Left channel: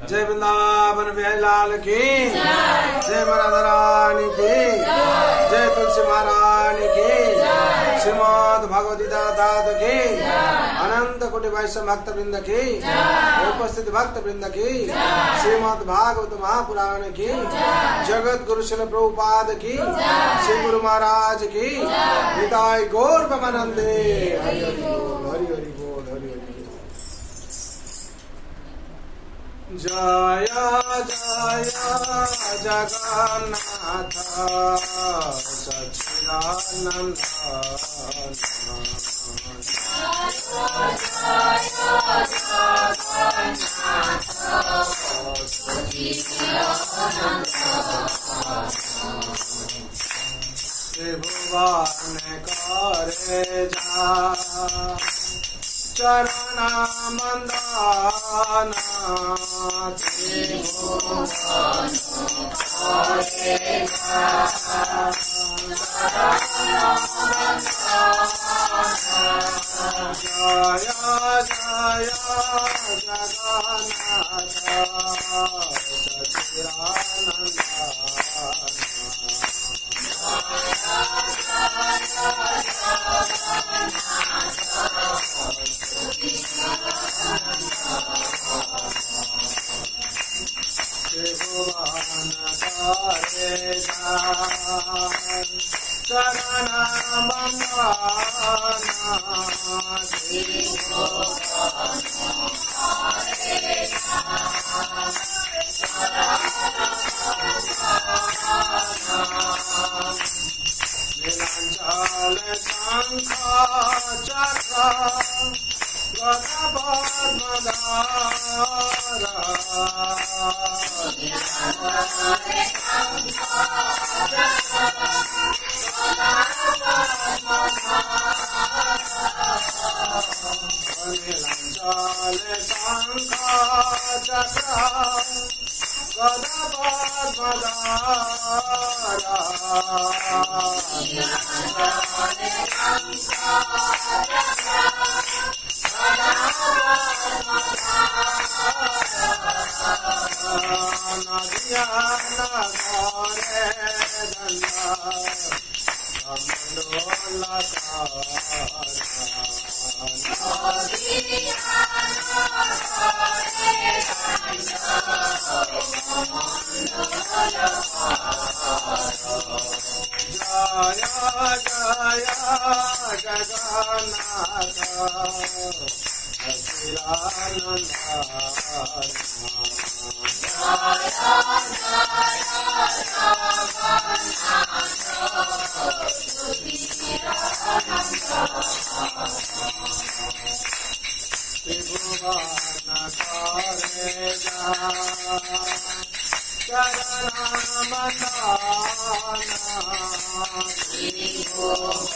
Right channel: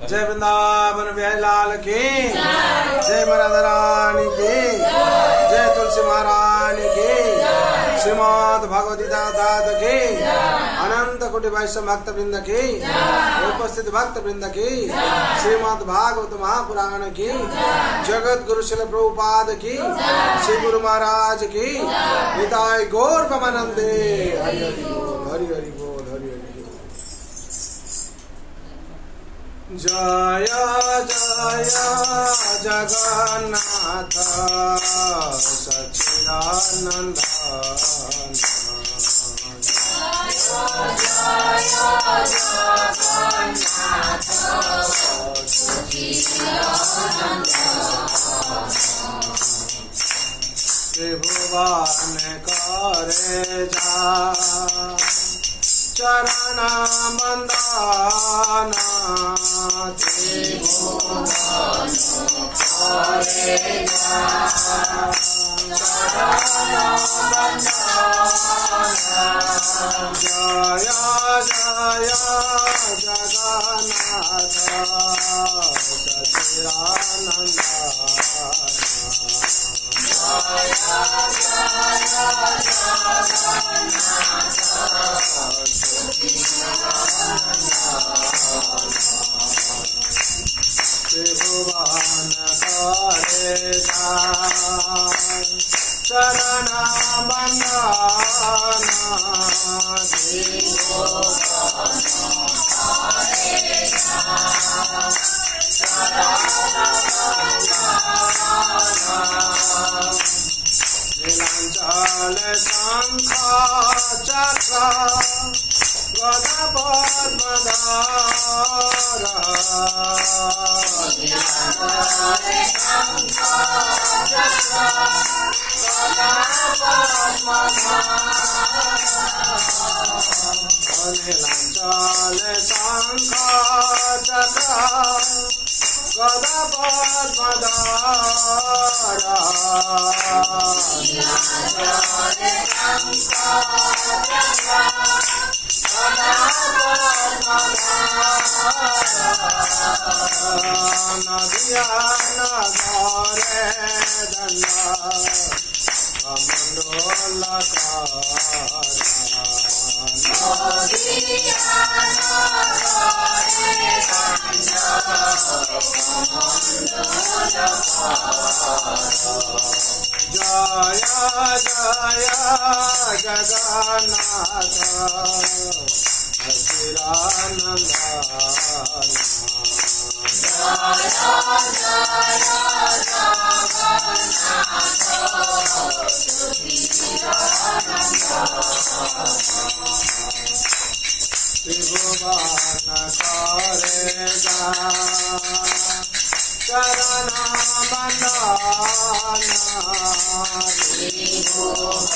जय वृंदावन बिहारी लाल की जय राधा रानी की जय तुलसी महारानी की श्रीमद भगवती दादा की अनंत कोटि वैष्णव भक्त वृंद की उपस्थित भक्त वृंद की श्रीमद भागवत महापुराण की जगत गुरु शिल प्रभुपाद की श्री गुरु महाराज की निताय गौर प्रेमानंदे। हरि हरि बोल हरि हरि बोल हरि हरि बोल। जय जय जगन्नाथ सच्चिदानंद त्रिभुवन करे जा चरण मंदाना त्रिभुवन करे जा जय जय जगन्नाथ सच्चिदानंद त्रिभुवन करे जा चरण मंदाना त्रिभुवन करे जा नीलांचल शंख चक्र गदा पद्मधार नीलांचल शंख चक्र गदा पद्मधार नदिया नगरे दंडा जय जय जगन्नाथ सच्चिदानंद त्रिभुवन करे जा चरण मंदाना त्रिभुवन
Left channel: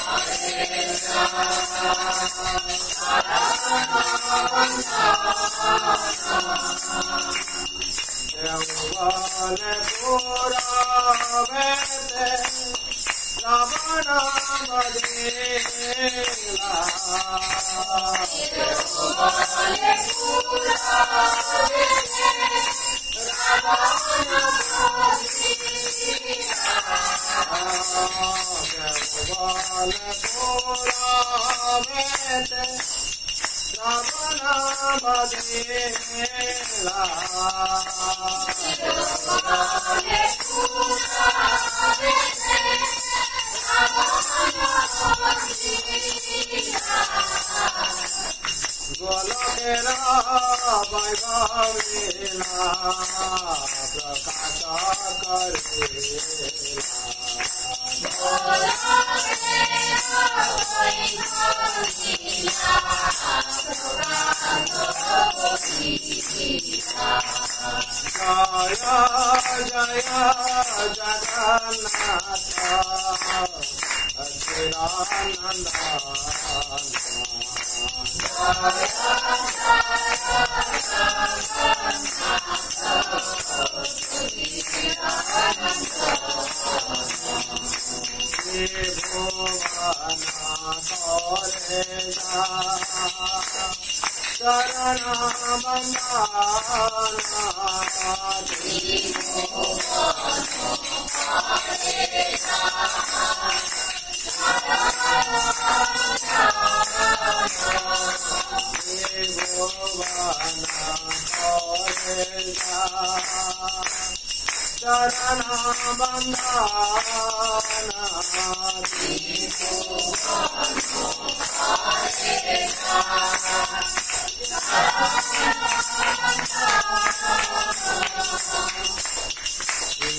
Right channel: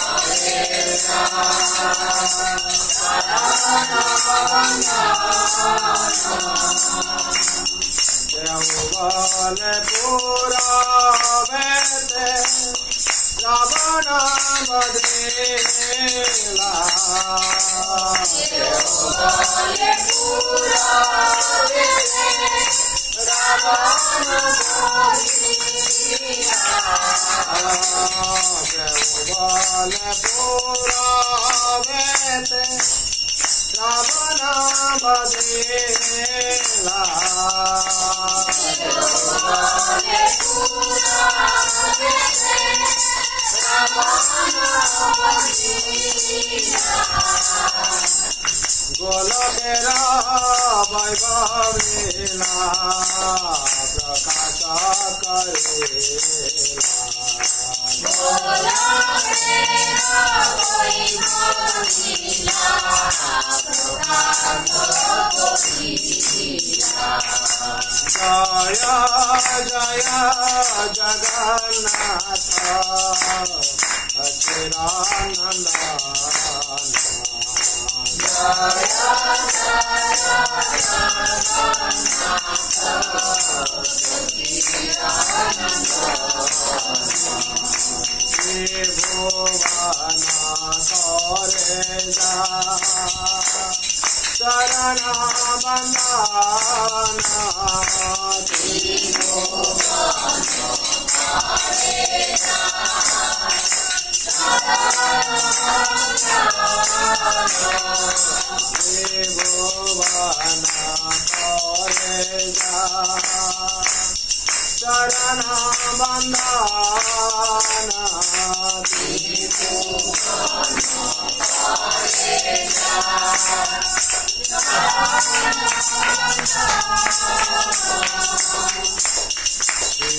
करे जा यौवन पुरावेते रावण बदेला यौवन पुरावेते रावण बदेला गोलकेरा वैभवेला प्रकाश करेला जय जय जगन्नाथ सच्चिदानंद त्रिभुवन करे जा चरण बंदना चरण बंदना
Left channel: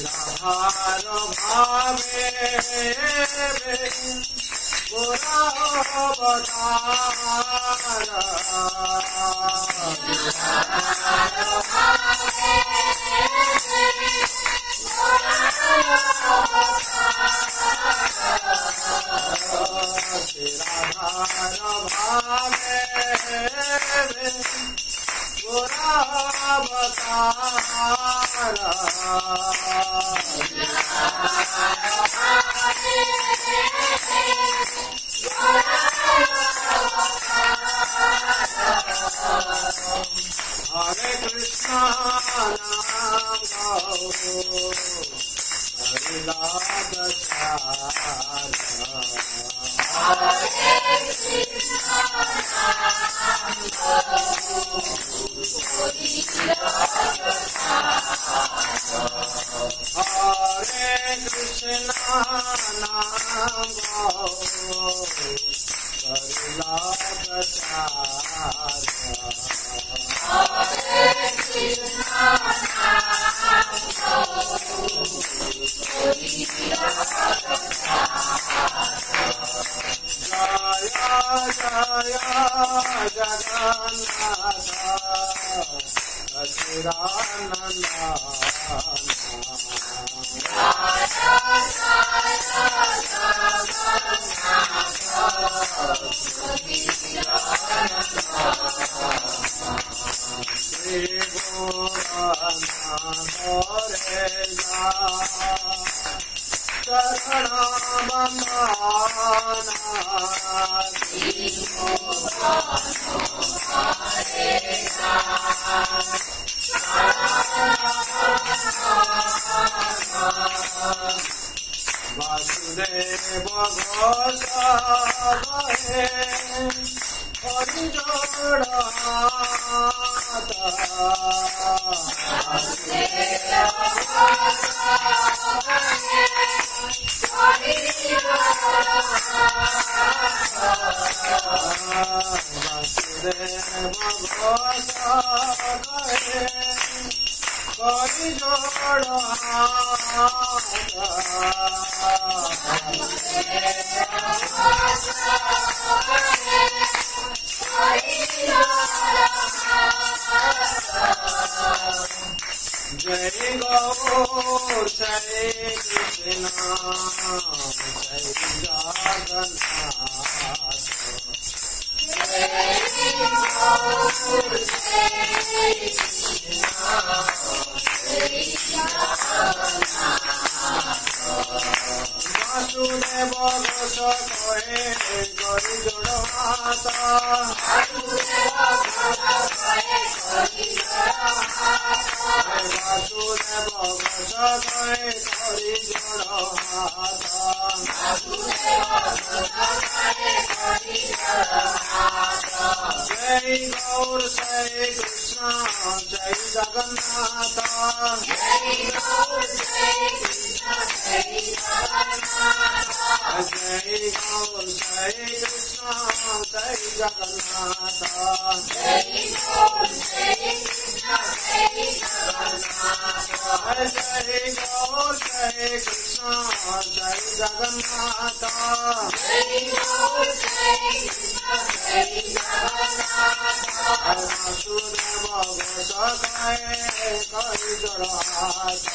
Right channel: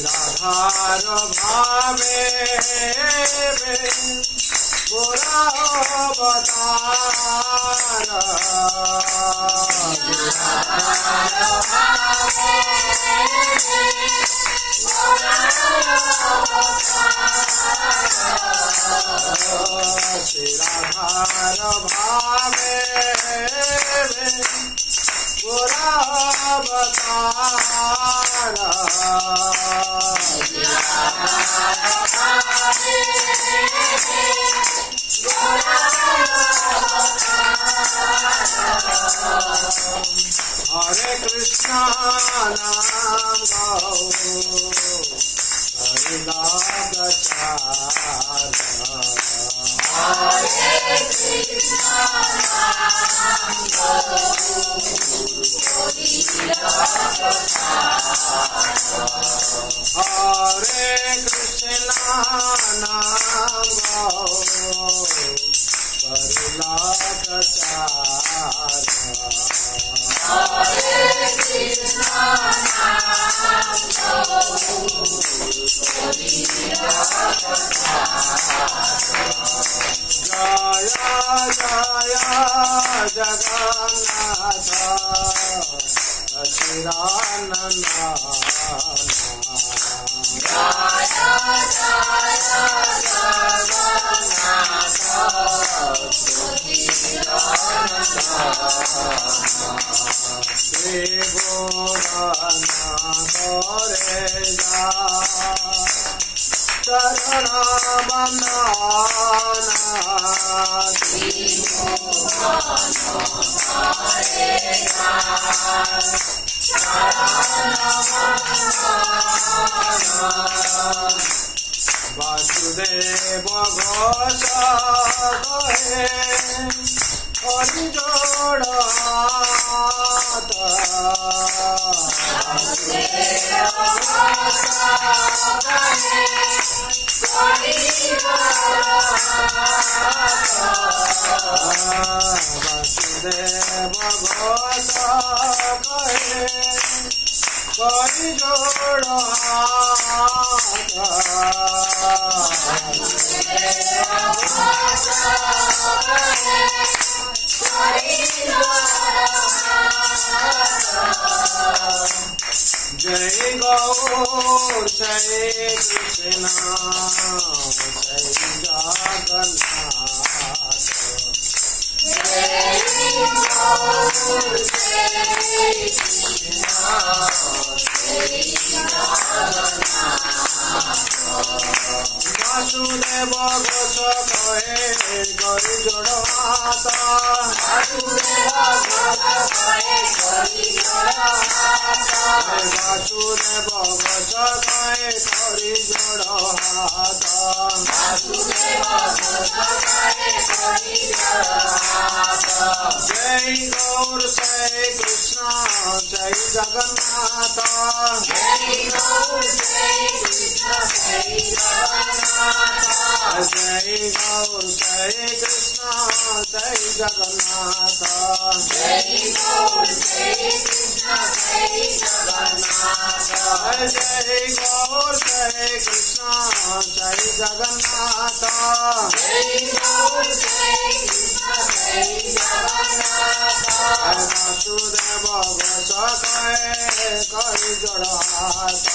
राधार भावे गोरा अवतार राधार भावे गोरा अवतार हरे कृष्णा नाम गाओ हरि लाभ चार हरे कृष्णा नाम गाओ हरे कृष्णा नाम गाओ हरि लाभ चार हरे कृष्णा नाम गाओ जय जय जगन्नाथ सच्चिदानंद चरण बंदना वासुदेव घोष गहे हरि जोड़ वासुदेव घोष गहे हरि जोड़ जय गौर जय कृष्ण जय जगन्नाथ वासुदेव घोष कहे गरि जोड़ हाथ वासुदेव घोष कहे गरि जोड़ हाथ जय गौर जय कृष्ण जय जगन्नाथ जय गौर जय कृष्ण जय जगन्नाथ जय गौर जय कृष्ण जय जगन्नाथ जय गौर जय कृष्ण जय जगन्नाथ जय गौर जय कृष्ण जय जगन्नाथ वासुदेव घोष कहे करि जोड़ हाथ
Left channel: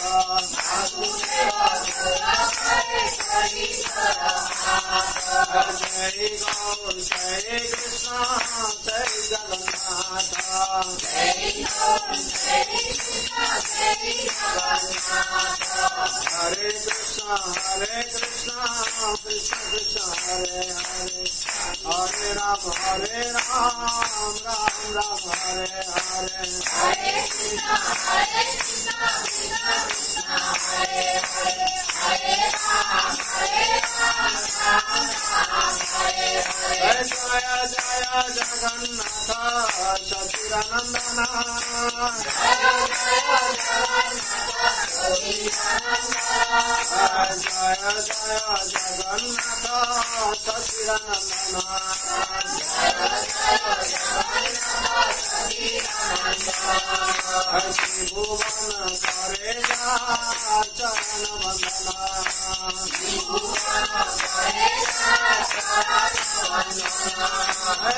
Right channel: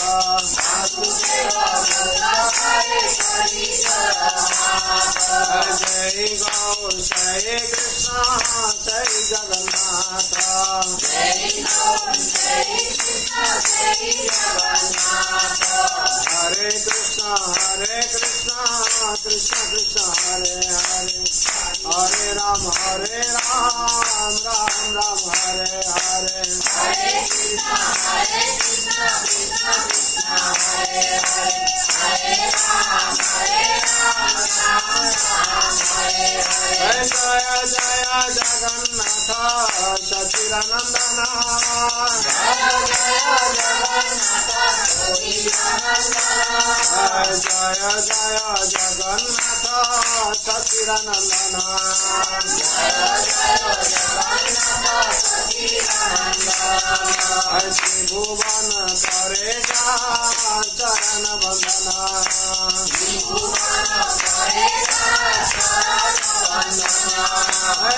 जय गौर जय कृष्ण जय जगन्नाथ हरे कृष्णा कृष्ण कृष्ण हरे हरे हरे राम राम राम हरे हरे हरे कृष्ण कृष्ण हरे हरे हरे राम जय जय जय जगन्नाथ सचिदानंदन जय जय जगन्नाथ सचिदानंदन त्रिभुवन करे जा चरण वंदना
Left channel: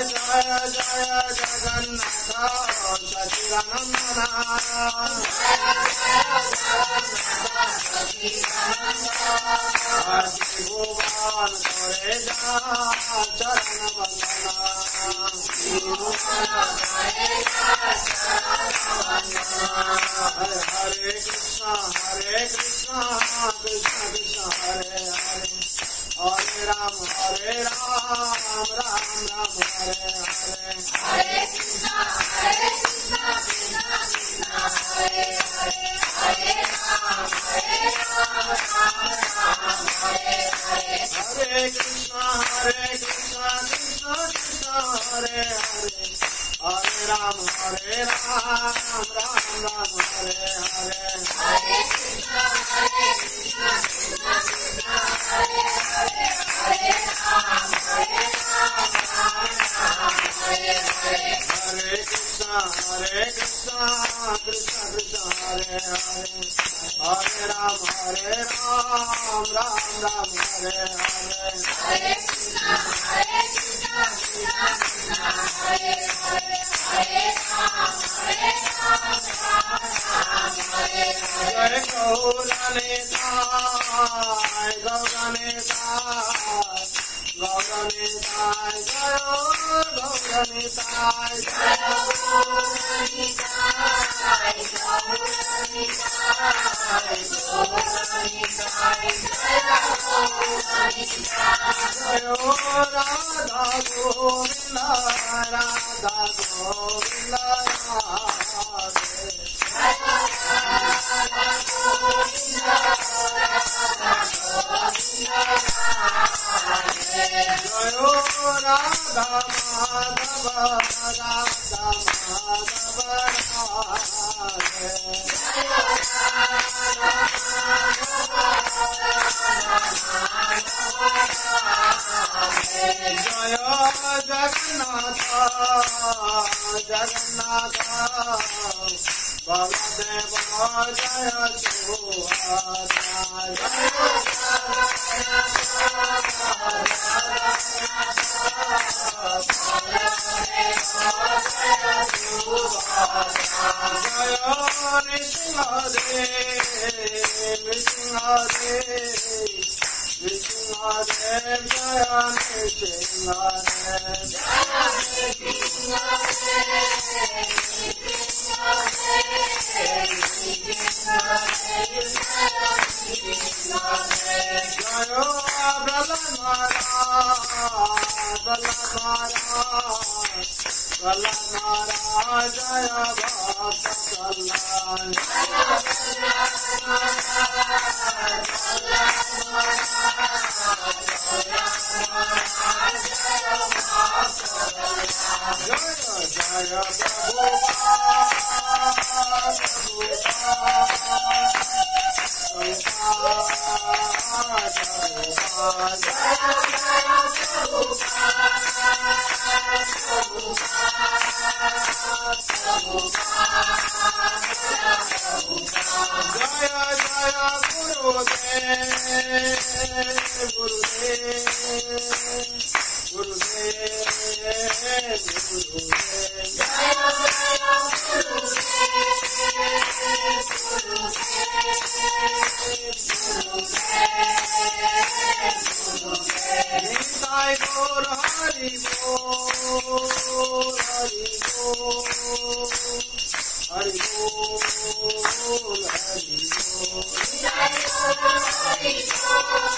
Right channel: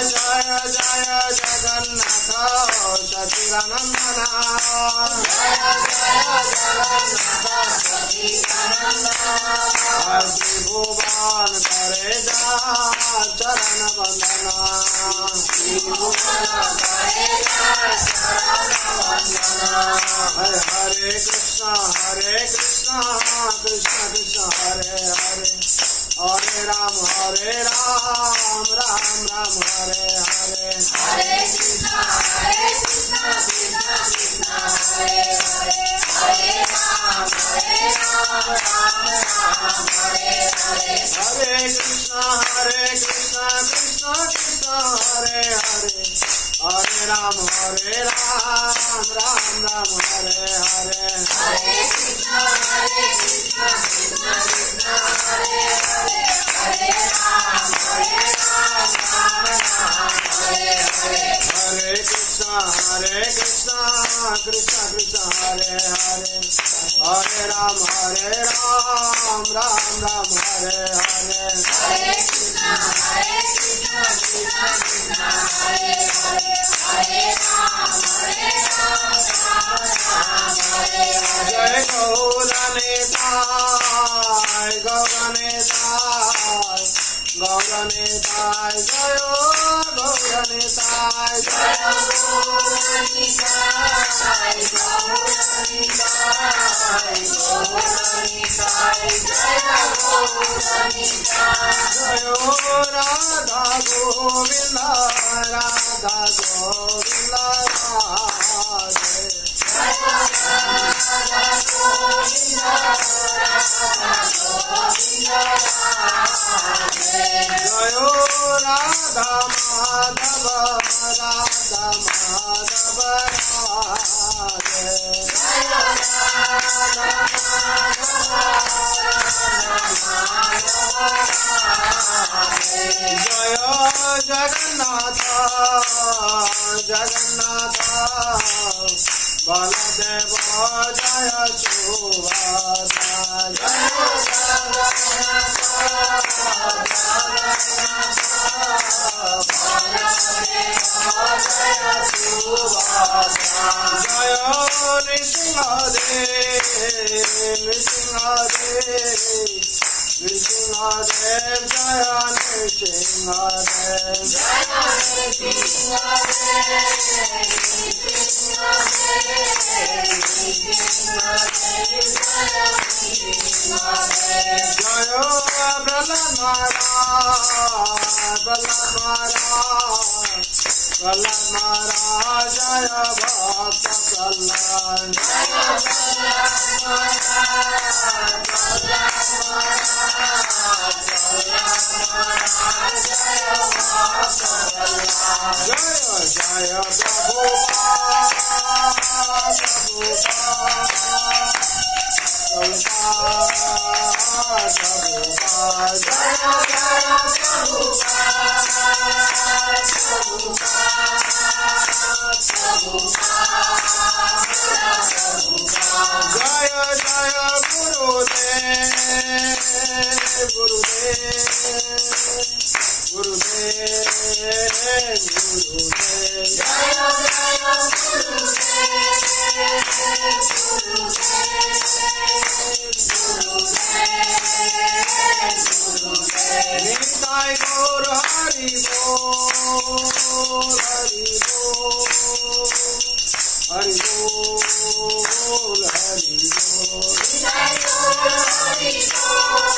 जय जय जगन्नाथ सचिदानंदन त्रिभुवन करे जा चरण वंदना हरे हरे कृष्ण कृष्ण कृष्ण हरे हरे हरे राम राम राम हरे हरे हरे कृष्ण कृष्ण हरे हरे हरे राम राम हरे हरे हरे कृष्ण कृष्ण कृष्ण हरे हरे हरे राम राम हरे हरे हरे कृष्ण कृष्ण हरे हरे हरे राम हरे हरे हरे कृष्ण कृष्ण कृष्ण हरे हरे हरे राम राम हरे हरे हरे कृष्ण कृष्ण हरे हरे हरे राम जय गौरनेताय गौरनेताय गौरनेताय जय गौरनेताय जय जय राधा गोविंद राधे जय राधा माधव राधे जय जगन्नाथ जगन्नाथ बलदेव जय सुभद्रा जय जय नृसिंहदेव नृसिंहदेव जय नृसिंहदेव जय प्रहलाद महाराज जय भक्त कल्याण जय जय जय जय गुरुदेव गुरुदेव नीता निताय गौर हरि बोल हरि बोल हरि बोल हरि बोल निताय गौर हरि बोल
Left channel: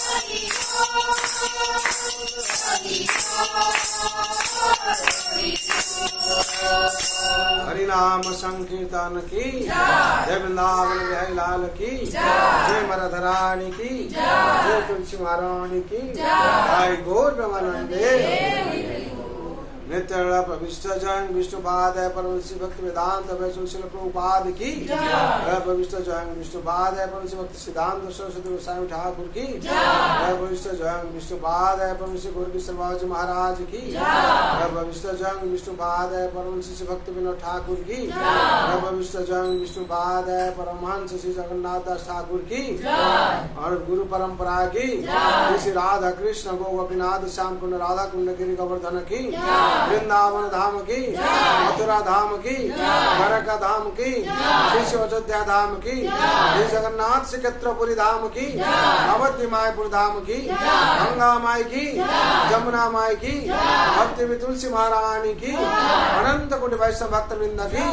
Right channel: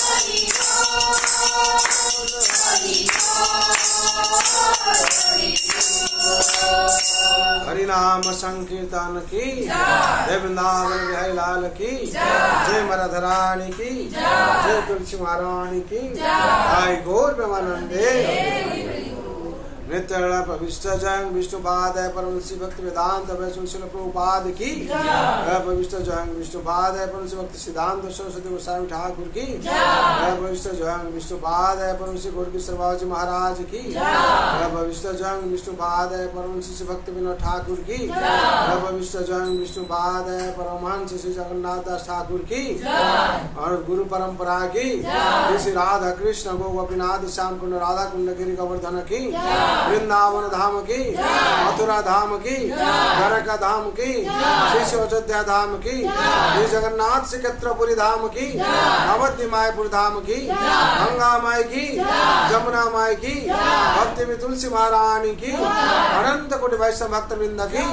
हरि बोल हरि बोल। हरि नाम संकीर्तन की जय, वृंदावन बिहारी लाल की जय, मराधराणी की जय, तुलसी महारानी की जय, गौर प्रेमानंदे। नित्य प्रविष्ट जंग विष्णुपाद परमश्री भक्ति वेदांत वैष्णव प्रभुपाद की प्रविष्ट जंग विष्णुपाद परमश्री भक्ति सिद्धांत सरस्वती गोस्वामी ठाकुर की प्रविष्ट जंग विष्णुपाद परमश्री गोरकी सर्वाजी महाराज की प्रविष्ट जंग विष्णुपाद परमश्री भक्ति विनोद ठाकुर की प्रविष्ट जंग विष्णुपाद परमहंस श्री जगन्नाथ दास ठाकुर की और गुरु परंपरा की श्री राधा कृष्ण गोपीनाथ श्याम कुंड राधा कुंड गिरी गोवर्धन की वृंदावन धाम की मथुरा धाम की द्वारका धाम की श्री अयोध्या धाम की श्री जगन्नाथ श्रीक्षेत्रपुरी धाम की नवद्वीप मायपुर धाम की गंगा माई की जमुना माई की भक्ति में तुलसी महारानी की अनंत कोटि वैष्णव भक्त वृंद की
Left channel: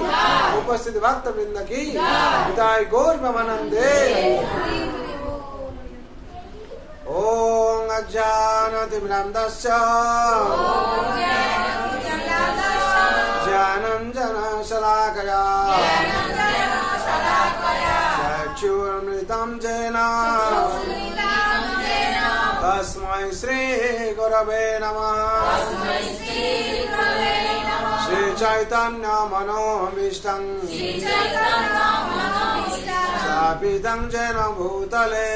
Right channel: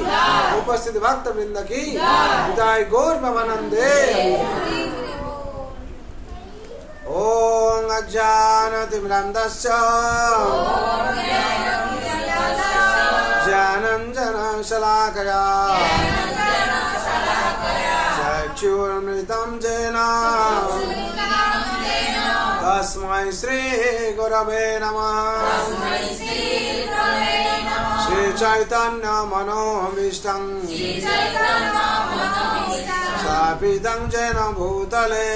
उपस्थित भक्त वृंद की विदाई गौर ब्रह्मानंदे। ओम अज्ञानतिमिरन्धस्य ज्ञानाञ्जनशलाकया चक्षुरुन्मिलितं येन तस्मै श्रीगुरवे नमः। श्रीचैतन्यमनोभीष्टं स्थापितं येन भूतले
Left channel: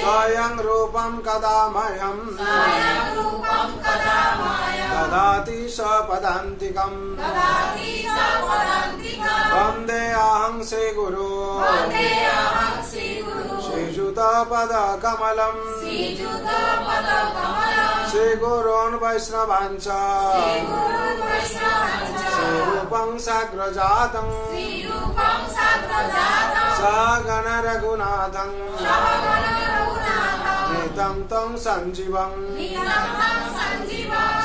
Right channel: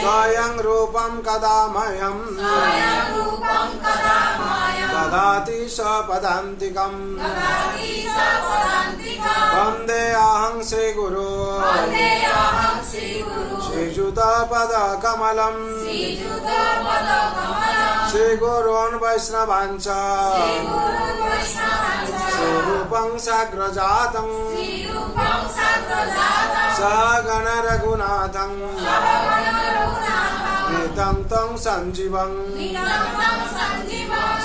स्वयं रूपं कदा मह्यं ददाति स्वपदान्तिकम् वन्देऽहं श्रीगुरो श्रीयुतपदकमलम् श्रीगुरोन् वैष्णवांश्च श्रीरूपं साग्रजातं सगण रघुनाथं नितं तं सञ्जीवं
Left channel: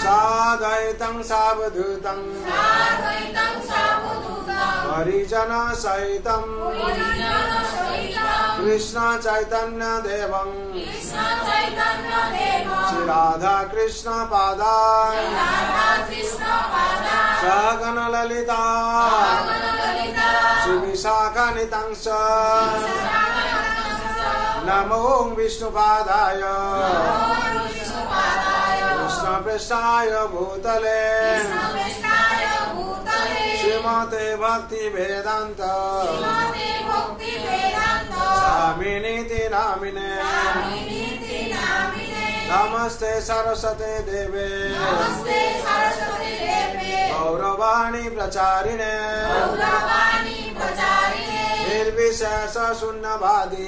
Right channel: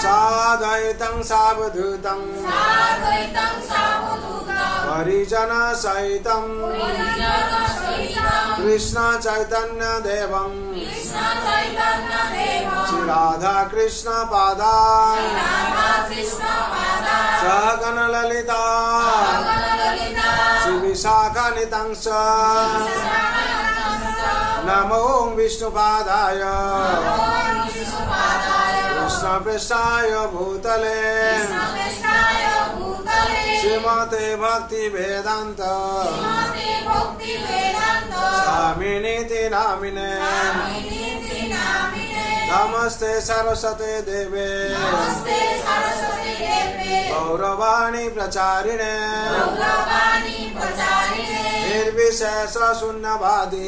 साद्वैतं सावधूतं परिजनसहितं कृष्ण चैतन्य देवं श्री राधा कृष्ण पादान् सगण ललिता श्री विशाखान्वितं च नमो विष्णुपादाय कृष्णप्रेष्ठाय भूतले श्रीमते भक्ति वेदांत स्वामिनीति नामिने नमस्ते सरस्वते देवे गौरवाणी प्रचारिणे निर्विशेष शून्यवादी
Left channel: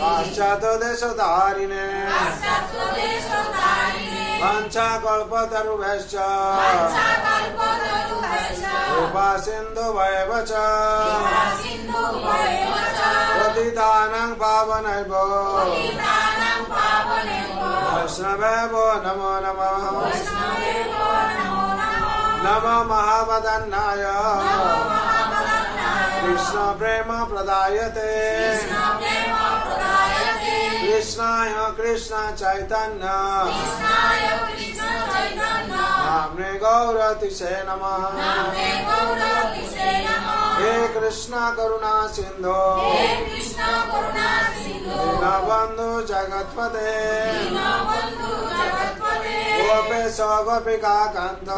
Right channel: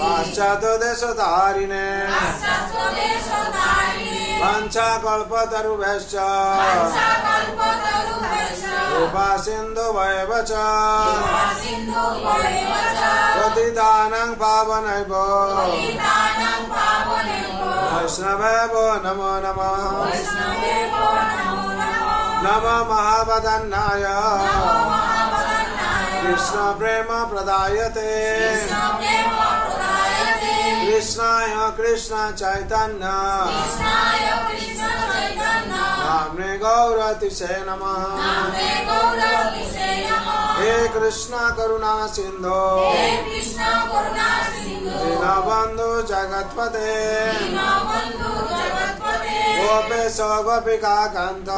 पाश्चात्य देशधारिणे वाञ्छाकल्पतरुभ्यश्च कृपा सिन्धुभ्येव च पतितानां पावनेभ्यो वैष्णवेभ्यो नमो नमः। नमो महावदन्नाय कृष्ण प्रेम प्रदायते कृष्णाय कृष्ण चैतन्य नाम्ने गौरतिसे नमः। हे कृष्ण करुणा सिंधु दीनबन्धु जगत्पते गोपेश गोपिका कान्त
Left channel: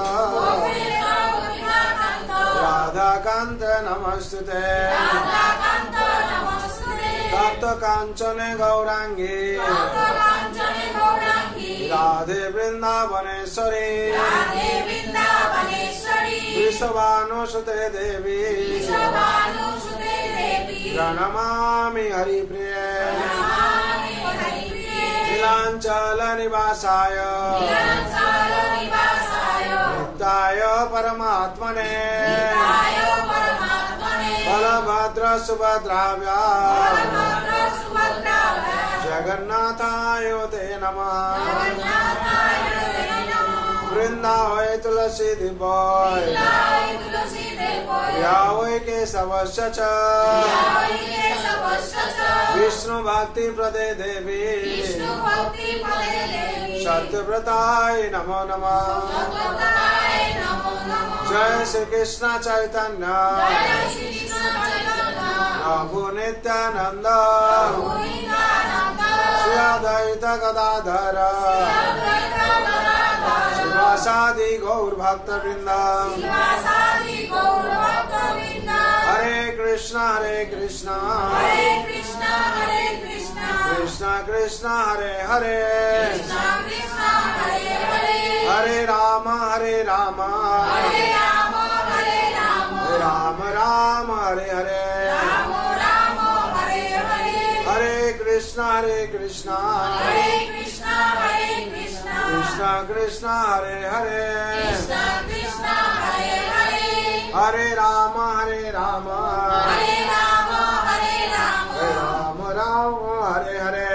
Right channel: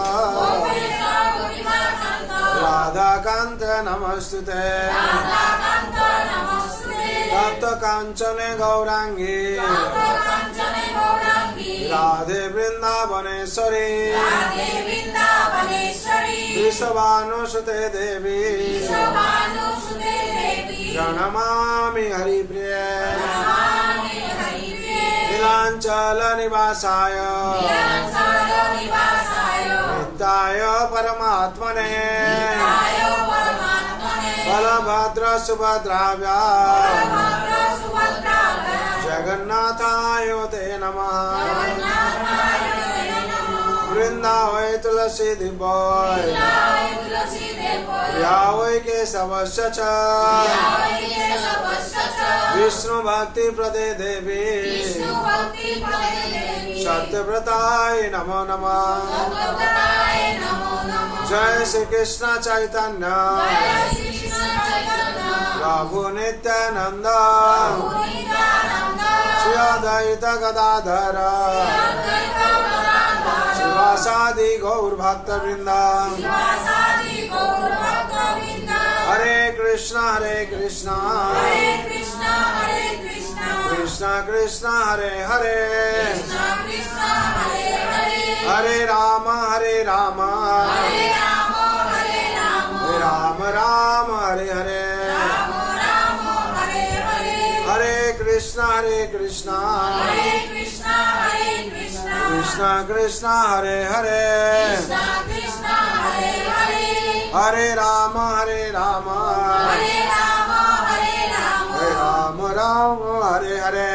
राधाकान्त नमस्तुते। तप्त कांचने गौरांगी राधे वृंदावनेश्वरी विश्वभानुसुते देवी प्रणमामि हरिप्रिये। नीलांचल निवासाय नित्याय परमात्मने बलभद्र सुभद्राभ्या जगन्नाथाय ते नमः वृंदावै तुलसी दिव्य प्रियावै केशवस्य च विष्णु भक्ति प्रदे देवी सत्यव्रताय नमो नमः जय श्री कृष्ण चैतन्य प्रभु नित्यानंद श्री अद्वैत गदाधर शिवासादि गौर भक्त वृंद हरे कृष्णा कृष्ण कृष्ण हरे हरे हरे राम राम राम हरे हरे हरे कृष्णा कृष्ण कृष्ण हरे हरे हरे राम राम राम हरे हरे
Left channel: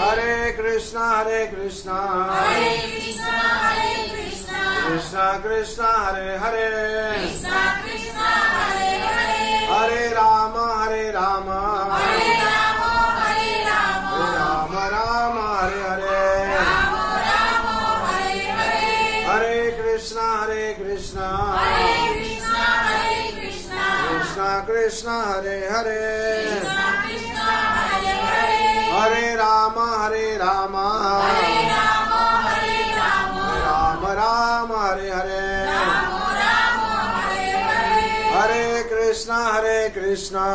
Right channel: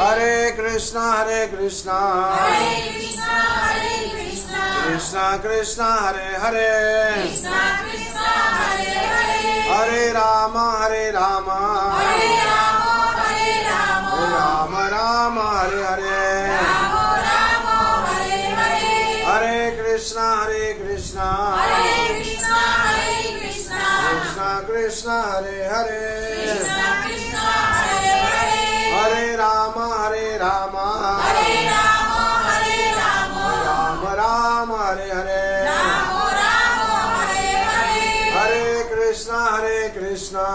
हरे कृष्णा कृष्ण कृष्ण हरे हरे हरे राम राम राम हरे हरे हरे कृष्णा कृष्ण कृष्ण हरे हरे हरे राम राम राम हरे हरे हरे कृष्णा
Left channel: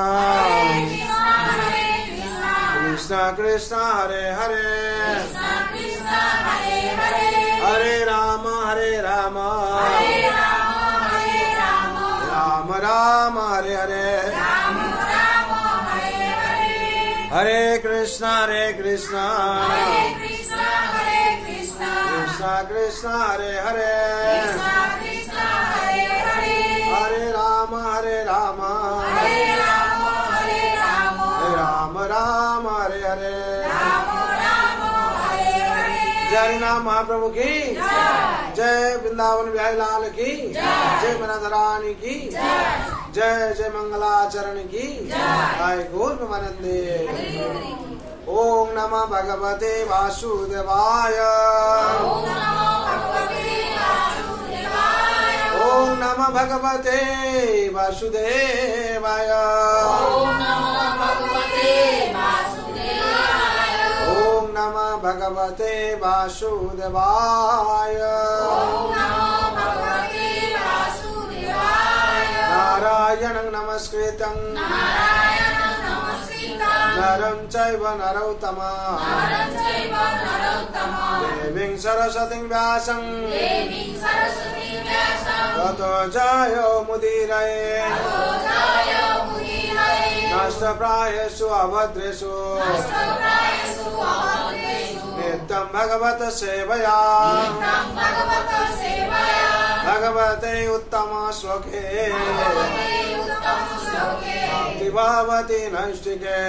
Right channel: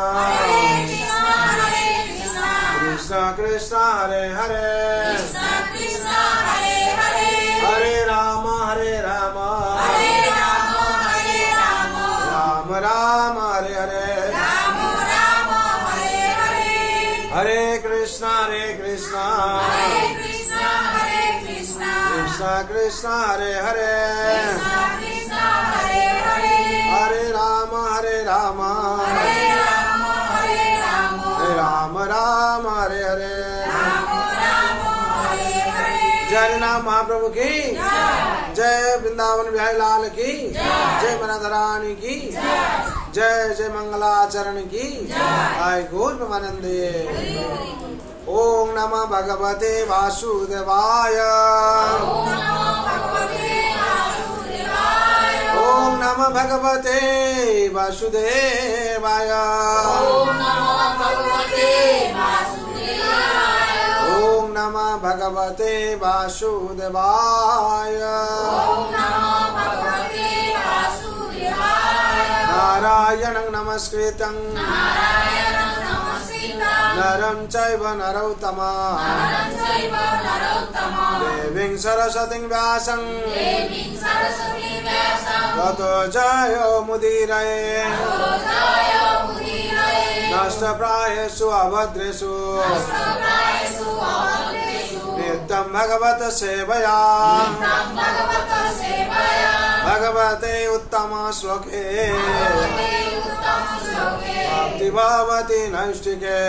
कृष्ण कृष्ण हरे हरे हरे राम राम राम हरे हरे हरे कृष्णा कृष्ण कृष्ण हरे हरे हरे राम राम हरे हरे जय नाम महाप्रभु की जय वृंदावन बिहारी लाल की जय मनाधरानी की जय जय मंगलाचरण की जय गौर प्रेमानंदे ओम नमः भगवते वासुदेवाय ओम नमः भगवते वासुदेवाय ओम नमः भगवते वासुदेवाय नारायणं नमस्कृतं नरं चैव नरोत्तमं देवीं सरस्वतीं व्यासं ततो जयो मुदीरये नष्टप्रायेषु अभद्रेषु नित्यं भगवत सेवया भगवते उत्तम श्लोके भक्ति भवति नैष्टिके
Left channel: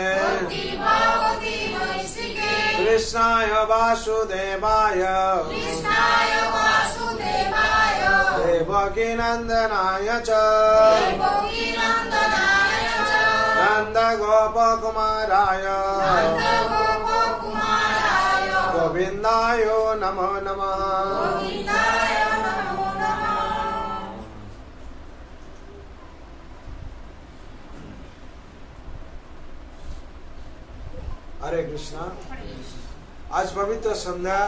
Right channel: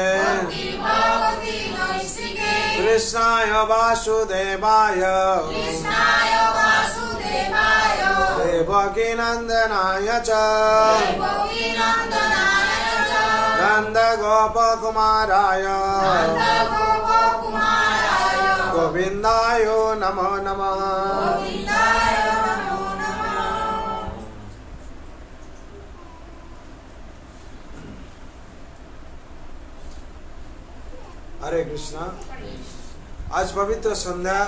कृष्णाय वासुदेवाय देवकी नंदनाय च नंद गोपकुमाराय गोविंदाय नमो नमः। हरे कृष्णा। आज पवित्र सन्ध्या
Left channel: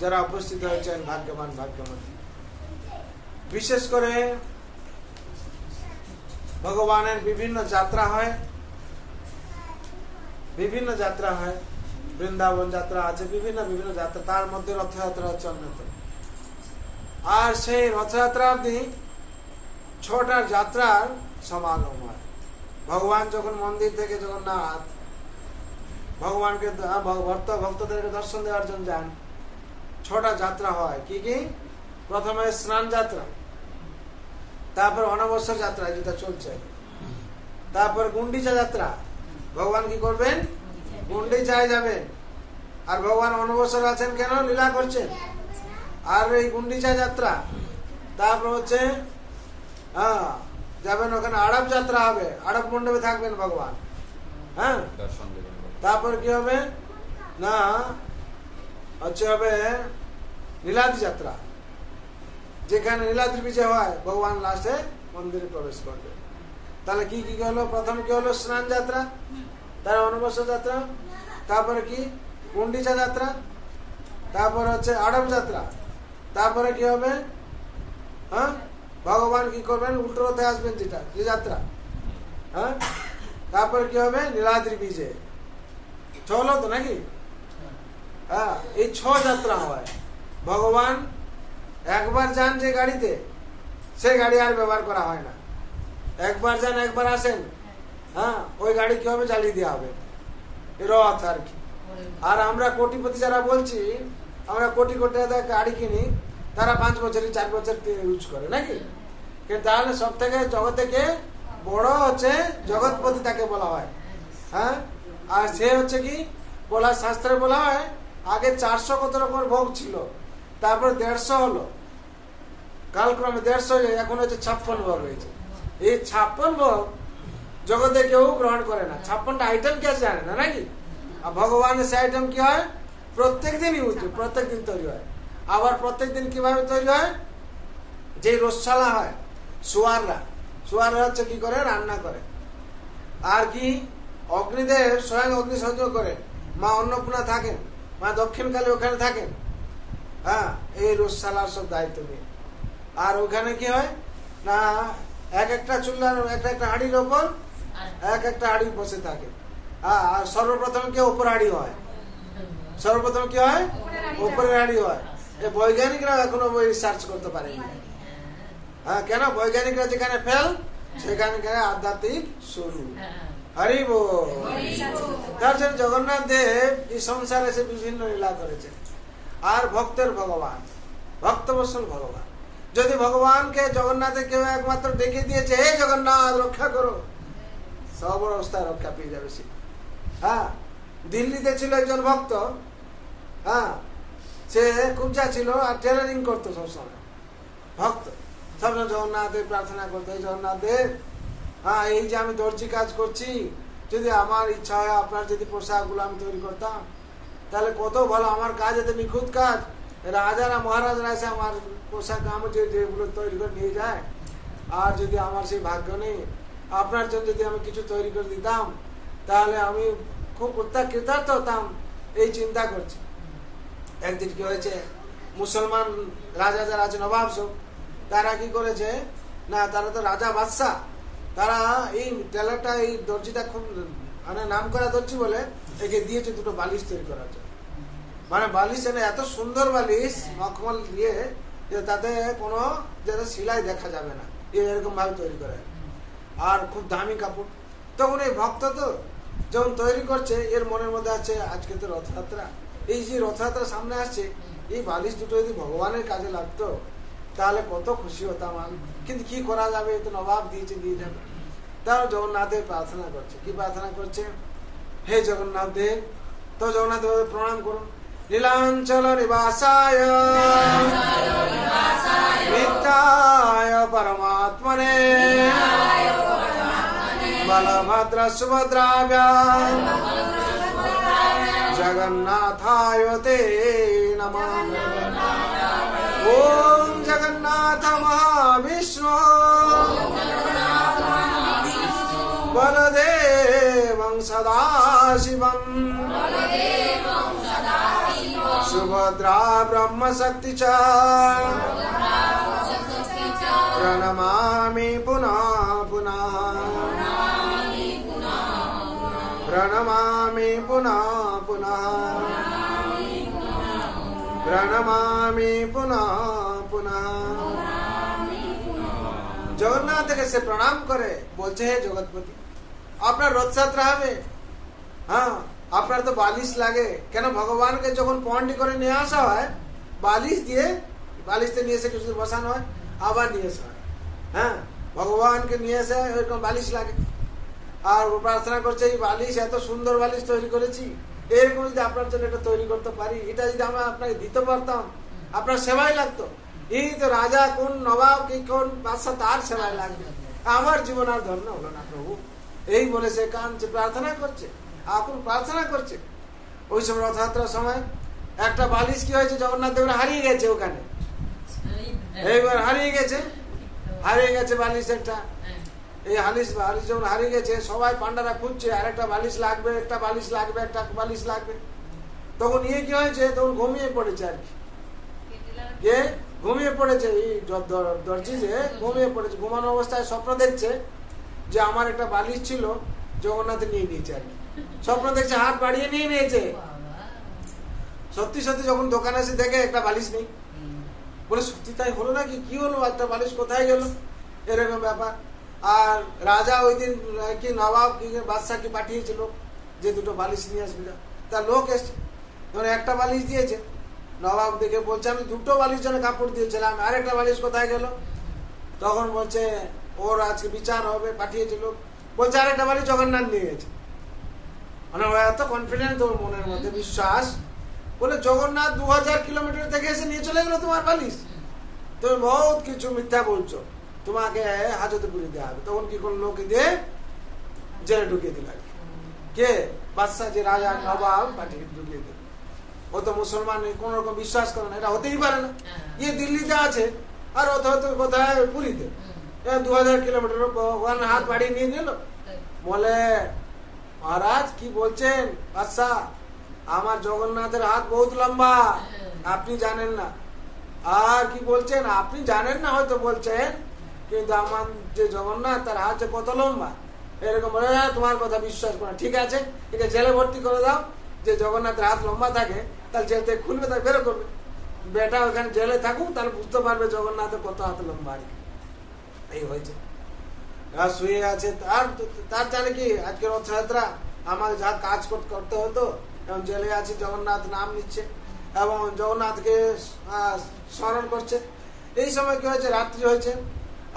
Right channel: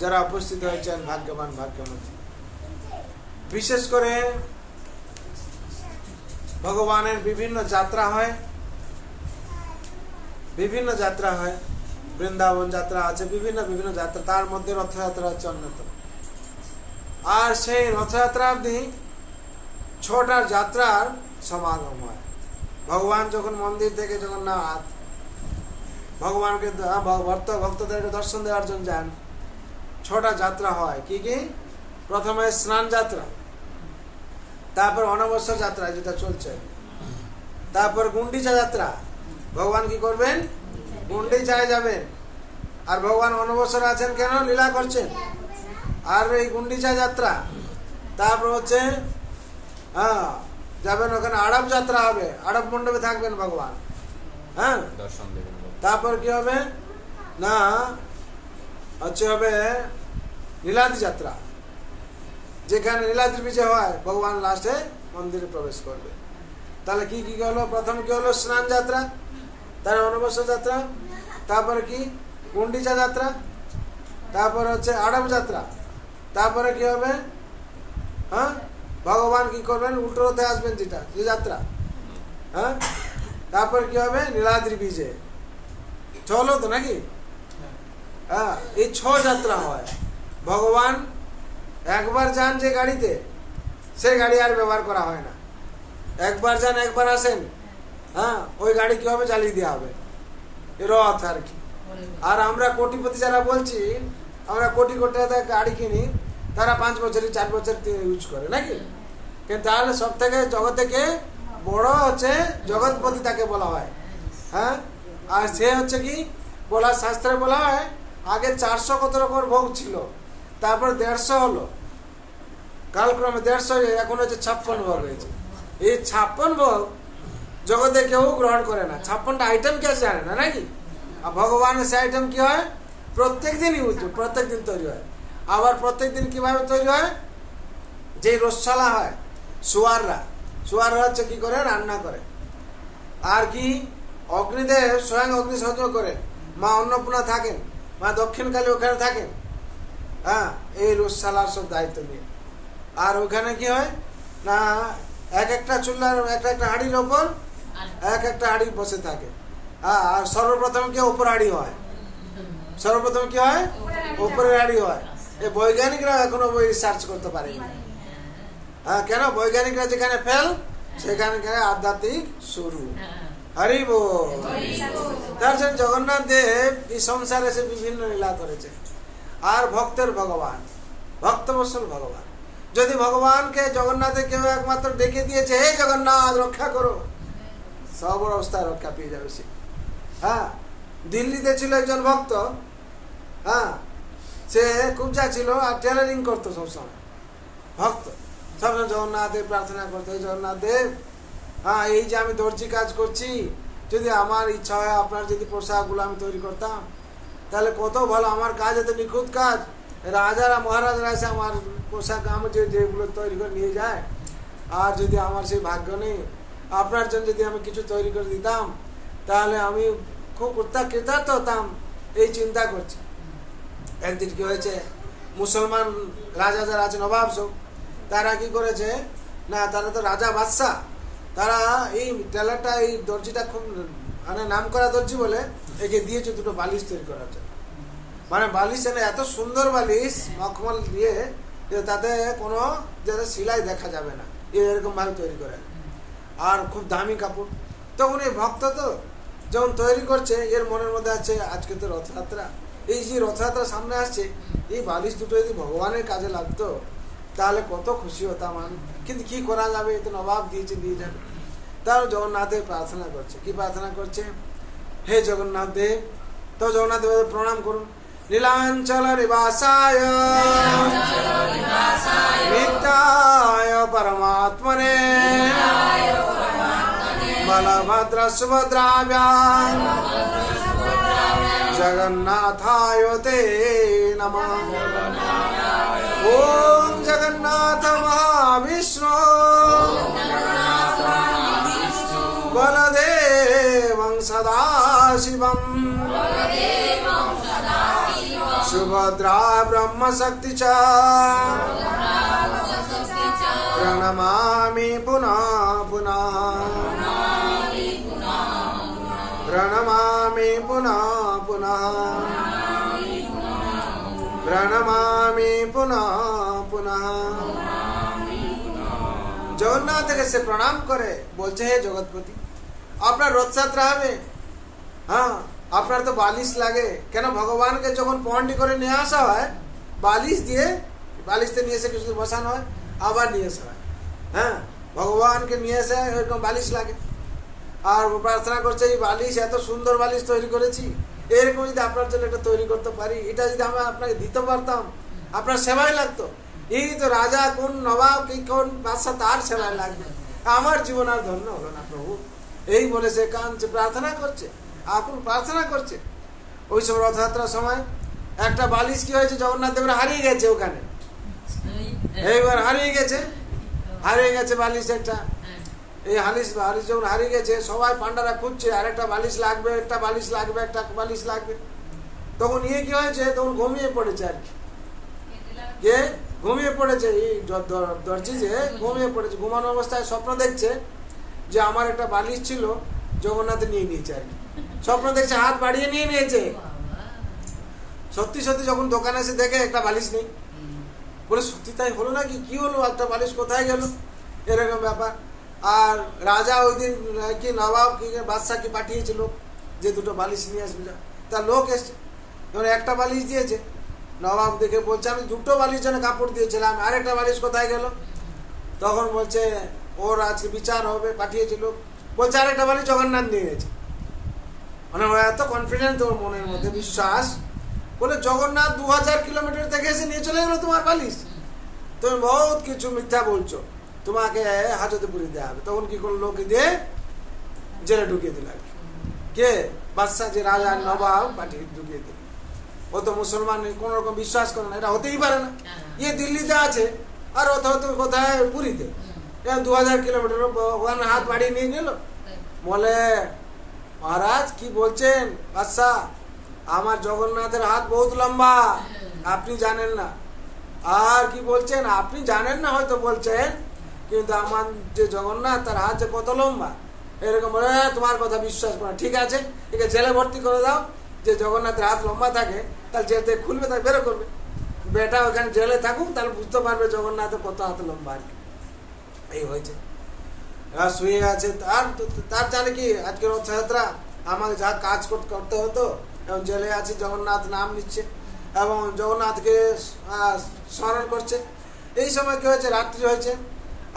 যারা উপস্থিত হয়েছেন ভাগ্যবান ভাগ্যবতী। বিশেষ করে ভগবানের বিভিন্ন যাত্রা হয়, বৃন্দাবন যাত্রা আছে, বিভিন্ন যাত্রা, তার মধ্যে রথযাত্রা হচ্ছে অন্যতম। আর সেই রথযাত্রা অবধি ছটা যাত্রার সমাগম হয়। ভগবান যখন মন্দির থেকে জগন্নাথ ভগবানকে ভক্তদেরকে দর্শন দেওয়ার জন্য যান, ছটা যাত্রা হয়। কি কি? প্রথমে স্নান যাত্রা, তারপর অনবসর যাত্রা যেটা চলছে, তারপর গুন্ডিচা যাত্রা, ভগবান কি করবেন? গুন্ডিচায় যাবেন। আর ভগবান অনবসর আছেন কেন? লীলা করছেন। আর এই গুন্ডিচা যাত্রা, তারপর হচ্ছে যাবেন ওখানে আড়ব যাত্রা হবে, আড়ব মণ্ডপে থাকবেন ভগবান। হ্যাঁ, তারপর কি হবে না হচ্ছে হবে নীলাদ্রি যাত্রা, যেখানে নীলাদ্রি বিজয় হয় ভগবান লাস্টে মন্দিরে প্রবেশ করবে। তাহলে কি কি হলো? প্রথম কি হলো? স্নান যাত্রা, তার অনবসর যাত্রা, তারপরে কি গুন্ডিচা যাত্রা, তারপরে হচ্ছে আড়ব যাত্রা, তারপরে কি হবে? হ্যাঁ, ভগবান কি করবেন? উল্টো রথে আসবেন, যেটা যে যাত্রা। হ্যাঁ, তারপর কি হবে? নীলাদ্রি বিজয়। চলো তো নাকি? হ্যাঁ, এই 6 যাত্রা হয়। ভগবান একবার যান যে গাড়িতে, সেই গাড়ি আর ব্যবহার করা হয় না। একবার যান একবার আসেন, হ্যাঁ, ওই গাড়ি কি হবে? জ্বালিয়ে দেওয়া হবে, রথ আর কি। আর আমরা কোটিপতি যারা বলছি, আমরা কোটি কোটি টাকা গাড়ি কিনি, তারা 5 বছর 4 বছর ইউজ করে নাকি? কিন্তু তাহলে সব থেকে জগৎ থেকে বড় হচ্ছে জগৎপতি, তাকে বলা হয়। হ্যাঁ, আর সে হচ্ছে কি বলা, শাস্ত্রে বলা হয় আগে 400 কত রকমের ভোগ ছিল, তারপর 150 হলো, কালক্রমে 150, এখন হচ্ছে 56 ভোগ হয়েছে। এই 56 ভোগ জগতে কেউ গ্রহণ করে না। 56টা আইটেম কে জানে না নাকি? আর ভগবানের সে আইটেম কি হয়? প্রত্যেক দিন ইউজ, প্রত্যেক দিন তৈরি হয়। আবার প্রত্যেক দিন কিভাবে তৈরি হয়? যে রসশালা হয়, সুয়াররা হচ্ছে কি করে? রান্না করে। আর কি অগ্নিদেব স্বয়ং অগ্নিসংযোগ করে, মা অন্নপূর্ণা থাকেন, মা দক্ষিণকালী ওখানে থাকেন। হ্যাঁ, এই রসশালার সব দায়িত্ব নিয়ে। আর ওখানে কি হয় না, এক একটা চুল্লার এক একটা হাঁড়ির ওপর এক একটা হাঁড়ি বসে থাকে। আর সর্বপ্রথম কি উপর হাঁড়ি হয়? সর্বপ্রথম কি হয়? উপরের হাঁড়ি হয়। এই বৈজ্ঞানিকরা এখনো বই রিসার্চ করতে পারেনি। হ্যাঁ, কেন? বৈজ্ঞানিকরা যেখানে ফেল, সেখানে আধ্যাত্মিক শুরু। হরি বল। তার জন্য জগন্নাথ দেব এই সংসারে এসে বিভিন্ন লীলা করেছেন। আর ভক্তের ভগবান, ভক্তবৎসল ভগবান। যদি ভগবানকে জগন্নাথে কেউ একমাত্র ডেকে দিয়েছে, হে জগন্নাথ রক্ষা করো, সব অবস্থায় রক্ষা পেয়ে যাবে সে। হ্যাঁ, দিল্লিতে ছিল একজন ভক্ত। হ্যাঁ, সে কুবজা ছিল আর টেলারিং করতো সবসময়। ভক্ত সবসময় জগন্নাথ দেব প্রার্থনা করতো, জগন্নাথ দেব, হ্যাঁ, এই যে আমি দর্জি কাজ করছি, যদি আমার ইচ্ছা হয় আপনার যদি পোশাক গুলো আমি তৈরি করতাম, তাহলে কত ভালো। আমার কাজ এত নিখুঁত কাজ, রাজারা মহারাজরা এসে আমার পোশাক আমি যেগুলো তৈরি করে নিয়ে যায়। আর যদি আমার সেই ভাগ্য নেই, আপনার জন্য যদি আমি কিছু তৈরি করে দিতাম, তাহলে আমি খুব কৃতার্থ হতাম। এই চিন্তা করছি। একদিন কি হয়েছে, মুসলমান রাজা যারা আছে, নবাব সব, তারা কি করেছে না, তারা তো রাজা বাদশাহ, তারা এই টেলারটা, এই দর্জিটা খুব মানে নাম করা দর্জি বলে একে দিয়েছে 2টো বালিশ তৈরি করার জন্য। মানে বালিশ এনে এত সুন্দর বালিশ, মখমল দিয়ে, তাতে কোনো যাতে সিলাই দেখা যাবে না, এরকম ভাবে তৈরি করে। আর খুব দামি কাপড়। তখন এই ভক্ত তো যখন তৈরি করছে, এর মনের মধ্যে আছে আজকে তো রথযাত্রা, এই যে রথযাত্রা সামনে আসছে, এই বালিশ 2টো যদি ভগবানের কাজে লাগতো, তাহলে কত খুশি হতাম আমি। কিন্তু কি করা যাবে, তো নবাব দিয়েছে, দিয়ে যাবে। তাহলে জগন্নাথের প্রার্থনা করছে। কি প্রার্থনা করছে? হে জগন্নাথ দেব। তো জগন্নাথ দেব প্রণাম করুন। নীলাঞ্চল নিবাসায় নিত্যায় পরমাত্মনে বলভদ্র সুভদ্রাভ্যাম জগন্নাথায় তে নমঃ। ওম জগন্নাথ মহাবিষ্ণু বলদেবং সদাশিবং সুভদ্রা ব্রহ্মশক্তি চ প্রণমামি পুনঃ পুনঃ প্রণমামি পুনঃ পুনঃ প্রণমামি পুনঃ পুনঃ। জগন্নাথকে সে প্রণাম করে বলছে, হে জগৎপতি, আপনার রথযাত্রা হবে। হ্যাঁ, আপনার তো বালিশ লাগে কেন? ভগবানকে যখন পন্ডি করে নিয়ে আসা হয়, বালিশ দিয়ে, বালিশতে নিয়ে এসে কিছু বসানো হয়, আবার নিয়ে আসা হয়। হ্যাঁ, ভগবানকে নিয়ে এসে ওইরকম বালিশ লাগে। আর প্রার্থনা করছে এই বালিশ এত সুন্দর বালিশ তৈরি করেছি, এরকম যদি আপনার জন্য এটা তৈরি করতে পারি, এটা যদি আমরা আপনাকে দিতে পারতাম আপনার সেবাই লাগতো। এই তো রাজা কোন নবাব কি কোন বাদশা তার সেবাই লাগবে, আমার জীবন আর ধন্য হলো না প্রভু। এই বলে সে কাঁদছে, প্রার্থনা করছে, আপন প্রার্থনা করছে। ওই সময় রথযাত্রার সময় একটা বালিশ কি হয়েছে, জগন্নাথ দেবের হারিয়ে গেছে ওখানে, এইবার হারিয়ে গেছে বালিশ একটা। এই বালিশ যখন হারিয়ে গেছে, সবাই পান্ডারা খুঁজছে আর একটা বালিশ লাগবে, একটা বালিশ লাগবে, একটা বালিশ লাগবে। তখন ইয়ে কি হয়েছে, তখন ঘুমিয়ে পড়েছে আর কি, ঘুমিয়ে পড়েছে এই দর্জি যে ঘুমিয়ে পড়েছে। ঘুমানো অবস্থায় স্বপ্ন দেখছে যে আমার একটা বালিশ ছিল, জগন্নাথ নিয়ে নিয়েছে আর কি। স্বপ্ন দেখছে হাত বাড়িয়ে নিয়ে নিয়েছে। সত্যি সত্যি যখন দোকানে এসে দেখে একটা বালিশ নেই, বলে সত্যি তাই হলো নাকি, কি হলো, একটা বালিশ কোথায় গেল, এরকম ব্যাপার। আর রাজা ওই দিন কি নবাব কি বাদশাকে পাঠিয়েছিল যে দুটো বালিশ নিয়ে আসবে, তার লোক এসছে, ধরে একটা বালিশ দিয়েছে। নবাব দেখে বলছে আমি দুটো বালিশ জন্য কাপড় দিয়েছিলাম, আরেকটা বালিশ কোথায় গেল? তখন বলছে ওর আজকে বিচার হবে, পাঠিয়েছিল। বলছে আরেকটা বালিশ জগন্নাথ নিয়ে গেছে। মানে ওরা এত কনফিডেন্ট, ওর মনের মধ্যে বিশ্বাস, বলে জগন্নাথ 2000 কিলোমিটার থেকে এসে নিয়ে চলে গেল তোমার বালিশ, তুমি বহুত কিছু মিথ্যা বলছো, তোমাকে হাজতে পুরি দেওয়া হবে। তখন কি করলো, লোকে দিয়ে জেলে ঢুকিয়ে দিল। কে? বাদশা, যে রাজা নবাব পাঠিয়ে ঢুকিয়ে দিল। ও তো মুসলমান, কোন রকম বিশ্বাস করে না, এটা হতেই পারে না। ইয়ে দিল্লিতে আছে আর ও তো কোথায় পুরীতে, 2000 কিলোমিটার ওখানে হাত বাড়িয়ে নিয়ে গেল। বলে মহারাজ কি বলছেন বাদশাহ, আমার জগন্নাথের হাত বহুত লম্বা, আপনি জানেন না। আর কি বলছেন, আপনি জানেন না হয়তো বলছেন, কিন্তু আমার যে জগন্নাথ তার হাত যে কত লম্বা, এরকম বলে তোমার কথা বিশ্বাস করে। ঠিক আছে, একে জেলে ভর্তি করে দাও, যে জগন্নাথের হাত লম্বা থাকে তাহলে জেল থেকে খুলবে, তাকে বেরো করবে। বেটা ওখানে জেলে থাকুক, তাহলে বুঝতে পারবে জগন্নাথের কত হাত লম্বা আর কি। এই হয়েছে, শুয়ে আছে। তার জানে কি আজকে রথযাত্রা, আমাকে যা কাজ করতে হতো, এবং জেলে আছে, জগন্নাথ নাম নিচ্ছে এবং জগন্নাথকে স্মরণ করছে। এই সময় কি হয়েছে, রাত্রি হয়েছে,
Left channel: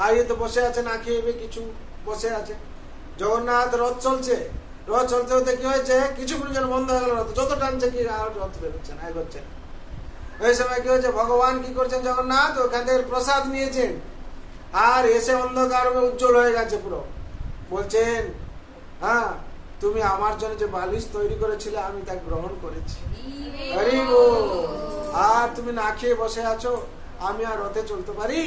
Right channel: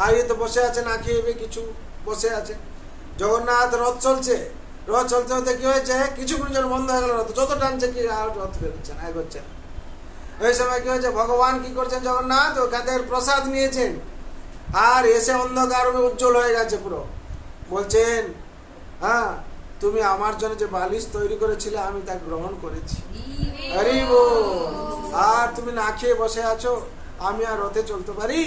আর ইয়ে তো বসে আছে, না খেয়ে কিছু বসে আছে। জগন্নাথ রথ চলছে, রথ চলতে হতে কি হয়েছে, কিছুক্ষণ যেন বন্ধ হয়ে গেল রথ, যত টানছে কি আর রথ বেরোচ্ছে না, এগোচ্ছে না। এই সময় কি হয়েছে, ভগবান কি করছেন, জগন্নাথ ওখান থেকে প্রসাদ নিয়েছেন আর এসে অন্ধকার উজ্জ্বল হয়ে গেছে পুরো। বলছেন হ্যাঁ, তুমি আমার জন্য যে বালিশ তৈরি করেছিলে আমি তা গ্রহণ করেছি, হরি বল। আর তুমি না খেয়ে বসে আছো, আমি আর রথে চলতে পারি?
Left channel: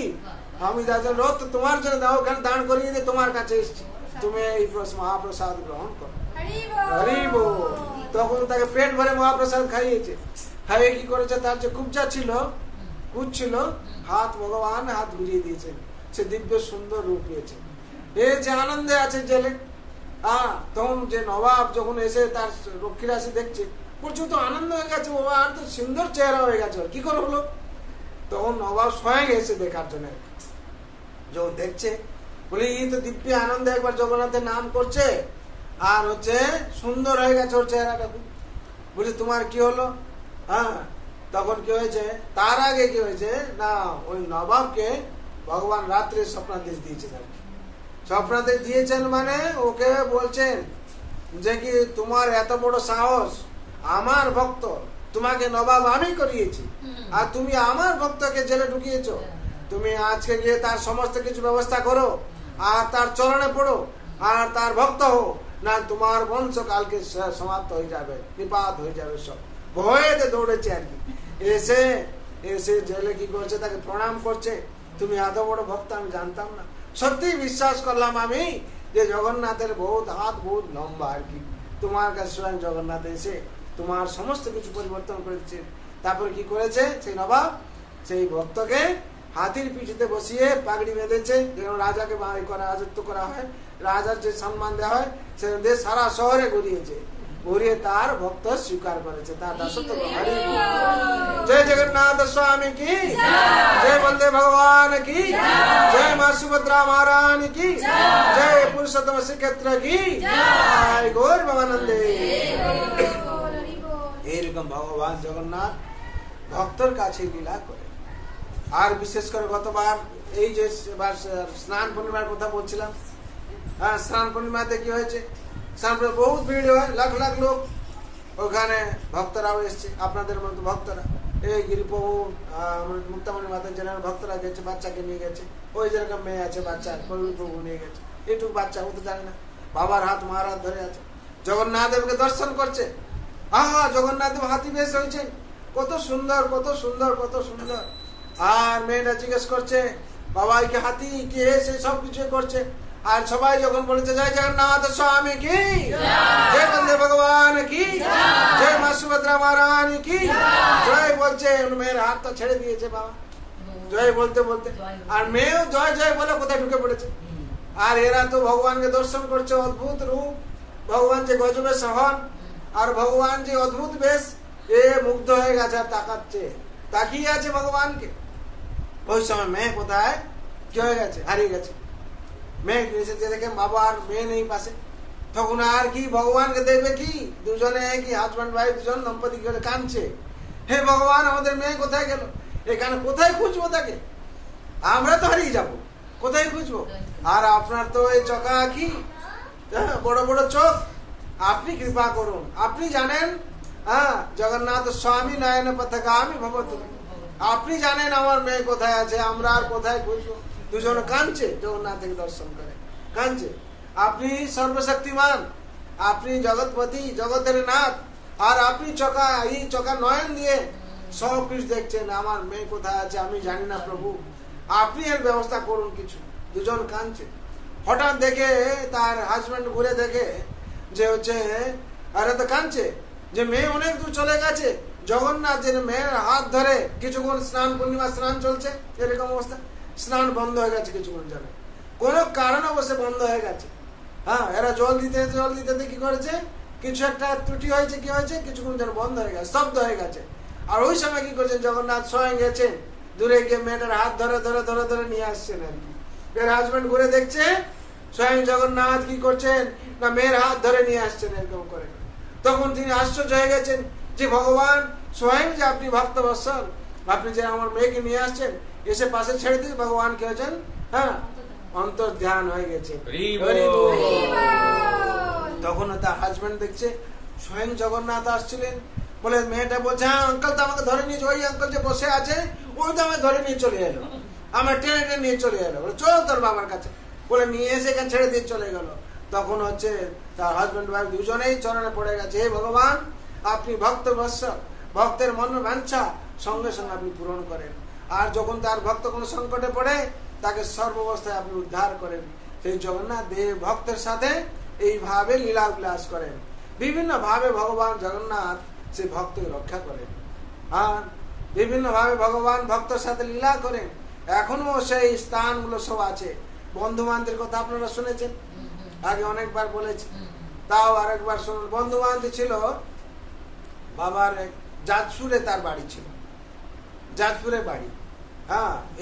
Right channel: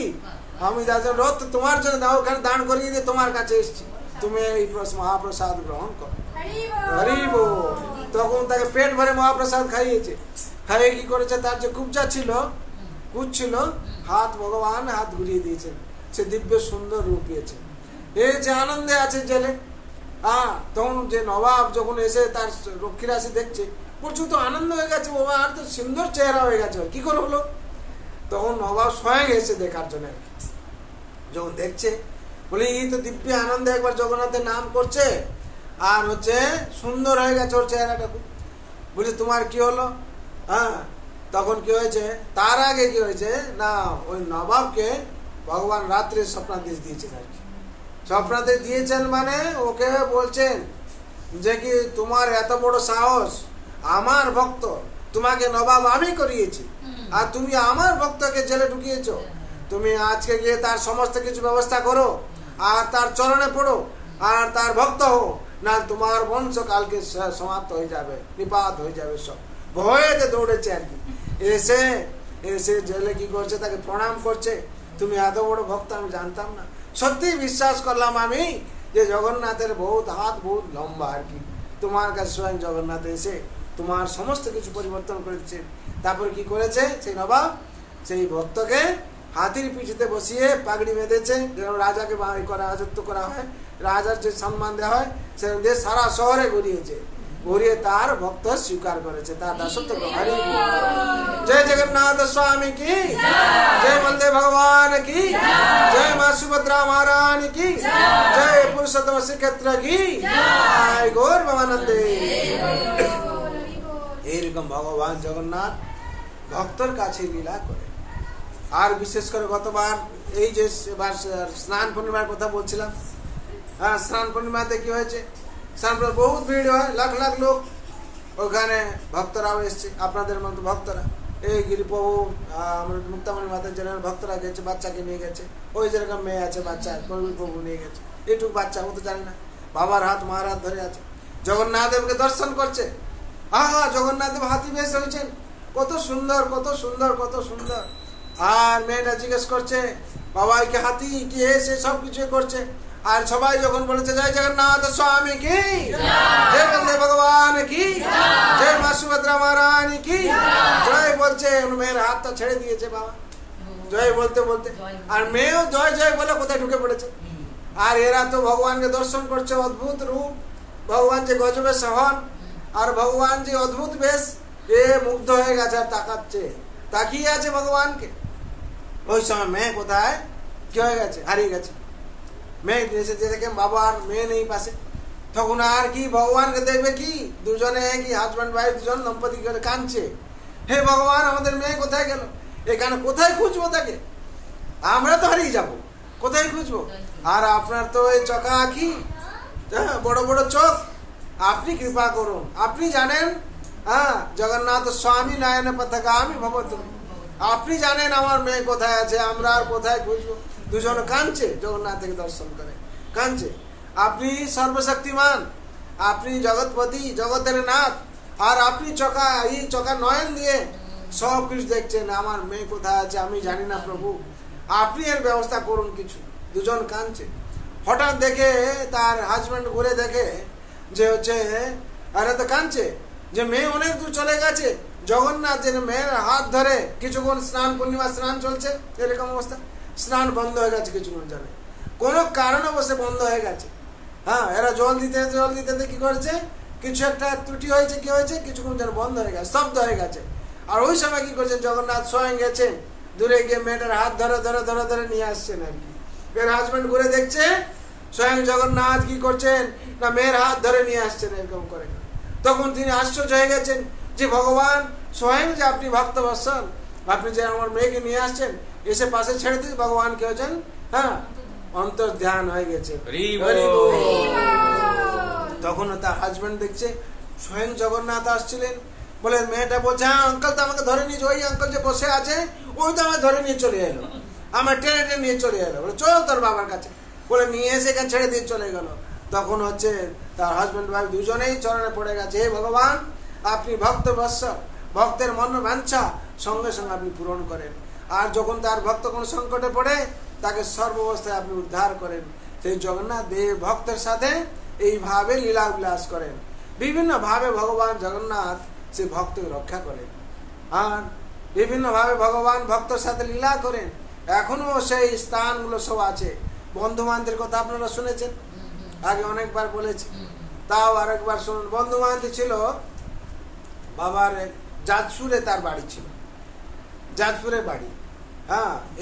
আমি যাচ্ছি রথ তোমার জন্য দাও, ওখানে দান করিয়ে যে তোমার কাছে এসছি, তুমি এই মহাপ্রসাদ গ্রহণ করো, হরি বল। তখন তাকে পেট ভরে মহাপ্রসাদ খাইয়েছে। খাইয়ে কি করেছে, তার যে কুবজা ছিল, কুচ ছিল, হাত ভগবান হাত ঘুরিয়ে দিয়েছেন, সে দিব্য সুন্দর রূপ পেয়েছে। এই যে আনন্দে আছে জেলে। তখন যে নবাব যখন এসে তার রক্ষীরা এসে দেখছে, প্রচুর তো আনন্দ হয়ে গেছে, বাবা আর তো সুন্দর চেহারা হয়ে গেছে, কি করে হলো? তখন নবাব স্বয়ং এসে দেখার জন্য, যখন দেখছে বলে এই তো দিব্য আনন্দে একবার জগন্নাথের নাম করছে আর হচ্ছে সুন্দর হয়ে গেছে ওর চেহারাটা। বলছে তোমার কি হলো? তখন কি হয়েছে, তার আগে কি হয়েছে না, ওই নবাবকে ভগবান রাত্রে স্বপ্নাদেশ দিয়েছেন আর কি। স্বপ্নাদেশ দিয়েছেন মানে ওকে বলছেন যে কি তোমার এত বড় সাহস, আমার ভক্ত তোমাকে নবাব আমি করিয়েছি আর তুমি আমার ভক্তকে জেলে ঢুকিয়েছো। তুমি আজকে গিয়ে তার সমস্ত কিছু ব্যবস্থা করো আর তার চরণে পড়ো আর তার ভক্ত হো, না তোমার বংশ কালকে সমাপ্ত হয়ে যাবে, নিপাত হয়ে যাবে। সব ভয়েতে দৌড়েছে আর কি। এসে এসে জেলে কি করছে, তাকে প্রণাম করছে, তুমি এত বড় ভক্ত আমি জানতাম না, সত্যি বিশ্বাস করলাম আমি যে জগন্নাথের বহুত হাত বহুত লম্বা আর কি। তোমার কাছে স্বয়ং জগন্নাথ এসে তোমার সমস্ত কিছু পরিবর্তন করে দিচ্ছে। তারপরে কি করেছে সেই নবাব, সেই ভক্তকে হাতির পিঠিতে বসিয়ে পাগড়ি বেঁধেছে, যেরকম রাজাকে রাজত্ব করা হয়, রাজার যে সম্মান দেওয়া হয় সেরকম দিয়ে সারা শহরে ঘুরিয়েছে, ঘুরিয়ে তার ভক্ত স্বীকার করেছে, তার দাসত্ব। জয় জগন্নাথ স্বামী কি জয়, বলদেব ভগবান কি জয়, মা সুভদ্রা মহারানী কি জয়, পুরুষোত্তম শ্রীক্ষেত্র কি জয়, গৌর ভবানন্দে। এইরকম ভগবান জগন্নাথ ভক্তর কাছে লীলা করে। আর বিশেষ করে গতবার এই যে স্নান পূর্ণিমার কথা বলছিলাম, হ্যাঁ, স্নান পূর্ণিমাতে কি হয়েছে, স্নান বহুত ভিড় হয়, লাখ লাখ লোক, ওখানে ভক্তরাও এসছে, আপনাদের মতো ভক্তরা, এই গিরিপ্রভু মুক্তামণি মাতা জেনার ভক্তরা গেছে, বাচ্চাকে নিয়ে গেছে, ওই যেরকম মেয়ে আছে বাচ্চা প্রভু নিয়ে গেছে, এইটুকু বাচ্চা ও তো জানে না, বাবার হাত মার হাত ধরে আছে, জগন্নাথ দেবকে দর্শন করছে। জগন্নাথ দেব হাতি বেশ হয়েছেন, কত সুন্দর কত সুন্দর কত সুন্দর। আর মেয়েটা জিজ্ঞেস করছে বাবা কি হাতি কি এসে সব কিছু করছে। আর সবাই যখন বলেছে জয় জগন্নাথ স্বামী কি, জয় বলদেব ভগবান কি, জয় মা সুভদ্রা মহারানী কি জয় বলছে, মেয়ের হাতটা ছেড়ে দিয়েছে বাবা জয় বলতে বলতে। আর মেয়েও জয় জয় বলে কোথায় ঢুকে পড়েছে। আর এরা তো ভগবানকে দর্শন করছে, অদ্ভুত রূপ, ভগবান যে গজবে সহন, আর ভগবান যে অদ্ভুত বেশ, এ মুগ্ধ হয়ে গেছে আর তাকাচ্ছে, তাকিয়ে আছে ভগবানকে। ওই সময় মেয়ে কোথায় কি হয়ে গেছে, হারিয়ে গেছে। মেয়ে এসে দেখে বাবা আর মেয়ে নেই পাশে, তখন আর কি ভগবানকে দেখবে কি, দুজনে কি হাজব্যান্ড ওয়াইফ দুজন দম্পতি করে কাঁদছে, হে ভগবান আমাদের মেয়ে কোথায় গেল, এখানে কোথায় খুঁজবো তাকে, আমরা তো হারিয়ে যাবো, কোথায় খুঁজবো। আর আপনার তো এই চোখা আঁখি, বড় বড় চোখ, আপনি কৃপা করুন, আপনি জানেন জগন্নাথ স্বামী নয়ন পথগামী ভবতু, আপনি জানেন আমার মেয়ে কোথায় আছে, আমরা আর কোথায় খুঁজবো। দুজন কাঁদছে, জগন্নাথ থেকে দর্শন করে কাঁদছে। আপনি সর্বশক্তিমান, আপনি জগৎপতি, জগতের নাথ, আর আপনি এই চোখা নয়ন দিয়ে সব কিছু দেখছেন, আমার মেয়ে কোথায় আছে আমি জানি না প্রভু, আপনি এর ব্যবস্থা করুন কিছু। দুজন কাঁদছে। হঠাৎ দেখে তার হাজবেন্ড ঘুরে দেখে যে হচ্ছে, আরে তো কাঁদছে যে মেয়ে অনেক দূর চলে গেছে। জগন্নাথ যে মেয়ের হাত ধরে কিছুক্ষণ, স্নান পূর্ণিমা স্নান চলছে, এরকম অবস্থা, স্নান বন্ধ হয়ে গেছে কিছুক্ষণ জানে, কোন কারণে বসে বন্ধ হয়ে গেছে। এরা জল দিতে কি করেছে, কিছু একটা ত্রুটি হয়েছে, কি হয়েছে, কিছুক্ষণ যেন বন্ধ হয়ে গেছে, শব্দ হয়ে গেছে। আর ওই সময় কি করছেন, জগন্নাথ স্বয়ং গেছেন, দূরে গিয়ে মেয়েটার হাত ধরে ধরে ধরে ধরে নিয়ে আসছেন আর কি। মেয়ের হাজবেন্ড ঘুরে দেখছে, স্বয়ং জগন্নাথ কি করছেন না মেয়ের হাত ধরে নিয়ে আসছেন এরকম করে। তখন তিনি আশ্চর্য হয়ে গেছেন যে ভগবান স্বয়ং যে আপনি ভক্ত বৎসল, আপনি যে আমার মেয়েকে নিয়ে আসছেন, এসে পাশে ছেড়ে দিয়ে ভগবান কি হয়েছেন, অন্তর ধ্যান হয়ে গেছে। তখন তার হাজবেন্ড দেখছে স্বয়ং জগন্নাথ আসছিলেন, বলে মেয়েটা বলছে হ্যাঁ আঙ্কেল তো আমাকে ধরে নিয়ে, ওই আঙ্কেল যে বসে আছে ওই তো আমাকে ধরে নিয়ে চলে এলো, আমার টেনে নিয়ে চলে এলো, বলে চল তোর বাবার কাছে, বলে নিয়ে এসে এখানে ছেড়ে দিয়ে চলে গেল। তখন হচ্ছে তার হাজবেন্ড ওয়াইফ দুজনেই চরণে পড়ে গেছে, হে ভগবান আপনি ভক্ত বৎসল, ভক্তের মন বাঞ্ছা সঙ্গে সঙ্গে আপনি পূরণ করেন। আর যখন তার ভক্ত কোন সংকটে পড়ে তাকে সর্বাবস্থায় আপনি উদ্ধার করেন। সেই জগন্নাথ দেব ভক্তের সাথে এইভাবে লীলা বিলাস করেন, বিভিন্ন ভাবে ভগবান জগন্নাথ সে ভক্তকে রক্ষা করেন। আর বিভিন্ন ভাবে ভগবান ভক্তের সাথে লীলা করেন। এখনো সেই স্থানগুলো সব আছে। বন্ধু বান্ধবের কথা আপনারা শুনেছেন, আগে অনেকবার বলেছি, তাও আরেকবার শুনুন। বন্ধু বান্ধব ছিল বাবার যাজপুরে, তার বাড়ি ছিল যাজপুরে বাড়ি।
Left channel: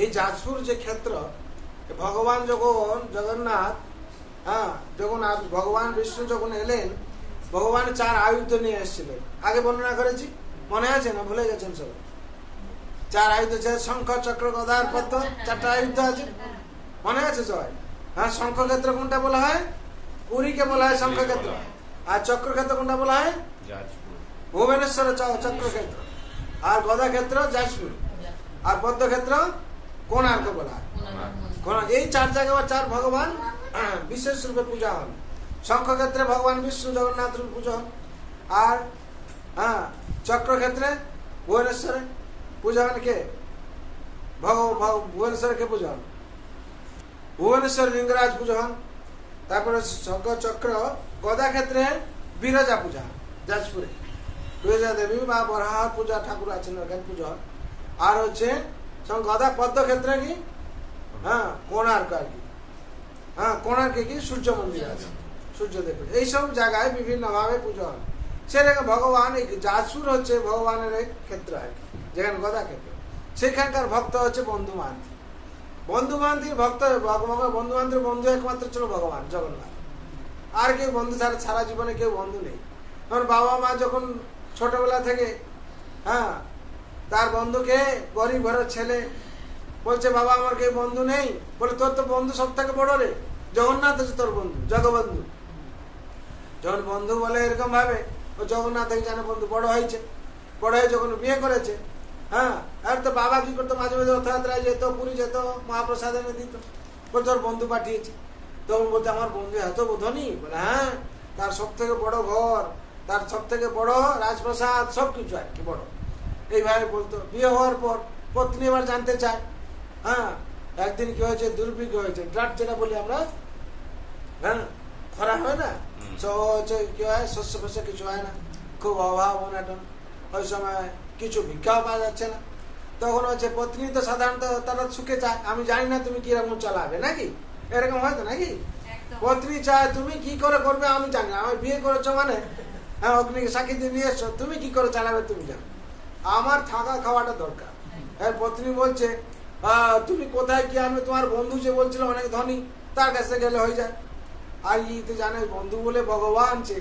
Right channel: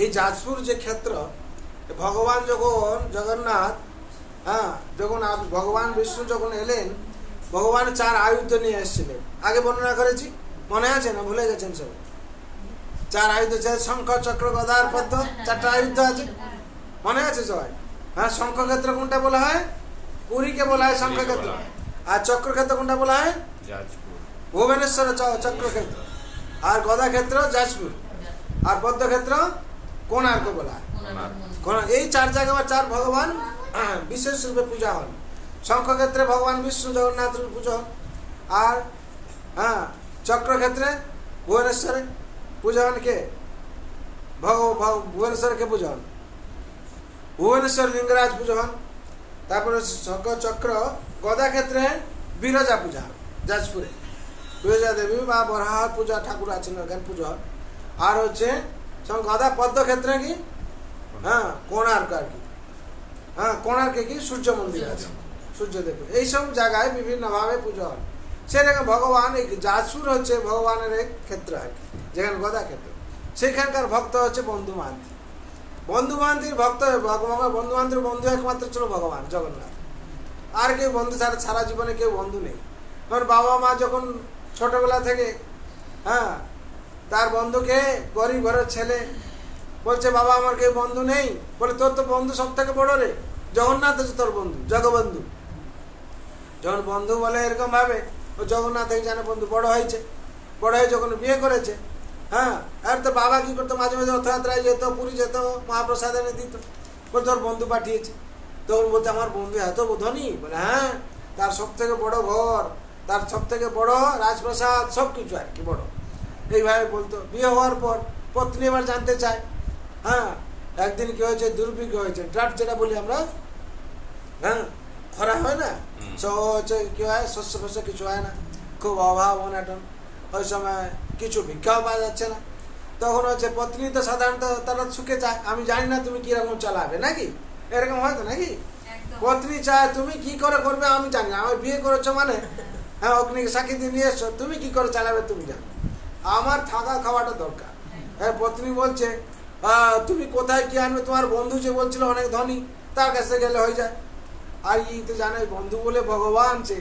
এই যাজপুর যে ক্ষেত্র, ভগবান যখন জগন্নাথ যখন ভগবান বিষ্ণু যখন এলেন, ভগবান 4 আয়ুধ নিয়ে এসেছিলেন, আগে বর্ণনা করেছি, মনে আছে না ভুলে গেছেন সবাই? 4 আয়ুধ আছে, শঙ্খ চক্র গদা আর পদ্ম, 4টা আয়ুধ আছে, মনে আছে সবাই? শঙ্খক্ষেত্র কোনটা বলা হয়? পুরীকে বলা হয় শঙ্খক্ষেত্র। আর চক্রক্ষেত্র কোনটা বলা হয়? ভুবনেশ্বর চক্রক্ষেত্র। আর গদা ক্ষেত্র যাজপুর। আর পদ্মক্ষেত্র কোণার্ক বলা হয়। এই 4 জায়গায় 4 ভগবান বিশেষ রূপে পূজা হন। শঙ্খক্ষেত্রে ভগবান বিষ্ণু জগন্নাথ পূজা হন। আর চক্রক্ষেত্রে ভুবনেশ্বরে পূজা হন কে? ভুবনেশ্বরে কে পূজা হন? ভুবনেশ্বর লিঙ্গরাজ পূজা হন। তারপরে শঙ্খ চক্র গদা ক্ষেত্রে বিরজা পূজা হন যাজপুরে, বিরজা দেবী বা বরাহ পূজা ঠাকুর আছেন ওখানে পূজা হন। আর হচ্ছে গদা পদ্ম ক্ষেত্রে কি কোণার্ক আর কি, কোণার্কে কি সূর্য মন্দির আছে, সূর্যদেব। এইসব জায়গায় বিভিন্ন ভাবে পূজা হয়। সেরকম ভগবান এই যাজপুর হচ্ছে ভগবানের এক ক্ষেত্র আর কি, যেখানে গদা ক্ষেত্র, সেখানকার ভক্ত হচ্ছে বন্ধু বান্ধব। বন্ধু বান্ধব ভক্ত, বন্ধু বান্ধব বন্ধু একমাত্র ছিল ভগবান জগন্নাথ। আর কেউ বন্ধু ছাড়া সারা জীবনে কেউ বন্ধু নেই। কারণ বাবা মা যখন ছোটবেলা থেকে তার বন্ধুকে, গরিব ঘরের ছেলে বলছে বাবা আমার কেউ বন্ধু নেই, বলে তোর তো বন্ধু সব থেকে বড় রে, জগন্নাথ হচ্ছে তোর বন্ধু, জগবন্ধু। যখন বন্ধু বলে এরকম ভাবে, ও জগন্নাথ এই জানে বন্ধু বড় হয়েছে, বড় হয়ে যখন বিয়ে করেছে, হ্যাঁ, আর তো বাবা কি করতো, মাঝে মাঝে রথযাত্রায় যেত, পুরী যেত, মহাপ্রসাদ এনে দিত, বলে তোর বন্ধু পাঠিয়েছে। তখন বলছে আমার বন্ধু এত ধনী, বলে হ্যাঁ, তার সব থেকে বড় ঘর, তার সব থেকে বড় রাজপ্রাসাদ, সবকিছু আর কি বড়, এইভাবে বলতো। বিয়ে হওয়ার পর পত্নী এবার জানতে চায়, হ্যাঁ, একদিন কি হয়েছে, দুর্ভিক্ষ হয়েছে, ড্রাফট যেটা বলি আমরা, হ্যাঁ, খরা হয় না, সব হচ্ছে কি হয়, শস্য ফস্য কিছু হয় না, খুব অভাব অনাটন, ওই সময় কিছু ভিক্ষাও পাওয়া যাচ্ছে না। তখন হচ্ছে পত্নী তো সাধারণত তারা সুখে চায়, আমি জানি না তুমি কিরকম চালাবে, নাকি এরকম হয়তো নাকি, পত্নী চায় তুমি কি করে করবে আমি জানি না, আমার বিয়ে করেছো মানে, হ্যাঁ, অগ্নিকে সাক্ষী দিয়ে নিয়ে এসছো, তুমি কি করে চালাবে তুমি জানো, আমার থাকা খাওয়াটা দরকার। হ্যাঁ, পত্নী বলছে তুমি কোথায় কি আনবে, তোমার বন্ধু যে বলছিল অনেক ধনী, তার কাছে গেলে হয়ে যায়। আর ই তো জানে বন্ধু বলে ভগবান যে,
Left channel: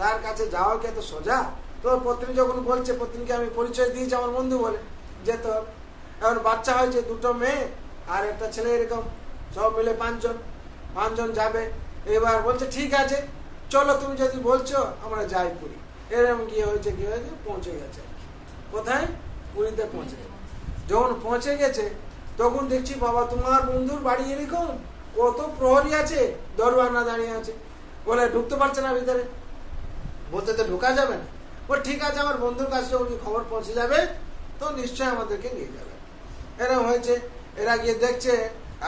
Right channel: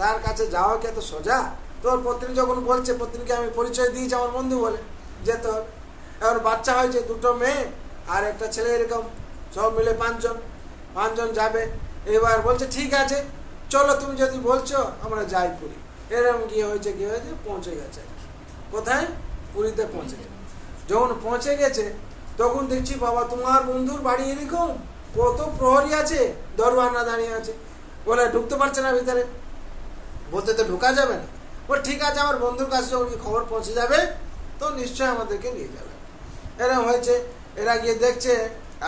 তার কাছে যাওয়া কি এত সোজা। তোর পত্নী যখন বলছে, পত্নীকে আমি পরিচয় দিয়েছি আমার বন্ধু বলে, যে তোর এখন বাচ্চা হয়েছে, দুটো মেয়ে আর একটা ছেলে, এরকম সব মিলে পাঁচজন যাবে। এবার বলছে ঠিক আছে চলো, তুমি যদি বলছো আমরা যাই পুরী। এরকম কি হয়েছে পৌঁছে গেছে, কোথায়, পুরীতে পৌঁছে গেছে। যখন পৌঁছে গেছে তখন দেখছি বাবা তোমার বন্ধুর বাড়ি এরকম, কত প্রহরী আছে, দরওয়ানা দাঁড়িয়ে আছে, বলে ঢুকতে পারছে না ভিতরে, বলতে তো ঢোকা যাবে না। বল ঠিক আছে, আমার বন্ধুর কাছে খবর পৌঁছে যাবে তো নিশ্চয় আমাদেরকে নিয়ে যাবে। এরকম হয়েছে, এরা গিয়ে দেখছে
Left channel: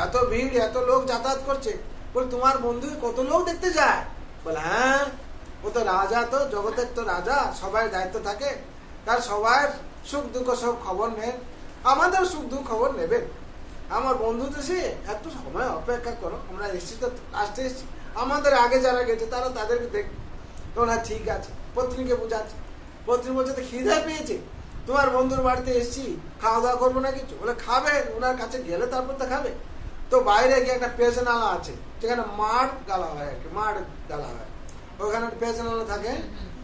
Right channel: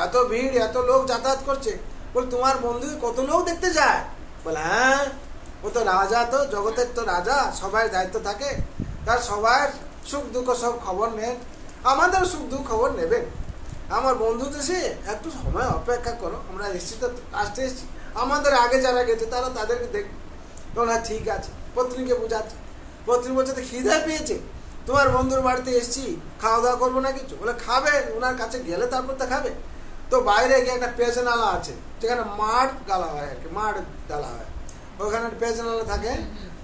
এত ভিড়, এত লোক যাতায়াত করছে, বল তোমার বন্ধু কত লোক দেখতে যায়, বলে হ্যাঁ, ও তো রাজা, তো জগতের তো রাজা, সবাই দায়িত্ব থাকে তার, সবার সুখ দুঃখ সব খবর নেন, আমাদের সুখ দুঃখ খবর নেবেন, আমার বন্ধু তো সে একটু সময় অপেক্ষা করো, আমরা এসছি তো আসতে এসছি, আমাদের আগে যারা গেছে তারা তাদেরকে দেখ। তখন হ্যাঁ ঠিক আছে, পত্নীকে বুঝাচ্ছে, পত্নী বলছে তো খিদে পেয়েছে, তোমার বন্ধুর বাড়িতে এসছি, খাওয়া দাওয়া করবো না কিছু, বলে খাবে, ওনার কাছে গেলে তারপর তো খাবে। তো বাইরে গিয়ে একটা পেজনালা আছে, যেখানে মাঠ গালা হয় আর কি, মাঠ ডালা হয়, ওখানে পেজনালা থাকে।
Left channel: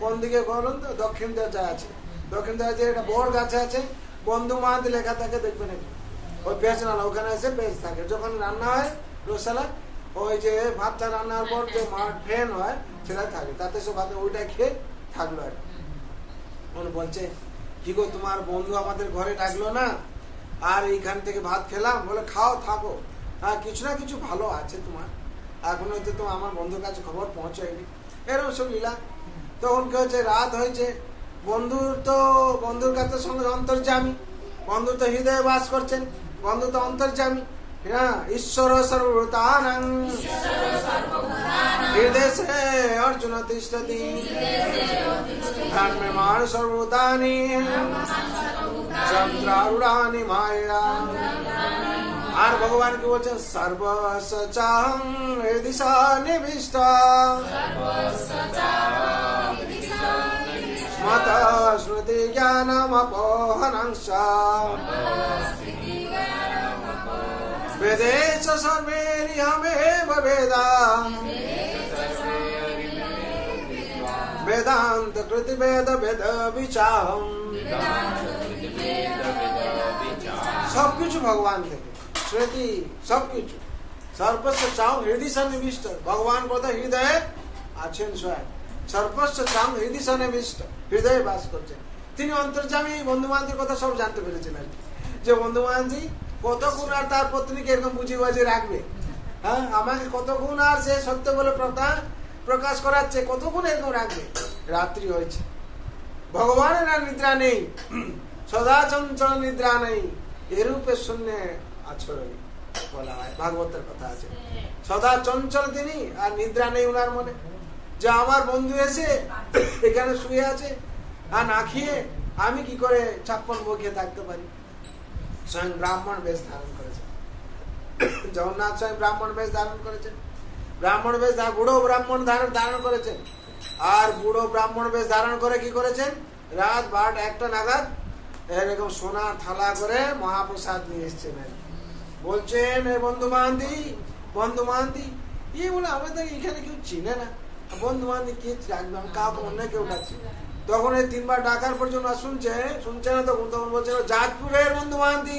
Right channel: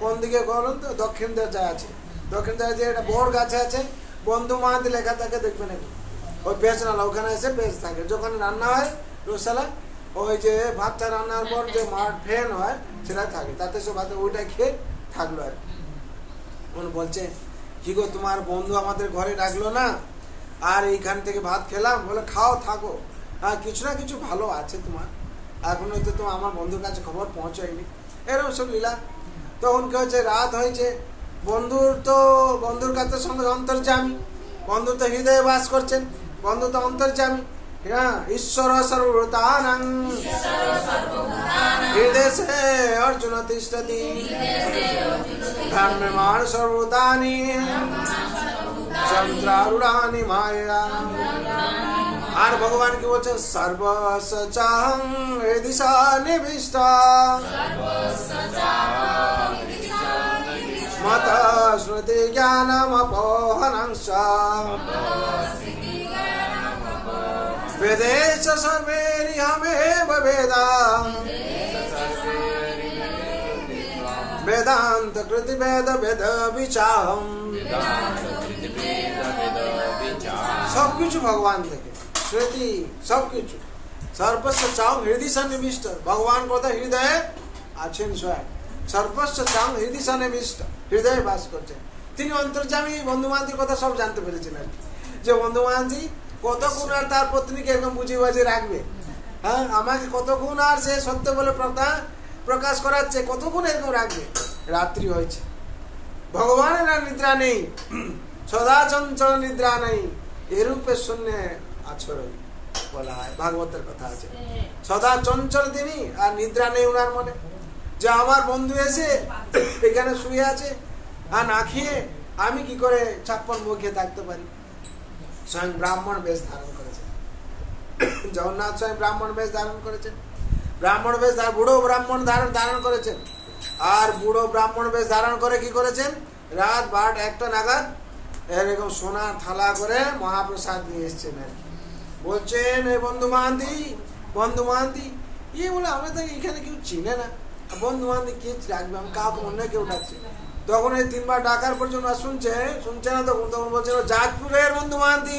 কোন দিকে বলুন তো, দক্ষিণ দিকে আছে, দক্ষিণ দিকে একটা বড় গাছে আছে, বন্ধু মাহাতি লেখা থাকে, দেখবেন ওই পেজনালা, ওখানে এসে পেজ থাকে। যখন রান্না হয় রোসালা, ওই যে ভাতটা রান্নার পর যে মাঠ ফেন হয় সেটা থাকে, তাতে সব ভাতে ওইটা খেয়ে থাকলো আর কি। বলছে কি গো, তোমার বন্ধু আমাদের ঘরে ডাকলো না, আর এইখান থেকে ভাত খেলাম, বলে খাও থাকো, আর কিছু না কিছু ভালো আছে তোমার, এখন হয়তো তো আমার বন্ধুর কাছে খবর পৌঁছায়নি, এরকম সব লীলা। তখন কি হয়েছে, রাত হয়েছে, বন্ধুর কাছে সঙ্গে অন্তর্যামী, বন্ধু তো হৃদয়ে বাস করছেন, বন্ধু তো অন্তর্যামী, হ্যাঁ, ঈশ্বর সর্বভূতানাং হৃদয়ে অর্জুন তিষ্ঠতি ব্রহ্মমাণ সর্বভূতানি যন্ত্রারূঢ়ানি মায়া। আর ভগবান কি বলছেন, সর্বসচাহং হৃদি সন্নিবিষ্ট মত শ্রুতি জ্ঞানমপোহনংশ বেদেশ সর্বেরিহমেব বেদা বেদান্ত কৃতি বেদ বেদ বিচাহম। সবকিছু ভগবান থেকে, শ্রুতি সবকিছু, সর্বস্ব চাও হৃদয় সন্নিবিষ্ট, ভগবান কথা হৃদয়ে আছেন স্বয়ং, সর্বস্ব চাও হৃদয় সন্নিবিষ্ট, হৃদয়ে বাস করছেন তিনি, অন্তর্যামী। বন্ধু বান্ধবীর কথা সব জানতে পেরেছেন আর কি, যে বন্ধু বান্ধবী কতক্ষণ আর তার পত্নীকে এরকম বুঝিয়ে বাজিয়ে রাখবে, হ্যাঁ, আমাকে কতক্ষণ আর সে সত্য বলে প্রকাশ করাচ্ছে, কতক্ষণ এরকম রাখবে। রাত্রি হয়েছে, ভগবানের আর নিদ্রা নেই, সদা চঞ্চল নিদ্রা নেই, এরূপে শূন্য আছড়ই বলা হয়, ভাগবতের কথা আছে, সদা চঞ্চল তিনি, আর নিদ্রা নেই উনার মনে, যে আমার বন্ধু এসে এখানে শুয়ে আছে, আর না খেয়ে আমি কি করে 56 ভোগ খেয়ে থাকতে পারি। স্বয়ং ব্রাহ্মণ বেশ ধারণ করেছেন, জগন্নাথ স্বয়ং ব্রাহ্মণ বেশ ধারণ করেছেন, ব্রাহ্মণ বেশ বুড়ো ব্রাহ্মণ ধারণ করেছেন, আর বুড়ো ব্রাহ্মণ বেশ ধারণ করে কি করেছেন, রাত 1টা নাগাদ এরকম সোনা থালা করে মহাপ্রসাদ নিয়ে এসছেন। বলছেন এই বন্ধু মাহান্তি, ইয়ে বলে আমরা তো এখানে কেউ চিনে না, বন্ধু মাহান্তি কে রাখবে, আমি কাউকে অন্য কেউ ডাকছি। তখন এই 3বার ডাকার পর জন্য শুনছে না, তখন বলছে যাজপুরের বন্ধু মাহান্তি,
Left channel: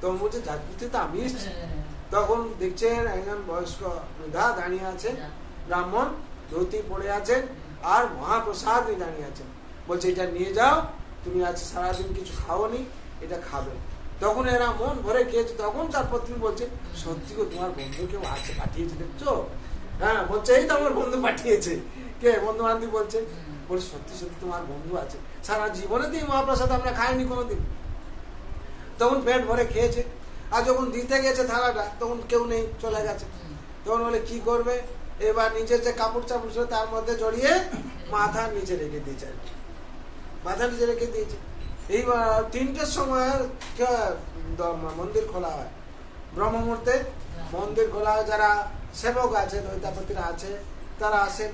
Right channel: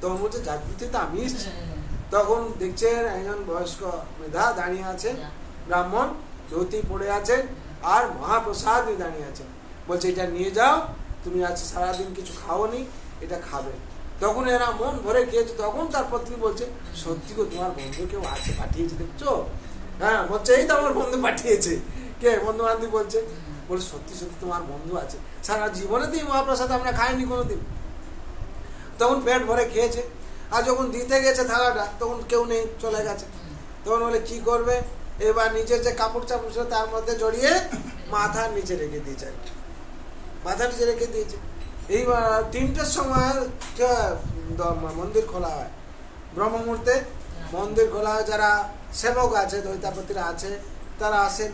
তখন বলছে যাজপুর থেকে তো আমি এসছি, তখন দেখছেন একজন বয়স্ক বৃদ্ধা দাঁড়িয়ে আছেন, ব্রাহ্মণ ধুতি পড়ে আছেন আর মহাপ্রসাদ নিয়ে দাঁড়িয়ে আছেন। বলছে এটা নিয়ে যাও, তুমি আজ সারাদিন কিছু খাওনি, এটা খাবে। তখন এরা মন ভরে খেয়েছে। তখন তার পত্নী বলছে সত্যি গো, তোমার বন্ধু কেউ আছে পাঠিয়েছে দেখছো? হ্যাঁ, বলছে এই তো আমার বন্ধু পাঠিয়েছে। কে? বন্ধু বান্ধব বলছে। বলছে সত্যি সত্যি তোমার বন্ধু আছে, সারা জীবনে তুমি মহাপ্রসাদ আমরা খাইনি কোনোদিন। তখন পেট ভরে খেয়েছে। আর যখন দিতে গেছে থালাটা, তখন কেউ নেই, চলে গেছে। তখন বলে কি করবে, এবার নিজের যে কাপড় চাপড় ছিল তার মধ্যে জড়িয়ে মাথার নিচে রেখে দিয়েছে, মাথার নিচে রেখে দিয়েছে। এইবার 3টের সময় মন্দির খোলা হয়, ব্রহ্ম মুহূর্তে মন্দির খোলা হয়। যারা সেবক আছে, দৈতাপতিরা আছে, তারা আসেন।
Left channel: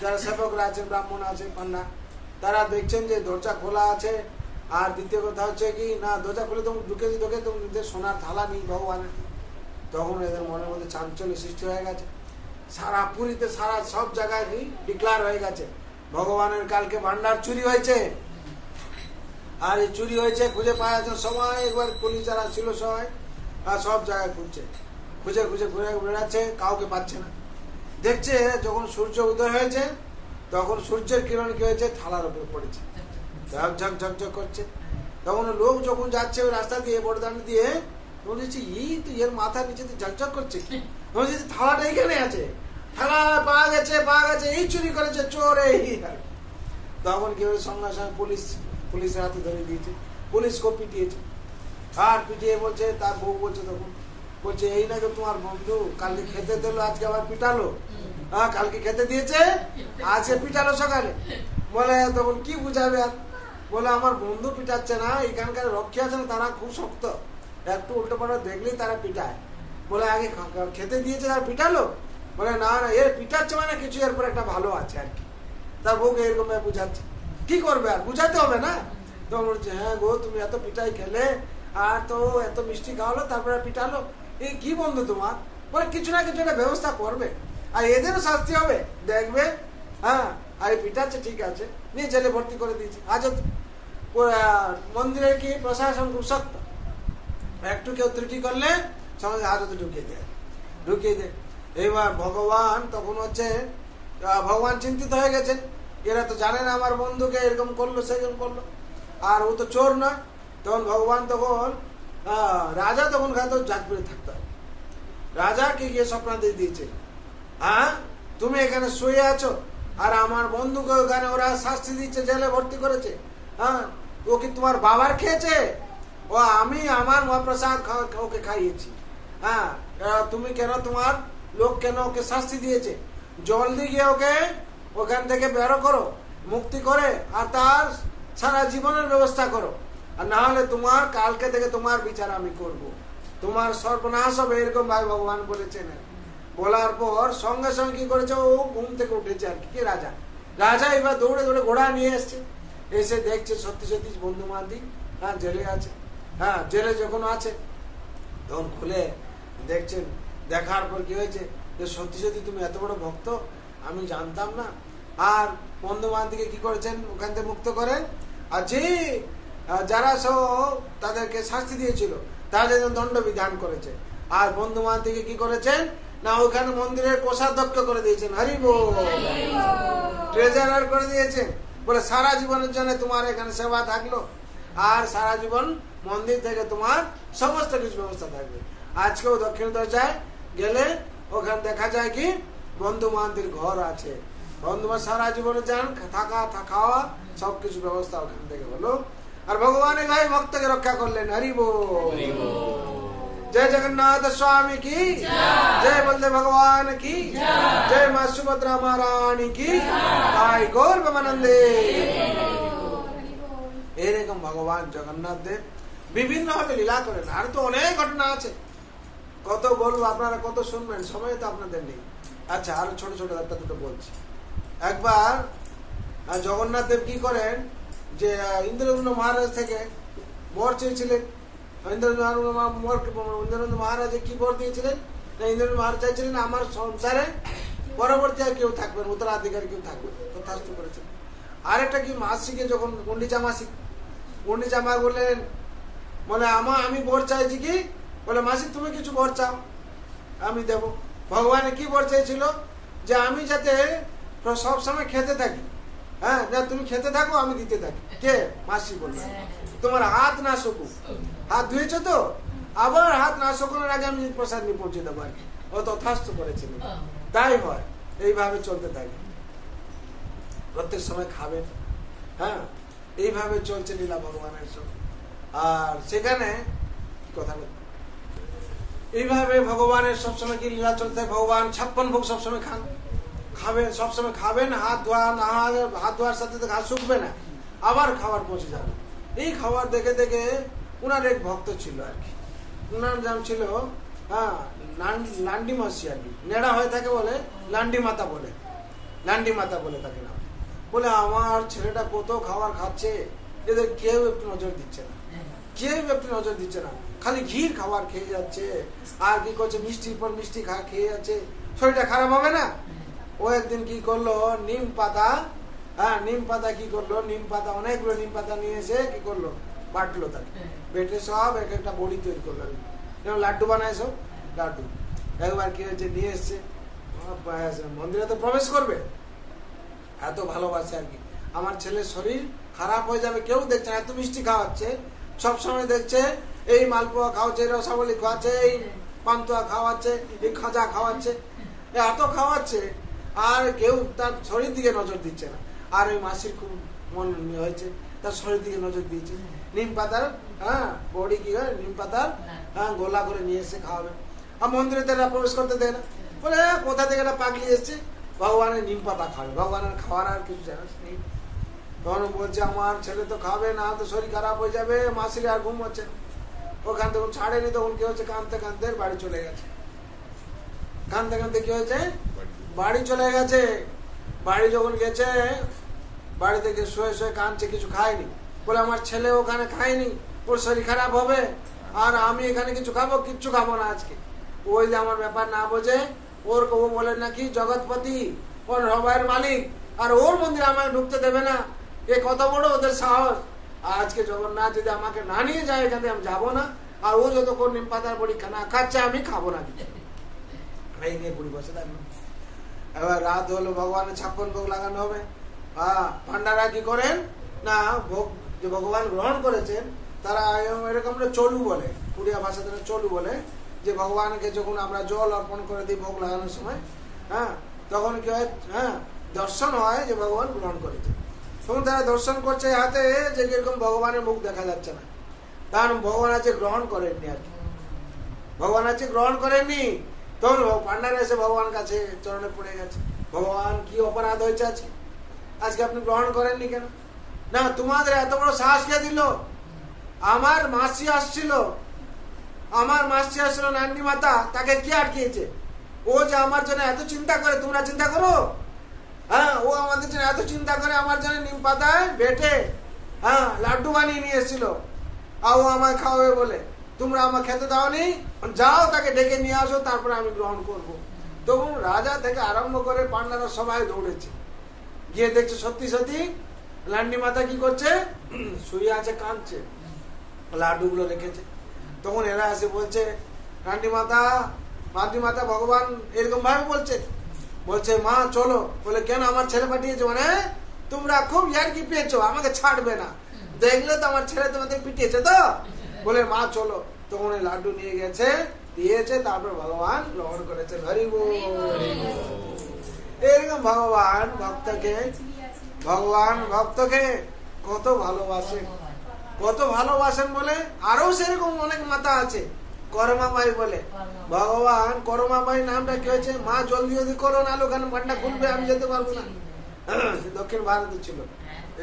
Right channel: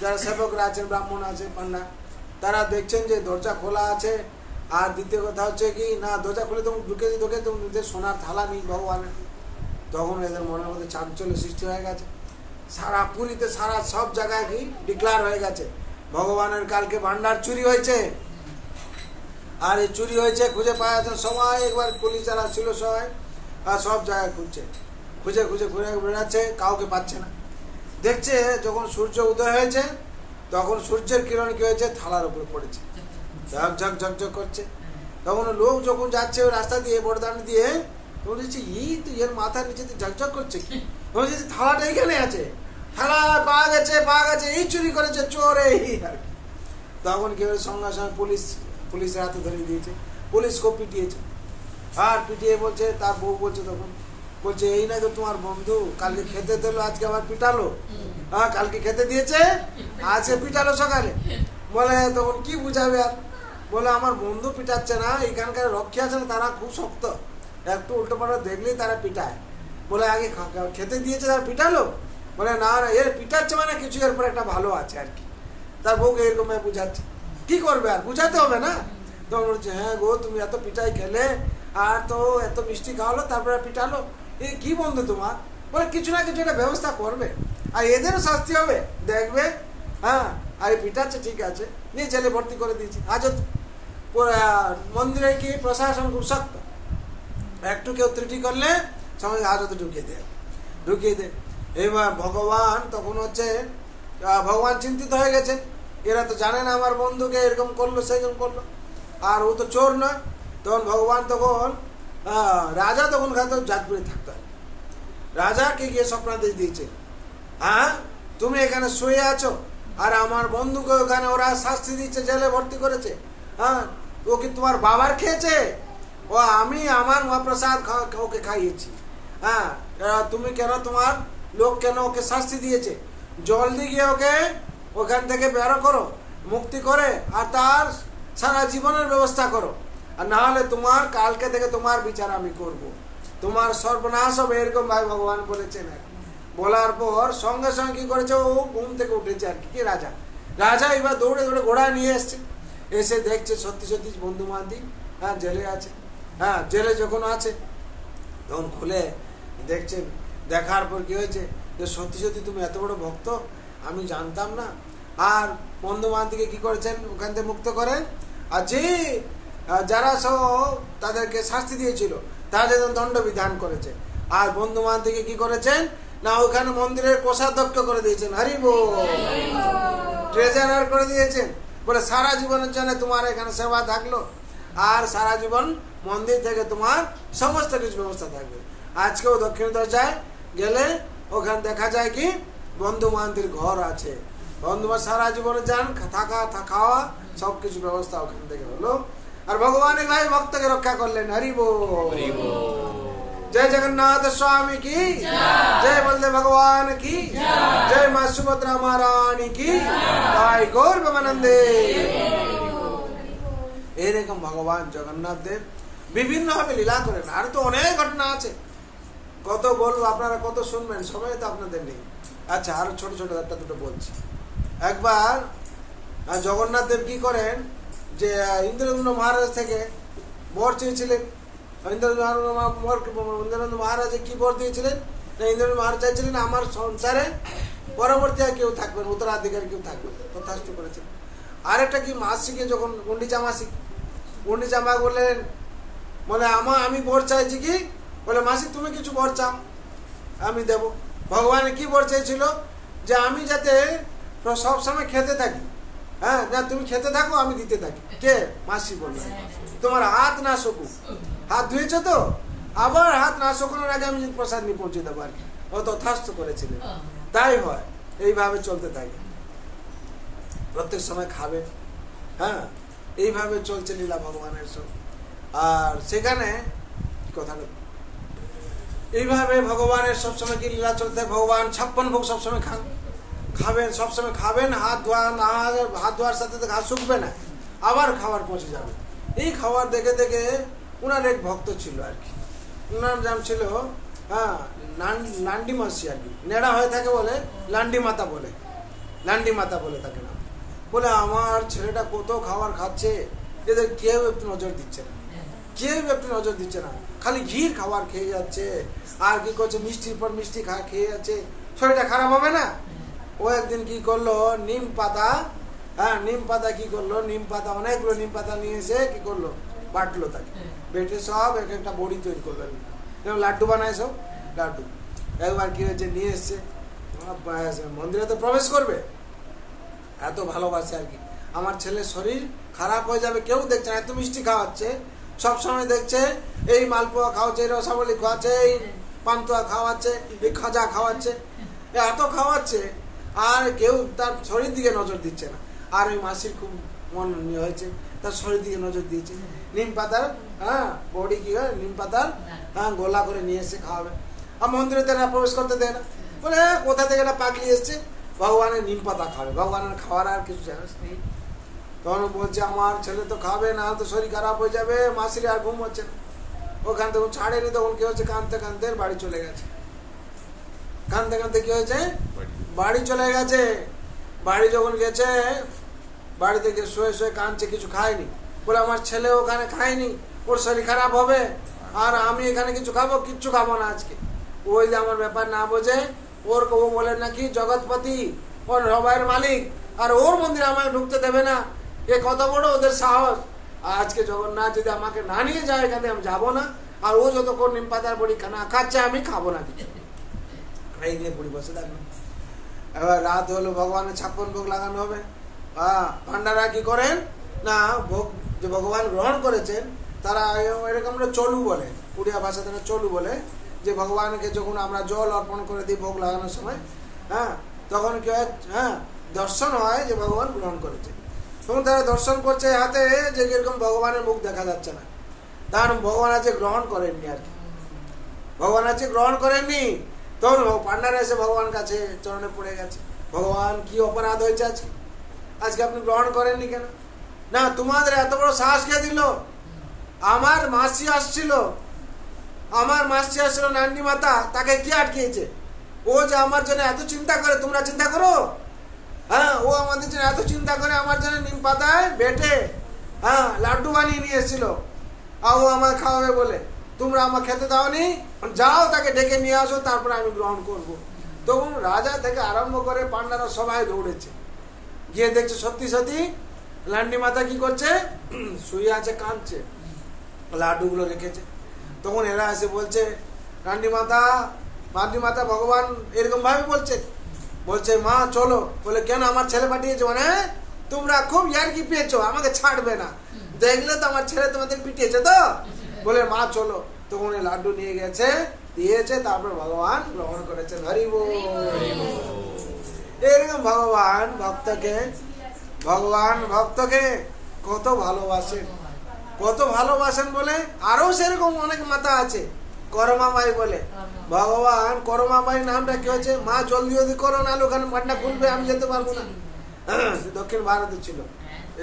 যারা সেবকরা আছেন, ব্রাহ্মণ আছে, পান্ডা, তারা দেখছেন যে দরজা খোলা আছে। আর দ্বিতীয় কথা হচ্ছে কি না, দরজা খুলে তুমি ঢুকে তুমি নিজের সোনার থালা নেই ভগবানের। তখন এদের মনের মধ্যে চাঞ্চল্য সৃষ্টি হয়ে গেছে। সারা পুরীতে সারা সব জায়গায় কি ডিক্লার হয়ে গেছে ভগবানের কালকে ভান্ডার চুরি হয়েছে। আর এই চুরি হয়েছে খুঁজে পাওয়া যাচ্ছে। সবাই একবার পুলিশ যারা ছিল সবাই আর সব জায়গায় খুঁজছে, খুঁজে খুঁজে ঘুরে বেড়াচ্ছে, কাউকে পাচ্ছে না। দেখছে যখন সূর্য উদয় হয়েছে, তখন সূর্যের কিরণ কি হয়েছে, থালার উপরে পড়েছে, ঝকঝক ঝকঝক করছে। তখন লোক যখন যাচ্ছে ওই রাস্তা দিয়ে, বড়দান দিয়ে, বলেছি এই তো এর মাথার নিচে ঝকঝক করছে, থালাটা এখানে আছে, থালা পাওয়া গেছে, এই চুরি করেছে চোর। এই তখন কি হয়েছে, সঙ্গে সঙ্গে পুলিশের হাতে ধরে দিয়েছে, পুলিশকে পিটিয়েছে। আর পিটিয়ে বলছে, তার বউ বলছে, তখন বলছে এই না তো তোমার বন্ধু, কালকে খেতে দিল, আজকে আবার পিটালো। হ্যাঁ, কালকে খেতে দিয়েছে, আজকে পিটালো সকালে। বলে তখন কি বুঝাবে আর, বলে আমার বন্ধু পিটাচ্ছে না, এখানকার রক্ষী আছেন তারা খুব শক্ত, একটু উল্টো পাল্টা দেখলেই তারা পিটায়। বলে আগে খেতে দিয়েছে তারা পিটালো? বলে না না, এর পিটাচ্ছে মানে কিছু এরপর একটা ভালো আছে আর কি। তার বউকে এরকম বুঝাচ্ছে, কি করবে আর, বুঝাতে হবে না। তখন বলছে হ্যাঁ গো, তুমি এত পিটাই খেলে আর তো এত মিষ্টি খাওয়ালো, তারপরে পিটালো, এই কি বন্ধু তোমার? বলে কিছু না কিছু একটা ব্যবস্থা করবে, আর এদেরও শাস্তি হবে দেখবে। হ্যাঁ, আর পিটাচ্ছে ঠিক আছে, নিয়ে জেলে ভর্তি করে দিয়েছি। আজ মন্দিরে কি প্রশাসন খুব শক্ত, একটু কেউ ত্রুটি করলে সমাজে হাজতে ঢুকিয়ে দেয়। এবার ভগবান তখন হচ্ছে, ভগবান চিন্তিত হয়ে গেছে, এরা তো জানে না আমার বন্ধুকে এরকম করলো সেরকম করলো, আর ও তো চোর নয়। তখন ভগবান তখন রাজা তখন জাজপুরে থাকতো, রাজাকে গিয়ে স্বপ্ন দিয়েছে, হ্যাঁ তুমি এখানে শুয়ে আছো আর আমার বন্ধুকে ওখানে ওরা শাস্তি দিচ্ছে, জেলে ভর্তি করেছে। হ্যাঁ, ও কি তোমার বাবার খেয়েছে? ও আমি আমার মহাপ্রসাদ ওকে খাইয়েছি। হ্যাঁ, তুমি কেন, তোমার লোক কেন ওকে শাস্তি দিয়েছে? জলদি গিয়ে ওকে ওখান থেকে বেরো করো, মুক্তি করে, আর তার সারা জীবনের ব্যবস্থা করো, আর না হলে তোমার কালকে থেকে তোমার বিচার আমি করব, তোমার সর্বনাশ হবে, এরকম ভাই ভগবান বলেছেন। বলার পর সঙ্গে সঙ্গে কি করেছে, ও ঘুম থেকে উঠেছে আর কি। রাজা এবার দৌড়ে দৌড়ে ঘোড়া নিয়ে এসছে, এসে দেখছে সত্যি সত্যি বন্ধু মাদি হ্যাঁ জেলে আছে। হ্যাঁ, জেলে যখন আছে তখন খুলে দেখছেন, দেখার পর কি হয়েছে, যে সত্যি সত্যি তুমি এত বড় ভক্ত, আমি জানতাম না। আর বন্ধু বান্ধবকে কি করেছেন, ওখান থেকে মুক্ত করেন, আর যে যারা সব তাদেরকে শাস্তি দিয়েছিল তাদের দণ্ড বিধান করেছে। আর বন্ধু বান্ধবকে কি করেছেন না, ওখানে মন্দিরের কোষাধ্যক্ষ করে দিয়েছেন, হরি বল, ট্রেজারার করে দিয়েছেন। বলে সারা জীবনের জন্য তোমার এখানে সেবা থাকলো, আর সারা জীবন মন্দির থেকে তোমার সমস্ত কিছু ব্যবস্থা থাকবে। আজকেও দক্ষিণ দরজায় গেলে ওখানে দেখা যায় কি বন্ধু বান্ধবীর ঘর আছে, বন্ধু সারা জীবনে যান, থাকা খাওয়া সবকিছু ব্যবস্থা ওখান থেকে হলো। আর ভগবানের ভাই ভক্তকে রক্ষা করলেন, হরি বল, জয় জগন্নাথ स्वामी की जय, বলতে ভগবান কি জয়, মা সুভদ্রা মহারানী কি জয়, গৌর প্রেমানন্দে। এরকম ভগবান জগন্নাথ দেব বিভিন্ন ভাবে লীলা করেন। আর তো অনেক ঘটনা আছে, কত বলবো, আপনারা কত শুনবেন, সময় তো আপনাদের নেই। আচ্ছা, আরো ছোট ছোট একটা দুটো বলছি। একবার জগন্নাথ দেব কি করেন, যে ইন্দ্রদম্ন মহারাজ থেকে বর চেয়েছিলেন। ইন্দ্রদম্ন মহারাজ কি বর দিয়েছিলেন, ইন্দ্রদম্ন মহারাজ চাইছিলেন আমার সংসারে পরবর্তী আর কেউ থাকবেন, উত্তরাধিকারী কেউ থাকবেন, তথাস্তু করেছিলেন। আরেকটা কি মাসিকে যখন গুন্ডিচা মা বললেন, বলে আমি বর চাইছি কি, বলে মাসি তুমি কিছু বর চাও। আমি দেব। ভগবানের কি বর চেয়েছিল? যে আমি যাতে সবসময় খেতে থাকি। হ্যাঁ, না তুমি খেতে থাকো, আমি দিতে থাকি। কে? মাসি বলবে তোমার হাত না শুকুক। হাত ধুয়েছো তো, আবার হাত না শুকানোর আগে আমি প্রসাদ নিয়ে পৌঁছে দেবো আর কি। ও তথাস্থ করেছিলেন। তাই হয়, এইভাবে চলতে থাকে। প্রত্যেক সময় খাবে। হ্যাঁ, এইভাবে চলছে লীলা ভগবানের সব। আর সেখানে কথা এইভাবে ভগবানের সবসময় কি লীলা চলতে, ভগবান 56 ভোগ সবসময় খাবেন, সবসময় খাবেন। হাত ধোয়ার সাথে হাত শুকবে না, আবার খাবার পৌঁছে যাবে। এই খাবার দেখে দেখে উনার এক ভক্ত ছিল আর কি, উনার নাম ছিল লান্ডি মাসি আর কি। নেড়া হয়ে থাকে বলে লান্ডি মাতা বলে, লান্ডি মাতা বলে তাকে নাম। বলে আমার ছেলেটা কত খাবার খাচ্ছে, এদের কেউ একটু নজর দিচ্ছে না, কেউ একটু নজর দিচ্ছে না, খালি ঘির খাবার খেয়ে যাচ্ছে। আর কি করছে, মিষ্টির পর মিষ্টি খেয়ে যাচ্ছে, শরীরটা খারাপ হবে না? ও একদিন কি করলো, নিম পাতা, নিম পাতা কি করলো, নিম পাতা অনেকগুলো নিম পাতা নিয়ে এসে কি করলো, বাটলো তাকে, বেটে সব এক একটা বড়ি তৈরি করলো, লাড্ডু বানায় সব লাড্ডু। একবার কি হয়েছে, নিয়ে এসছে মন্দিরে তো প্রবেশ করবে, এত ভালোবাসে আর কি। আমার ছেলের শরীর খারাপ হয়ে যাবে, কেউ দেখছে না, এত মিষ্টি খাওয়াচ্ছে, সবসময় দেখছে এই মালপোয়া খাওয়াচ্ছে, এই রসাবলি খাওয়াচ্ছে, এই পান্তুয়া খাওয়াচ্ছে, এই খাজা খাওয়াচ্ছে, এত খাওয়াচ্ছে, আর কেউ তার শরীর দিকে নজর দিচ্ছে না। আর ওই মাসির খুব মন হয়েছে, তার শরীর দিকে নজর দিয়েছে। নিম পাতার বড়ি কি হয়, নিম পাতার গোলা করে নিয়ে এসে খাওয়াবে। আর মন্দিরে তারা প্রবেশ করতে দেয় না, বলে কোথা থেকে একটা পাগলি এসছে, ভগবানের নিম পাতা খাবে, ভগবানের খাওয়ার আর কিছু জানাস নেই। তখন বলছে আমার ছেলে তো খাবে না, তো শরীর খারাপ হয়ে যাবে। মাসির আর ঘুম হচ্ছে না, ওখান থেকে ছাড়েনি। তখন কি হচ্ছে, কাঁদতে কাঁদতে বাড়ি চলে গেছে, কাঁদতে কাঁদতে কি হয়েছে, বাড়ি চলে গেছে। বাড়ি যখন গেছে, বাড়ি থেকে শুয়ে শুয়ে কাঁদছে, কিছু খায়নি। বলে আমার ছেলে ওখানে খায়নি, ওর শরীর খারাপ হবে, আর আমি এখানে কিছু খাবো, কিচ্ছু খাবো না আজকে। ওই যে আমার ব্যাপার না বোঝে, ওর ও বলে নাকি জগৎপতি, ওর সবাইয়ের মালিক, আর ওর মন্দিরে আমাকে ঢুকতে দেবে না, এ কত বড় ওদের সাহস। আজকে জগন্নাথ যদি আমাকে না নিয়ে যায় এখানে, আমি যাবো না। আর ও যতক্ষণ নিম পাতার বড়ি খানা খাচ্ছে, আমি খাবো না কিছু। এই নিয়ে বুড়ি বসে থাকবে। এবার রাত হলো, ভগবানের 56 ভোগ লাগানো হবে। ভান্ডারা কি করেন না, ভোগ যে ভগবান গ্রহণ করেছেন, তারা এরকম চলু বলে, উড়িয়া ভাষাতে চলু বলে, যে ভগবানকে যখন আমরা জল অর্পণ করে দিই ভোগ লাগানোর সময়, তখন কি হয়, দর্শন হয় যে ভগবান গ্রহণ করেছে। তখন তারা দর্শন করছে হাতে, যে এরকম ভগবানের মুখ দেখা যাচ্ছে না, তার ভগবান আছে গ্রহণ করেননি আর কি, ভগবান আছে গ্রহণ করেননি। তখন পান্ডারা এসে ভগবান কাছে চরণে পড়ে গেছে, ভগবান কি অপরাধ হয়েছে আজকে, আজকে আপনি গ্রহণ করেননি কেন? না, তোমাদের এত বড় সাহস কে দিল? আমার মাসি আসছিল, আমার মাসি আসছিল নান্ডি মাতা, তাকে কি আটকিয়েছে? ও যে আমার জন্য এত চিন্তা করে, তোমরা চিন্তা করো? ও আমাদের জন্য এত চিন্তা করে, আমার জন্য নিম পাতায় বেটে লাড্ডু বানিয়ে নিয়ে এসেছিল, আর ও আমায় খাওয়াবে বলে, তোমরা আমার খেতে দাওনি, যাও তাকে ডেকে নিয়ে আসো, তারপরে আমি গ্রহণ করব। তখন রাজা থেকে আরম্ভ করে পান্ডারা সবাই দৌড়েছে, গিয়ে দেখছে সত্যি সত্যি লান্ডি মাতা কি করছে, শুয়ে আছে, কাঁদছে, লাড্ডুগুলো রেখেছে। তখন এরা এসে বলছে, লান্ডি মাতা ভগবান এরকম ভাবে বলছে মা চলো। বলে কেন, আমার ছেলে পাঠিয়েছে, মানে তোমরা খুব ইয়ার্কি পেয়েছো, আমাকে ছাড়বে না, দেখলে তো আমার ছেলে তোমাদের পিটিয়েছে তো, বলে মা চলো। তখন এই লাড্ডু নিয়ে গেছে, দিয়েছে, তারপর ভগবান গ্রহণ করেছে। হরি বল। এরকম ভগবান ভক্তকে কত ভালোবাসেন বলে। আরো সেরকম অনেক মাতা আছে, করমাবাই বলে। ভগবান করমাবাই নামটা কি হয়েছে, মা জলদি জলদি করো, নাহলে ওখানে ভান্ডা খুলবে, আমি যেতে পারবো না। দক্ষিণ ভারতে ছিল,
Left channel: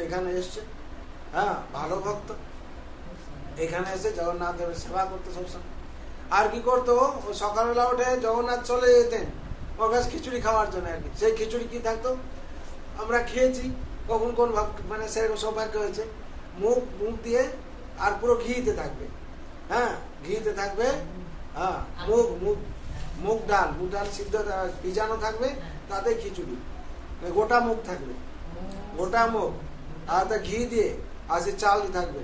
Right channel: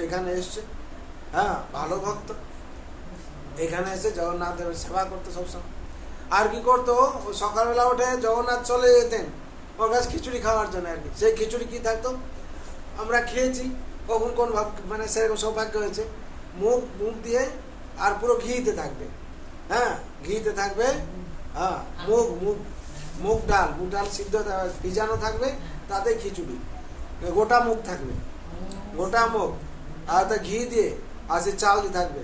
এখানে এসছে, ভালো ভক্ত, এখানে এসে জগন্নাথ দেবের সেবা করতো সবসময়। আর কি করতো, ও সকালবেলা উঠে জগন্নাথ চলে যেতেন ওর কাছে খিচুড়ি খাওয়ার জন্য আর কি। সেই খিচুড়ি কি থাকতো, আমরা খেয়েছি, কখন কোন মানে সেরকম সৌভাগ্য হয়েছে, মুখ দিয়ে আর পুরো ঘিতে থাকবে, ঘিতে থাকবে, মুগ ডাল সিদ্ধ ভিজানো থাকবে, তাতে খিচুড়ি, গোটা মুগ থাকবে, গোটা মুগ, আর তা ঘি দিয়ে আর সে চাল দিয়ে থাকবে।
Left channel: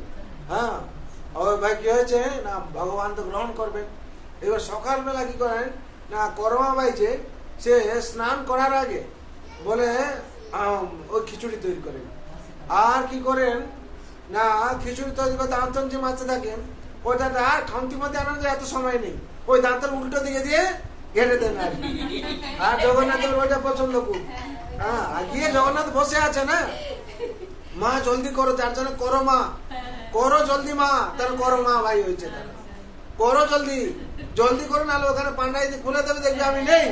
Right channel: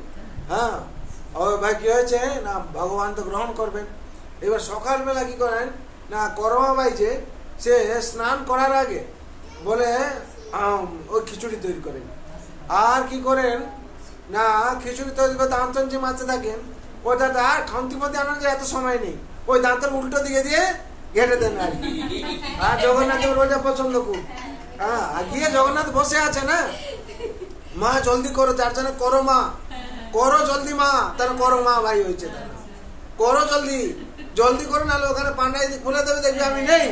ভাই কি হয়েছে না, ভগবান তো গ্রহণ করবেন। এবার সকালবেলা কি করেন, না করমাবাই যে সে স্নান করার আগে বলে ওই খিচুড়ি তৈরি করেন। আর কি করেন না খিচুড়ি তৈরি করে দাঁতন যে মারতে থাকেন, ওটা আর খান্তি মধ্যে আনার এত সময় নেই, ওই দাঁতন উল্টো দিকে দিয়ে ঘেটে দেন আর কি। আর জগন্নাথের ওটা পছন্দ খুব। হ্যাঁ, আর গিয়ে জগন্নাথ বসে আছে না, মা জলদি করো, যার জন্য করো মা, করো জলদি মা, তার করো মা ভাই হয়েছে, করো জলদি জলদি করো, নাহলে ওখানে পান্ডাই খুলে দেবে, দেখবে আমি নেই,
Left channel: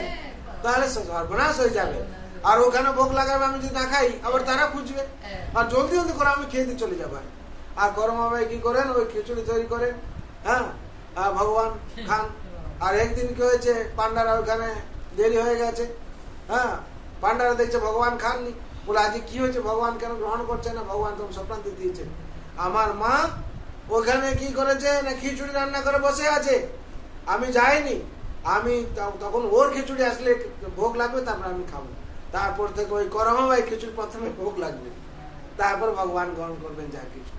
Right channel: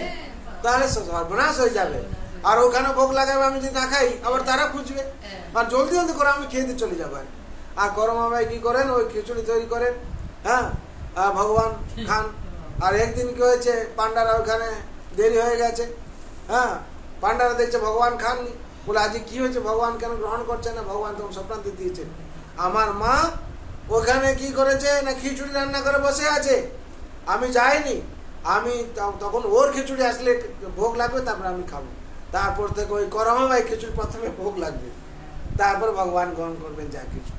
তাহলে সর্বনাশ হয়ে যাবে। আর ওখানে ভোগ লাগাবে, আমি যদি না খাই আবার তারা খুঁজবে, আর জলদি জলদি করে আমি খেয়ে দিয়ে চলে যাবো। আর করমা ভাই কি করেন, ওই খিচুড়ি তৈরি করেন, হ্যাঁ, ভগবান খান। আর একদিন কি হয়েছে, পান্ডারা ওখানে দেরি হয়ে গেছে, হ্যাঁ, পান্ডারা দেখছে ভগবান খাননি, বলে আজকে কি হয়েছে, ভগবান কেন গ্রহণ করছে না? ভগবান তখন স্বপ্নান্তে দিয়েছেন, আমার মা ওখানে কি করেছে না খিচুড়ি রান্না করে বসে আছে, আমি যাইনি, আমি তখন ওর খিচুড়ি আসলে ভোগ লাগবে, তারপর আমি খাবো। তারপর থেকে ওই করমা ভাই খিচুড়ি প্রথমে ভোগ লাগবে, তারপর ভগবান গ্রহণ করবেন যা কিছু।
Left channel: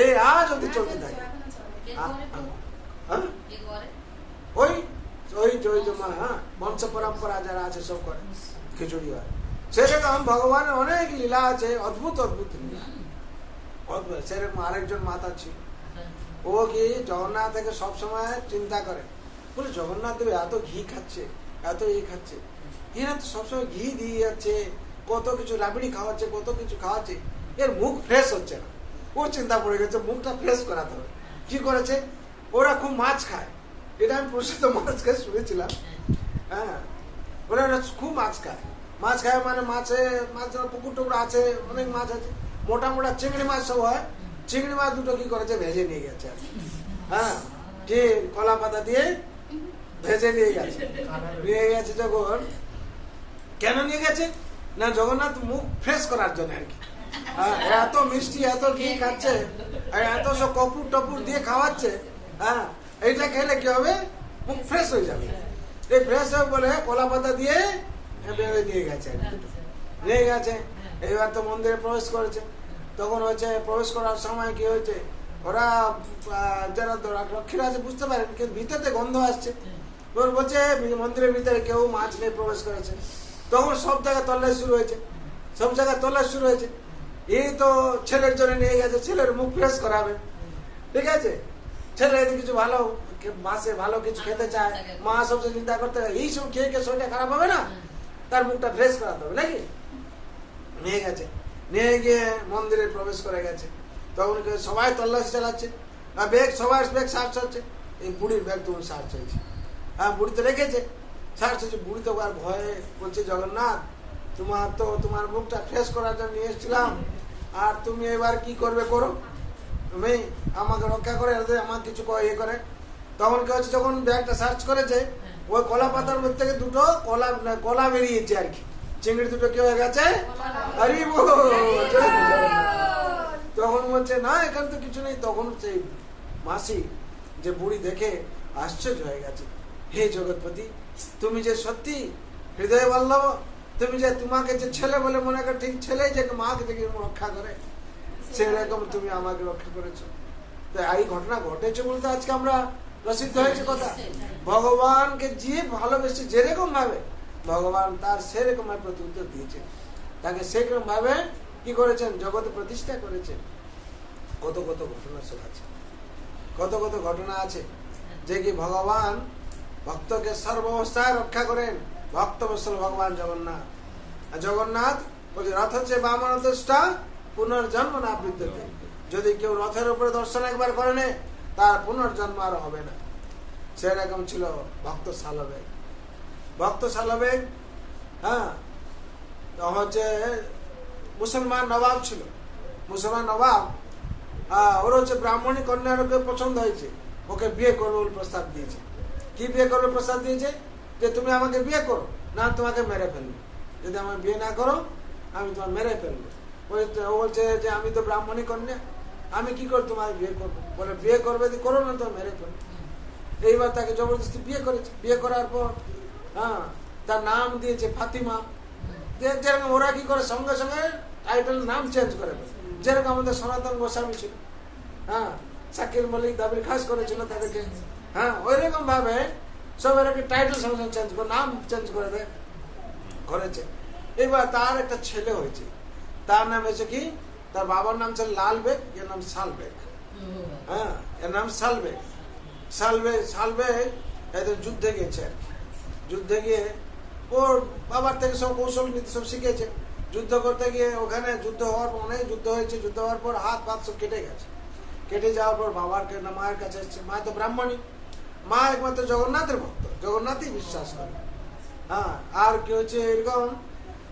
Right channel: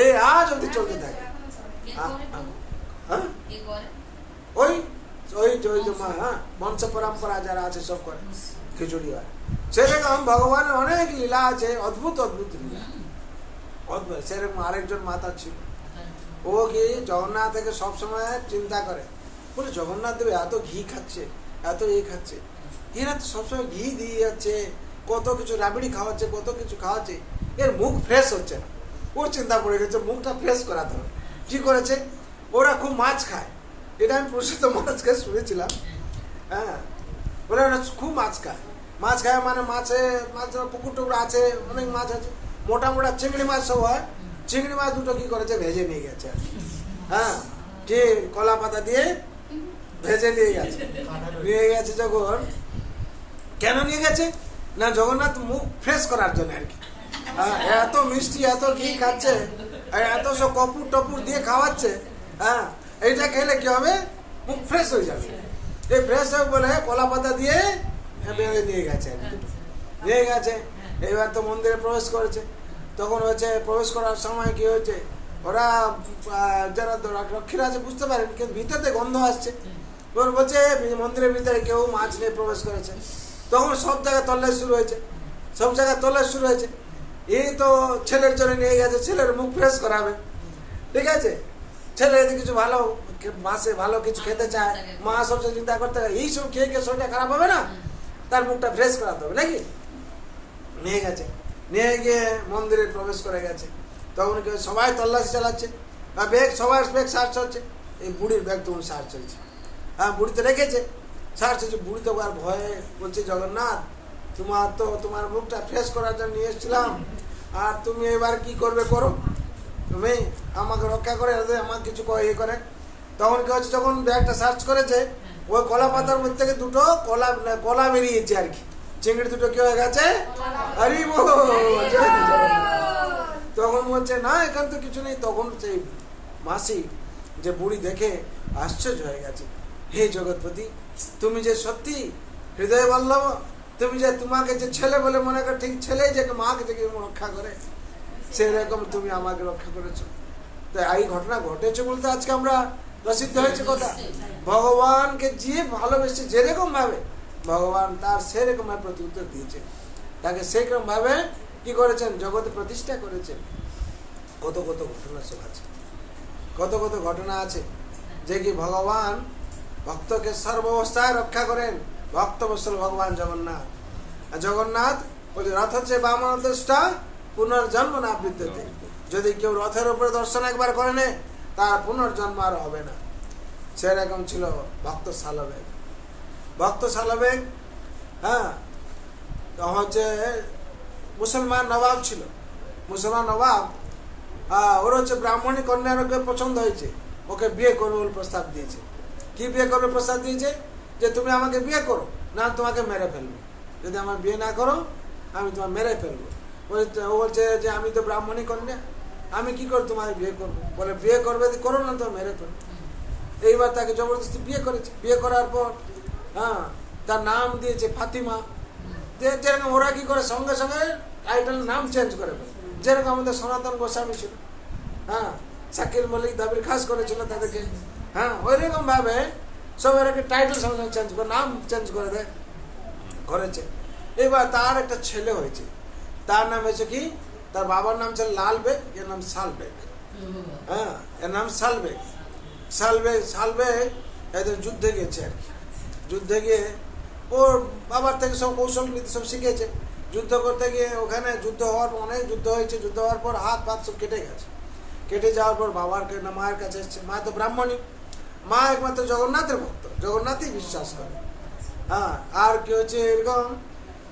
এই আজ অব্দি চলতে থাকে। ওই ওই বংশ পরম্পরা যারা আছে সব করে খিচুড়ি হয়। সেরকম ভগবানের অনেক লীলা আছে, অদ্ভুত অদ্ভুত লীলা। সেরকম আরেকজন মাতা ছিল, ও কি জগন্নাথ থেকে সবসময় চিন্তা করে, বলে জগন্নাথ দেব এত ঘি খাচ্ছে, এত খাচ্ছে, এরা তো সবসময় ঘি দিয়ে যাচ্ছে, কত কিছু রাবিড়ি খাওয়াচ্ছে, কত কিছু খাওয়াচ্ছে, এর মুখ ফ্রেশ হচ্ছে না। ও চিন্তা পড়ে গেছে, মুখটা ফ্রেশ করাতে হবে। কি করেছে, ওরা খুব মাছ খায়, এটা আমি প্রসিদ্ধ মাছ খায় শুনেছিলাম। হ্যাঁ, ওরা খুব মাছ খায়, মাছ খায় মানে মাছে মাছ পুকুর টুকুর আছে, অনেক মাছ আছে, মোটা মোটা চিংড়ি মাছ সব হয়। চিংড়ি মাছ দুটো কি করেছে, ভেজে নিয়ে গেছে। হ্যাঁ, কি কলা পাতা দিয়ে ভেজে নিয়ে গেছে। নিয়ে গেছে যখন, কেন নিয়ে গেছে না জগন্নাথ মুখ ফ্রেশ করার জন্য আর কি। এত মিষ্টি, এত ঘি খাচ্ছে, এত সব কপুর টপুর দিয়ে খাওয়াচ্ছে, হ্যাঁ, এইটা খেলে কি হবে, মুখ ফ্রেশ হয়ে যাবে। এই ফ্রেশ হবে বলে কলা পাতা দিয়ে বেঁধে নিয়ে গেছে, নিয়ে গেছে। এইবার তো মন্দিরে প্রবেশ করেছে, তখন হচ্ছে প্রবেশ করার সময় কি হয়েছে, ওরা যারা রক্ষীরা আছে বুঝতে পারেন, কিন্তু ভিতরে গন্ধ আসছে, বলছে মন্দিরের ভিতরে কেউ মাছ নিয়ে প্রবেশ করেছে। তখন সব জায়গায় তল্লাশি শুরু হয়েছে, সব জায়গায় তল্লাশি শুরু হয়েছে। এই তো ছেলের জন্য নিয়ে গেছে, ছেলের মুখ ফ্রেশ করাবে, ঠিক আছে, ছেলে যদি কিছু ভালো মাসে ভালো কিছু খেতে চায়, মা সবসময় চিন্তা করতে হবে এই সব খেয়ে শরীরটা খারাপ হবে না, তার মুখটা ফ্রেশ করাতে হবে নাকি। নিয়ে গেছে, নিয়ে গিয়ে মন্দিরে প্রবেশ করে গেছে। তখন সবাই তল্লাশি চালাচ্ছে, ব্যাগ সবাই ব্যাগ সার্চ হচ্ছে, এই বুড়ির ব্যাগ তখন সার্চ হয়েছে। হ্যাঁ, বুড়িতে রেখেছে, সার্চ হচ্ছে। বুড়ি তো আর ভয়ে বলছে, জগন্নাথ তোমার মুখটা ফ্রেশ করার জন্য নিয়ে এসেছিলাম, আর তুমি এবার কি করবে করো, তুমি আমাকে রক্ষা করে, আমার কিছু ইয়ে করে। তখন কি হচ্ছে, যখন ব্যাগটা সার্চ করেছে, ওই কলা পাতার মধ্যে থেকে দুটো কলা বেরিয়েছে আর কি, চিংড়ি দুটো কি হয়ে গেছে, আরে তখন বলছে না এখান তো কিছু নেই। তখন সেই মাসি যে বুড়ি দেখে আশ্চর্য হয়ে গেছে, হে জগৎপতি, তুমি যে সত্যি হৃদয় বল্লভ, তুমি যে তোমাকে যে ছেলে বলে মনে করে, ঠিক ছেলে যে মাকে যে রক্ষা করে, সেরকম তুমি আমাকে রক্ষা করেছো। তো এই ঘটনা ঘটেছে বলতে আজকে আমরা প্রসিদ্ধ হয়েছে কথা। ভগবানকে যে ভালোবেসে যেরকম ভাবে ভগবান তার সেরকম ভাবে প্রতি উত্তর দিয়েছেন, তাকে সেরকম ভাবে কি করেছেন, জগতে প্রতিষ্ঠা করেছেন। কত কত ঘটনা সব আছে, কত কত ঘটনা আছে যে কি ভগবান ভক্তকে সর্বাবস্থায় রক্ষা করেন। ভক্ত বৎসল ভগবান জগন্নাথ। জগন্নাথ বলছে রথ হচ্ছে বামন দৃষ্টা পুনর্জন্ম না বিদ্যতে। যদি কেউ রথের উপরে দর্শন একবার করে নে, তার পুনর্জন্ম আর হবে না। সেরকম ছিল ভক্ত শালবেগ। ভক্ত শালবেগ, হ্যাঁ, হচ্ছে মুসলমান নবাব ছিল। মুসলমান নবাব, ওর হচ্ছে ব্রাহ্মণী কন্যার ওকে পছন্দ হয়েছে, ওকে বিয়ে করবে বলে প্রস্তাব দিয়েছে। কি বিয়ে করবে প্রস্তাব দিয়েছে, যে তুমি আমাকে বিয়ে করো, না তোমাকে মেরে ফেলবো, যদি আমার বিয়ে না করো আমি তোমার মেরে ফেলবো। ও বলছে যে আমি তো ব্রাহ্মণী কন্যা, আমি কি করে তোমার বিয়ে করবো, বলে বিয়ে করবে করো, না তোমার মেরে ফেলবো। এইবার তাকে জবরদস্তি বিয়ে করেছে। বিয়ে করার পর, হ্যাঁ, তার নাম দিয়েছে ফাতিমা। যেরকম ওরা কি করে সঙ্গে সঙ্গে টাইটেল নাম চেঞ্জ করে, যেরকম আমাদের সনাতন গোস্বামী ছিল, হ্যাঁ, শাকির মল্লিক দাবির খাস করেছিল তাদেরকে, হ্যাঁ, ওই রকম ভাবে সব এর টাইটেল চেঞ্জ করে, নাম চেঞ্জ করে দেয়, করেছে। এবার তার একটা ছেলে হয়েছে, তার নাম হয়েছে কি, তার বাবার নাম ছিল লাল বেগ, এর নাম সাল বেগ। হ্যাঁ, এর নাম সাল বেগ। সাল বেগ একদিন যুদ্ধে গেছে আর কি। যুদ্ধে গিয়ে ওর বাবার থেকে সব কৌশল নীতি সব শিখেছে। যুদ্ধ করতে গিয়ে ওখানে যুদ্ধ হওয়ার পর, অনেক যুদ্ধ হয়েছে, যুদ্ধ হওয়ার পর হাত পাত সব কেটে গেছে। কেটে যাওয়ার পর বাবার মায়ের কাছে এসছে। মা তো ব্রাহ্মণী, মা একমাত্র জগন্নাথের ভক্ত, জগন্নাথই বিশ্বাস করে। হ্যাঁ, আর কি হচ্ছে, এরকম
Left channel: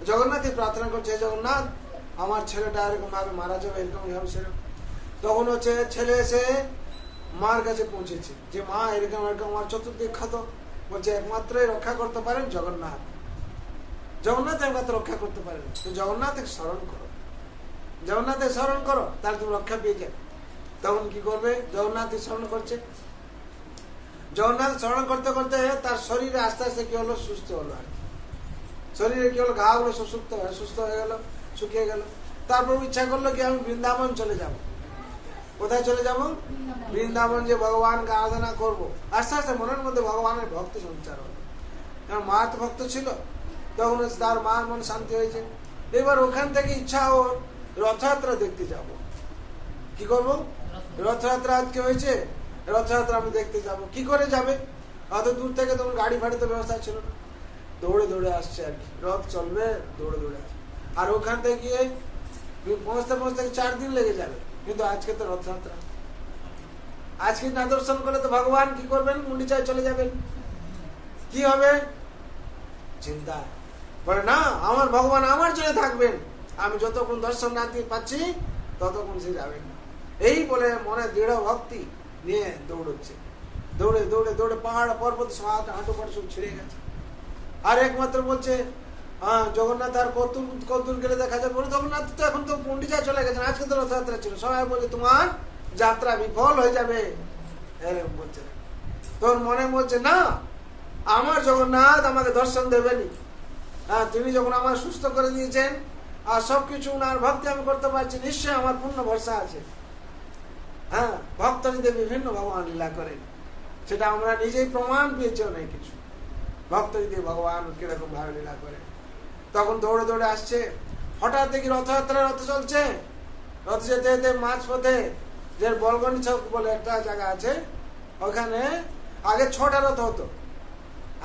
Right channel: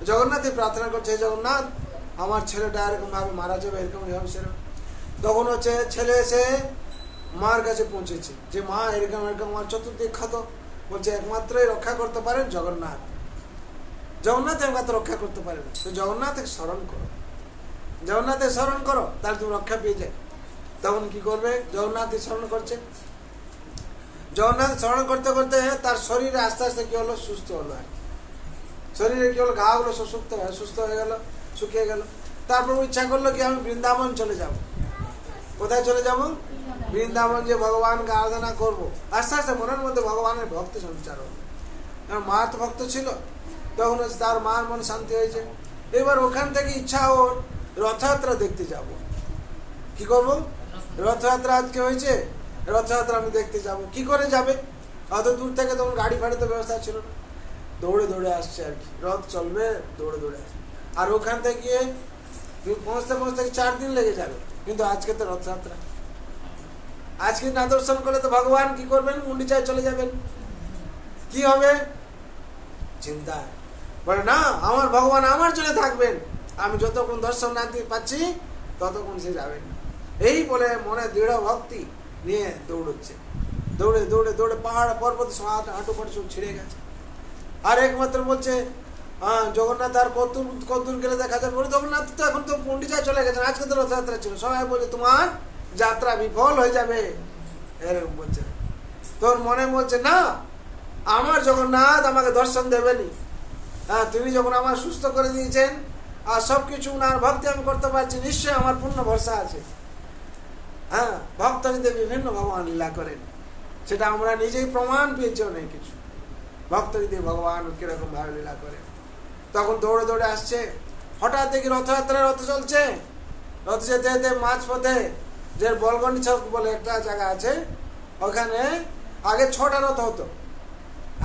জগন্নাথই প্রার্থনা করছে, জগন্নাথ আমার ছেলেটা এরকম ভাবে মারা যাবে, এরকম এরকম সেরকম। তখন হচ্ছে ছেলে এসে মার কাছে পৌঁছেছে যে মা এরকম এরকম আমার চতুর্দিক ক্ষত, বলছে একমাত্রই রক্ষা করতে পারেন জগন্নাথ, জগন্নাথ একমাত্র রক্ষা করতে পারেন। তো জগন্নাথকে স্মরণ করো, জগন্নাথের স্মরণ করো, তাহলে তুমি রক্ষা পেয়ে যাবে। তখন কি করবে, জগন্নাথকে স্মরণ করছে। জগন্নাথ স্মরণ করতে করতে তার শরীরে আস্তে আস্তে কি হলো, সুস্থ হলো। শরীরে কি হলো, ঘা গুলো সুস্থ হয়ে গেল, শুকিয়ে গেল। তারপর ইচ্ছা করলো কি আমি বৃন্দাবন চলে যাব। কোথায় চলে যাব, বৃন্দাবন, যে ভগবানকে আরাধনা করব। আস্তে আস্তে মনের মধ্যে ভগবানের ভক্তি সঞ্চার হলো। কারণ মা তো ভক্ত ছিল, তখন তার মার মন শান্তি হয়েছে। এবার ওখান থেকে ইচ্ছা ওর রথযাত্রা দেখতে যাব। কি করব, রথযাত্রা আজকে হয়েছে, রথযাত্রা আমি দেখতে যাব। কি করে যাবে, অত দূর থেকে তখন গাড়ি ফাড়ি তো ব্যবস্থা ছিল না, দৌড়ে দৌড়ে আসছে আর কি। রথ চলবে, দৌড়ে দৌড়ে আসছে। আর ওখান থেকে গিয়ে পৌঁছতে পৌঁছতে 4 দিন লেগে যাবে। কিন্তু আজকে তো রথযাত্রা, আজকে না দর্শন করলে তো ভগবান কি করবেন, গুন্ডিচায় চলে যাবেন, কি হবে চিন্তা। বলে না, আমার ভগবান আমার জন্য থাকবেন, আমি যতক্ষণ দর্শন না পাচ্ছি ততক্ষণ সে যাবেন না। এই বলে মনে দৃঢ় ভক্তি নিয়ে দৌড়চ্ছে। দৌড়ে দৌড়ে দৌড়ে পাহাড় পর্বত হাঁটু পাটু সব ছিঁড়ে গেছে। আর একমাত্র বলছে জগন্নাথ আর কতদূর গেলে দেখা যাবে, বলে জগন্নাথ তো এখন তো গুন্ডিচায় চলে গেছেন, আজকে তো রথযাত্রা ছিল। সবাই বলে তোমার যাত্রা বিফল হয়ে যাবে, এরকম বলছে। তোর মনে বলছে না, আমার জগন্নাথ আমাকে দর্শন দেবেনি। হ্যাঁ, তিনি যখন আমার সুস্থ করে দিয়েছেন আর সবকিছু উনার ভক্তি আমি করতে পারছি, নিশ্চয়ই আমার পূর্ণ ভরসা আছে। হ্যাঁ, ভক্ত যদি বিভিন্ন ভগবান লীলা করেন, সেটা আমরা নিজেই প্রমাণ পেয়েছি অনেক কিছু। ভক্ত যদি ভগবান কিরকম ভাবে লীলা করেন। তখন দৌড়ে দৌড়ে আসছে। হঠাৎ দেখি রথযাত্রা, রথ চলছে। রথ যেতে যেতে মাঝ পথে যে বলগনি চক বলে একটা জায়গা আছে, ওখানে আগে 6টা রথ হতো।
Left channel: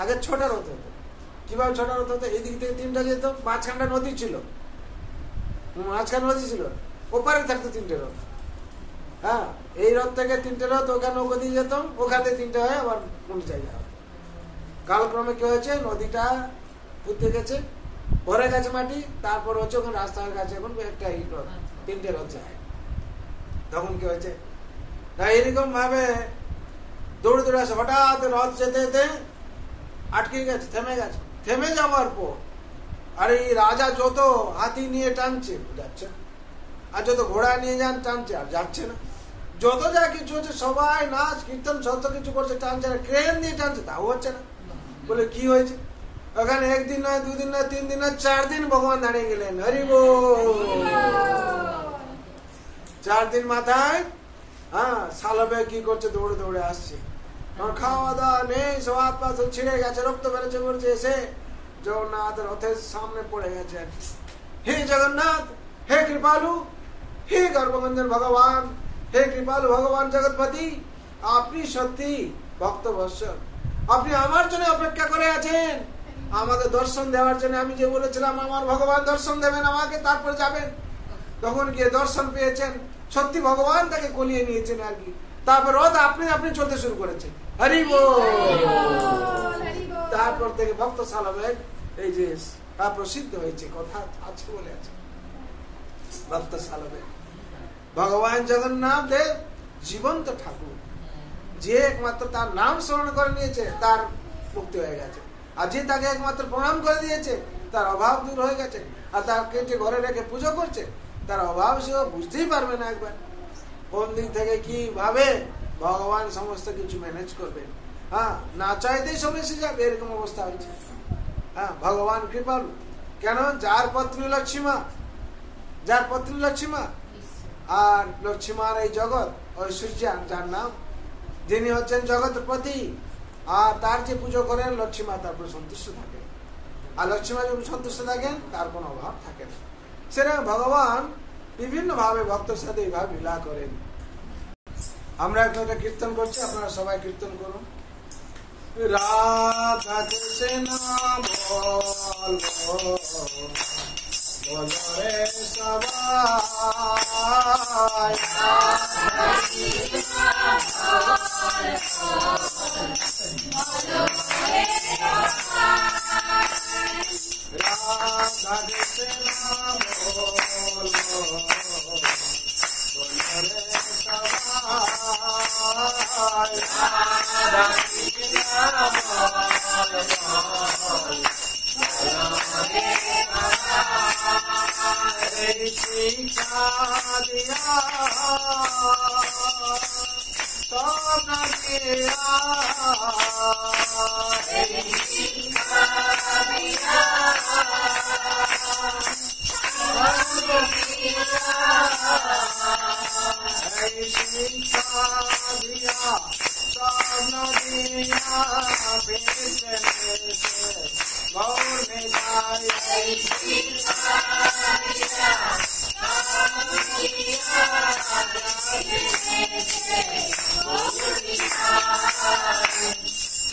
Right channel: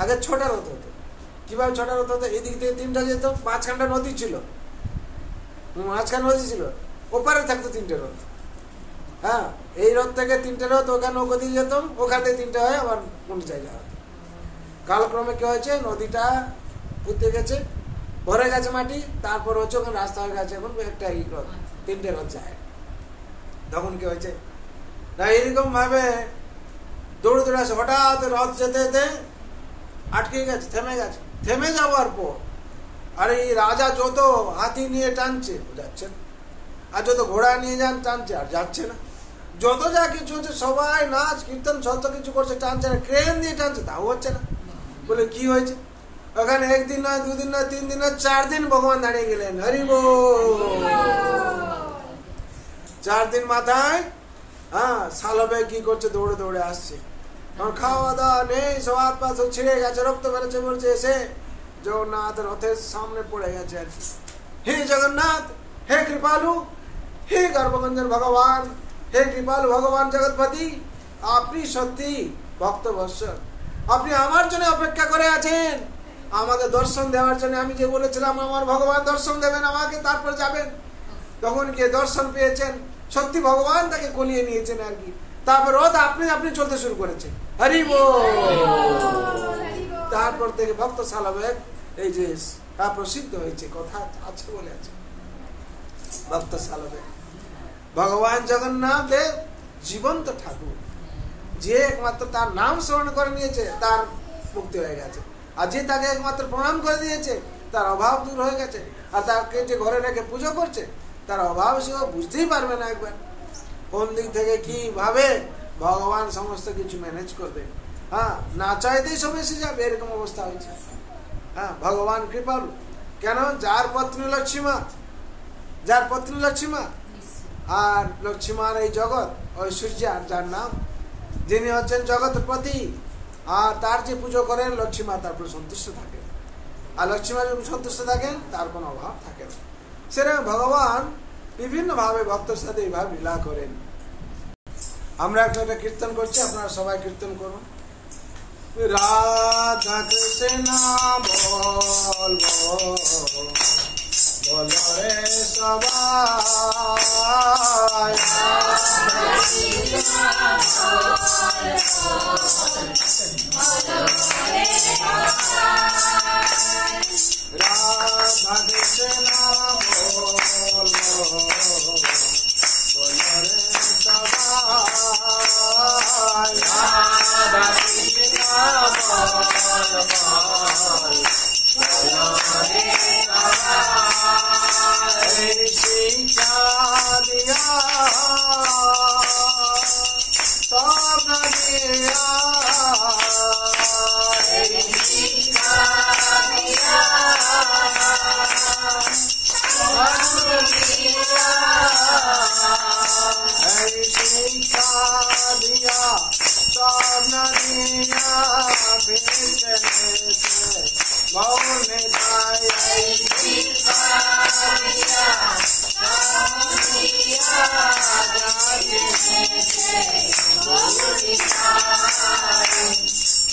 আগে 6টা রথ হতো। কিভাবে 6টা রথ হতো, এদিক থেকে 3টা যেত, মাঝখানটা নদী ছিল, মাঝখানে নদী ছিল, ওপারে থাকতো 3টে রথ। হ্যাঁ, এই রথ থেকে 3টে রথ ওখানে ওকে দিয়ে যেত, ওখান থেকে 3টে হয় আবার কোন জায়গা হতো। কালক্রমে কি হয়েছে, নদীটা পুঁতে গেছে, ভরে গেছে মাটি, তারপর হচ্ছে ওখানে রাস্তা হয়ে গেছে, এখন একটা রথ, 3টে রথ যায়। তখন কি হয়েছে না, এরকম ভাবে দৌড়ে দৌড়ে আসে। হঠাৎ রথ যেতে যেতে আটকে গেছে, থেমে গেছে। থেমে যাওয়ার পর আর এই রাজা যত হাতি নিয়ে টানছে যাচ্ছে না, আর যত ঘোড়া নিয়ে যান টানছে আর যাচ্ছে না, যত যা কিছু হচ্ছে সবাই নাচ কীর্তন যত কিছু করছে টানছে না, ক্রেন দিয়ে টানছে তাও হচ্ছে না। বলে কি হয়েছে, ওখানে 1 দিন নয়, 2 দিন নয়, 3 দিন নয়, 4 দিন ভগবান দাঁড়িয়ে গেলেন। হরি বল। 4 দিন মাথায় হ্যাঁ সালবে কি করছে, দৌড়ে দৌড়ে আসছে। খাওয়া দাওয়া নেই, সব হাত পা সব ছিঁড়ে গেছে, রক্ত বেরোচ্ছে, বলছে এসে জগন্নাথ রথের সামনে পড়ে গেছে আর কি। হে জগন্নাথ, হে কৃপালু, হে গর্ভগঞ্জন ভগবান, হে কৃপালু ভগবান জগৎপতি, আপনি সত্যি ভক্তবৎসল, আপনি আমার জন্য অপেক্ষা করে আছেন, আমাকে দর্শন দেওয়ার জন্য। আমি যে বলেছিলাম আমার ভগবান দর্শন দেবেন আমাকে, তারপর যাবেন, তখন গিয়ে দর্শন পেয়েছেন, সত্যি ভগবান তাকে কোনিয়ে নিয়েছেন আর কি। তারপর রথ আপনি আপনি চলতে শুরু করেছে। হরি বল। তারপর থেকে ভক্ত সালবেগ এই যে প্রসিদ্ধ হয়েছে, কথা আছে বলে আছে ভক্ত সালবেগ। ভগবান জগন্নাথ দেব জীবন্ত ঠাকুর, যে একমাত্র তার নাম স্মরণ করে নিয়েছে তার মুক্তি হয়ে গেছে, আর যে তাকে একমাত্র প্রণাম করে দিয়েছে তার অভাব দূর হয়ে গেছে। আর তাকে যে ঘরে রেখে পুজো করছে তার অভাব সেও বুঝতেই পারবে না একবার কোন দিক থেকে কিভাবে ভগবান সমস্ত কিছু ম্যানেজ করবে। হ্যাঁ, না চাইতেই সব এসে যাবে, এরকম অবস্থা হয়েছে। হ্যাঁ, ভগবান কৃপালু। কেন, যার পত্নী লক্ষ্মীমা, যার পত্নী লক্ষ্মীমা, আর লক্ষ্মীমার এই জগৎ ঐশ্বর্যা যার নাম, যিনি হচ্ছেন জগৎপতি, আর তার যে পুজো করেন লক্ষ্মী মা তার উপর সন্তুষ্ট থাকেন, আর লক্ষ্মী মা যখন সন্তুষ্ট থাকেন তার কোনো অভাব থাকে না। সেরকম ভগবান বিভিন্ন ভাবে ভক্তের সাথে এইভাবে লীলা করেন। আমরা এখন একটা কীর্তন করছি, আপনারা সবাই কীর্তন করুন। রাধা কৃষ্ণ বলবো বলো রে সবাই, রাধা কৃষ্ণ বলবো বলো রে সবাই, রাধা কৃষ্ণ শিক্ষা দিয়া সব দিয়া শিক্ষা দিয়া শিক্ষা দিয়া সব দিয়া গৌনে যায়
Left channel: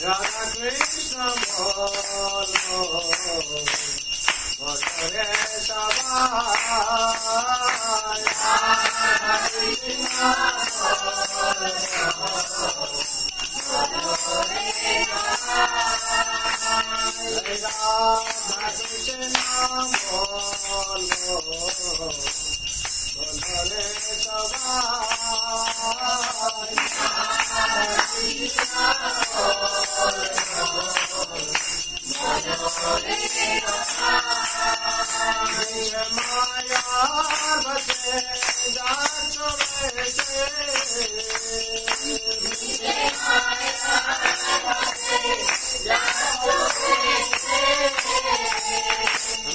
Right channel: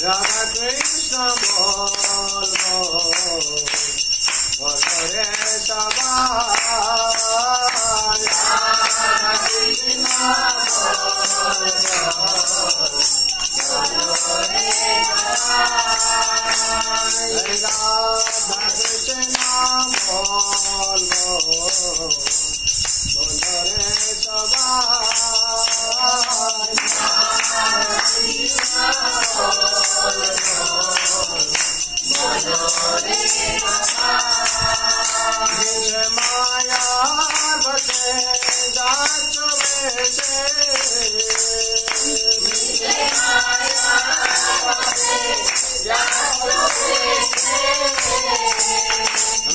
রাধা কৃষ্ণ বলো বলো রে সবাই, রাধা কৃষ্ণ রাধা কৃষ্ণ বলবো বলো রে সবাই, মায়ার বসে যাচ্ছ বেশে,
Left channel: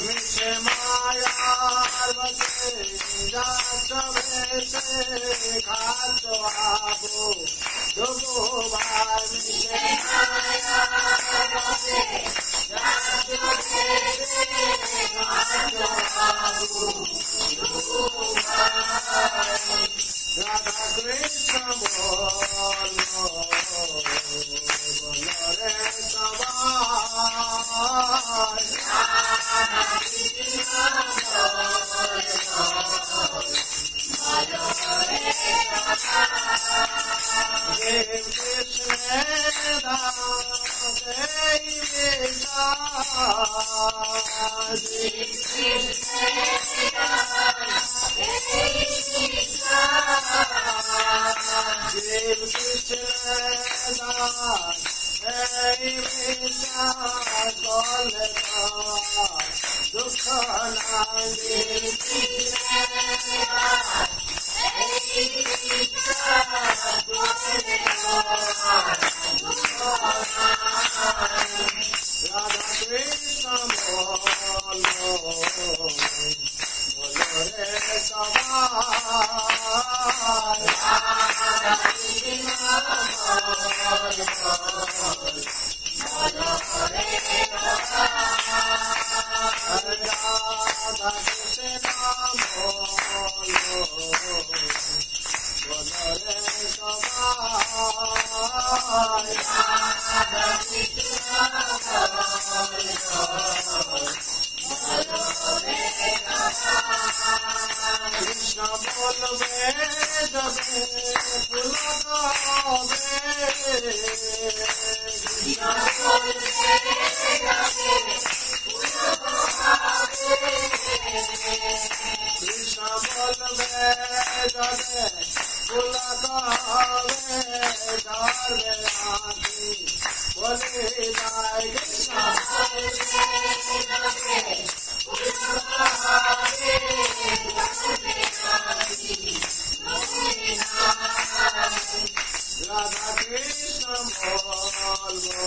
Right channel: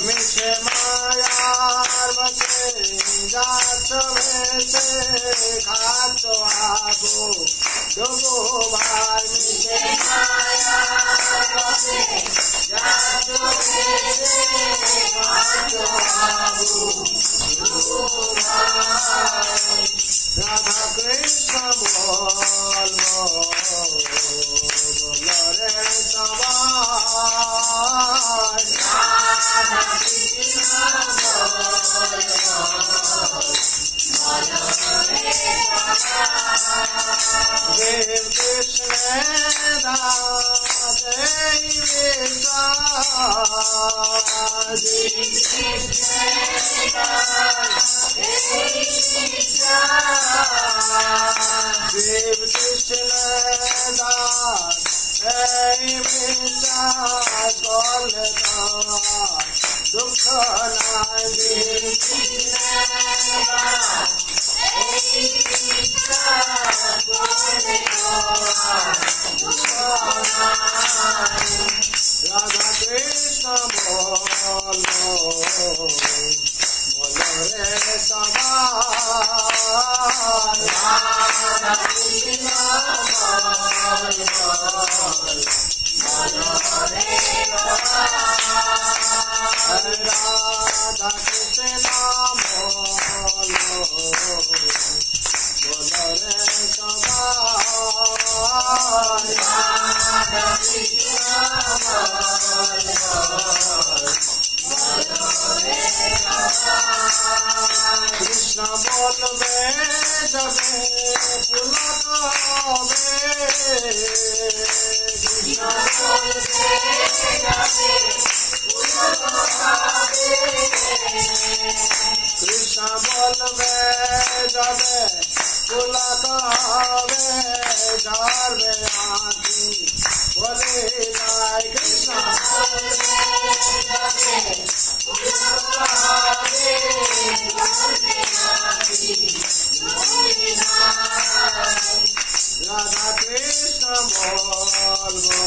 মিশে মায়ার বসে যাচ্ছ বেশে, খাচ্ছ আবু যোগো ভাই, মিশে মায়ার বসে যাচ্ছ বেশে, খাচ্ছ আবু যোগো ভাই, রাধা কৃষ্ণ বলবো বলো রে সবাই, রাধা কৃষ্ণ দেব কৃষ্ণ দাস দেব কৃষ্ণ দাস করলে দুঃখ নাই, রাধা কৃষ্ণ বলো বলো রে সবাই, রাধা কৃষ্ণ রাধা কৃষ্ণ বলো বলো রে সবাই, রাধা কৃষ্ণ কৃষ্ণ বলবে যাবে পুলক হবে, কৃষ্ণ বলবে যাবে পুলক হবে, কৃষ্ণ বলবে যাবে পুলক হবে, ধরবে আঁখি বলে যায়, কৃষ্ণ বলবে যাবে পুলক হবে, রাধা কৃষ্ণ বলবো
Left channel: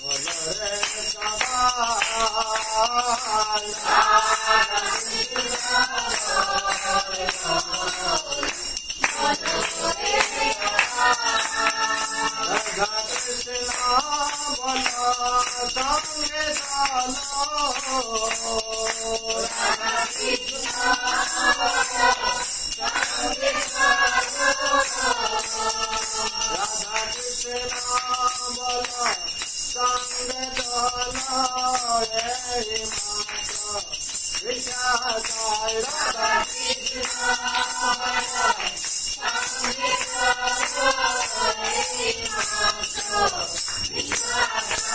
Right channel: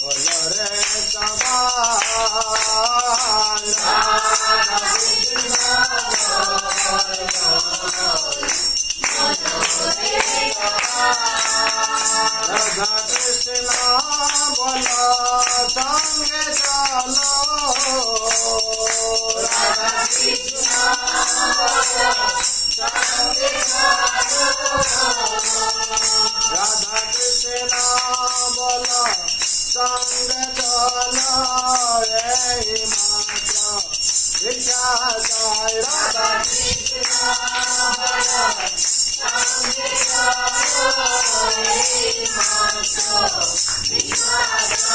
বলো রে সবাই, রাধা কৃষ্ণ রাধা संगे चलो राधा कृष्ण संगे चलो राधा कृष्ण बोलो संग चलो यही मात्र भिक्षा जाय राधा कृष्ण संगे चलो यही मात्र भिक्षा जाय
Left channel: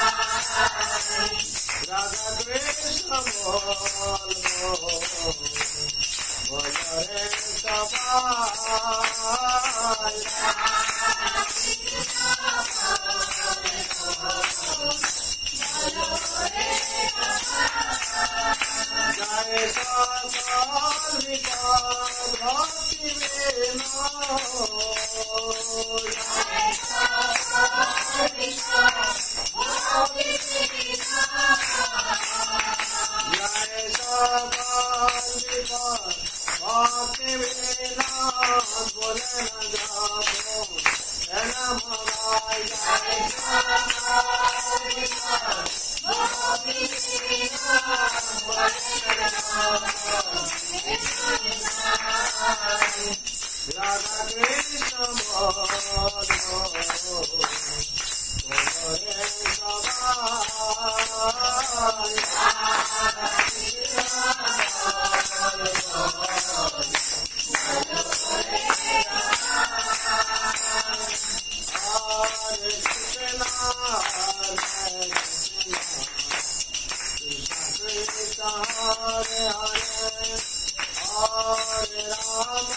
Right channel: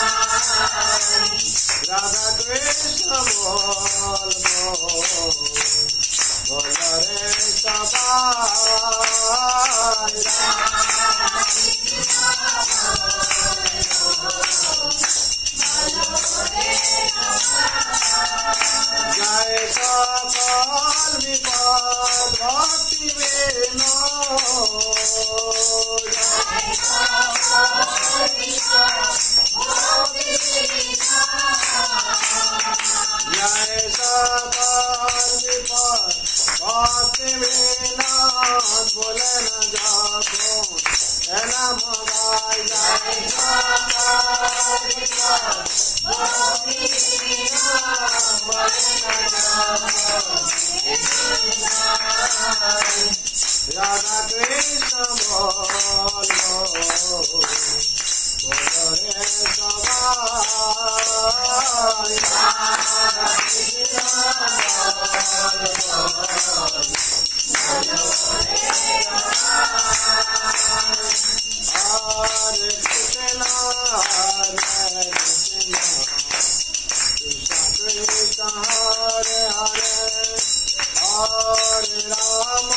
राधा कृष्ण बोल रे सबाई जय सकल विपद भक्ति वेनो जय सकल विपद भक्ति वेनो बोले न जाको एना मगाई जय सकल विपद भक्ति वेनो बोले न जाको राधा कृष्ण बोलो रे सवाई राधा कृष्ण हरे कृष्ण कृष्ण हरे हरे हरे राम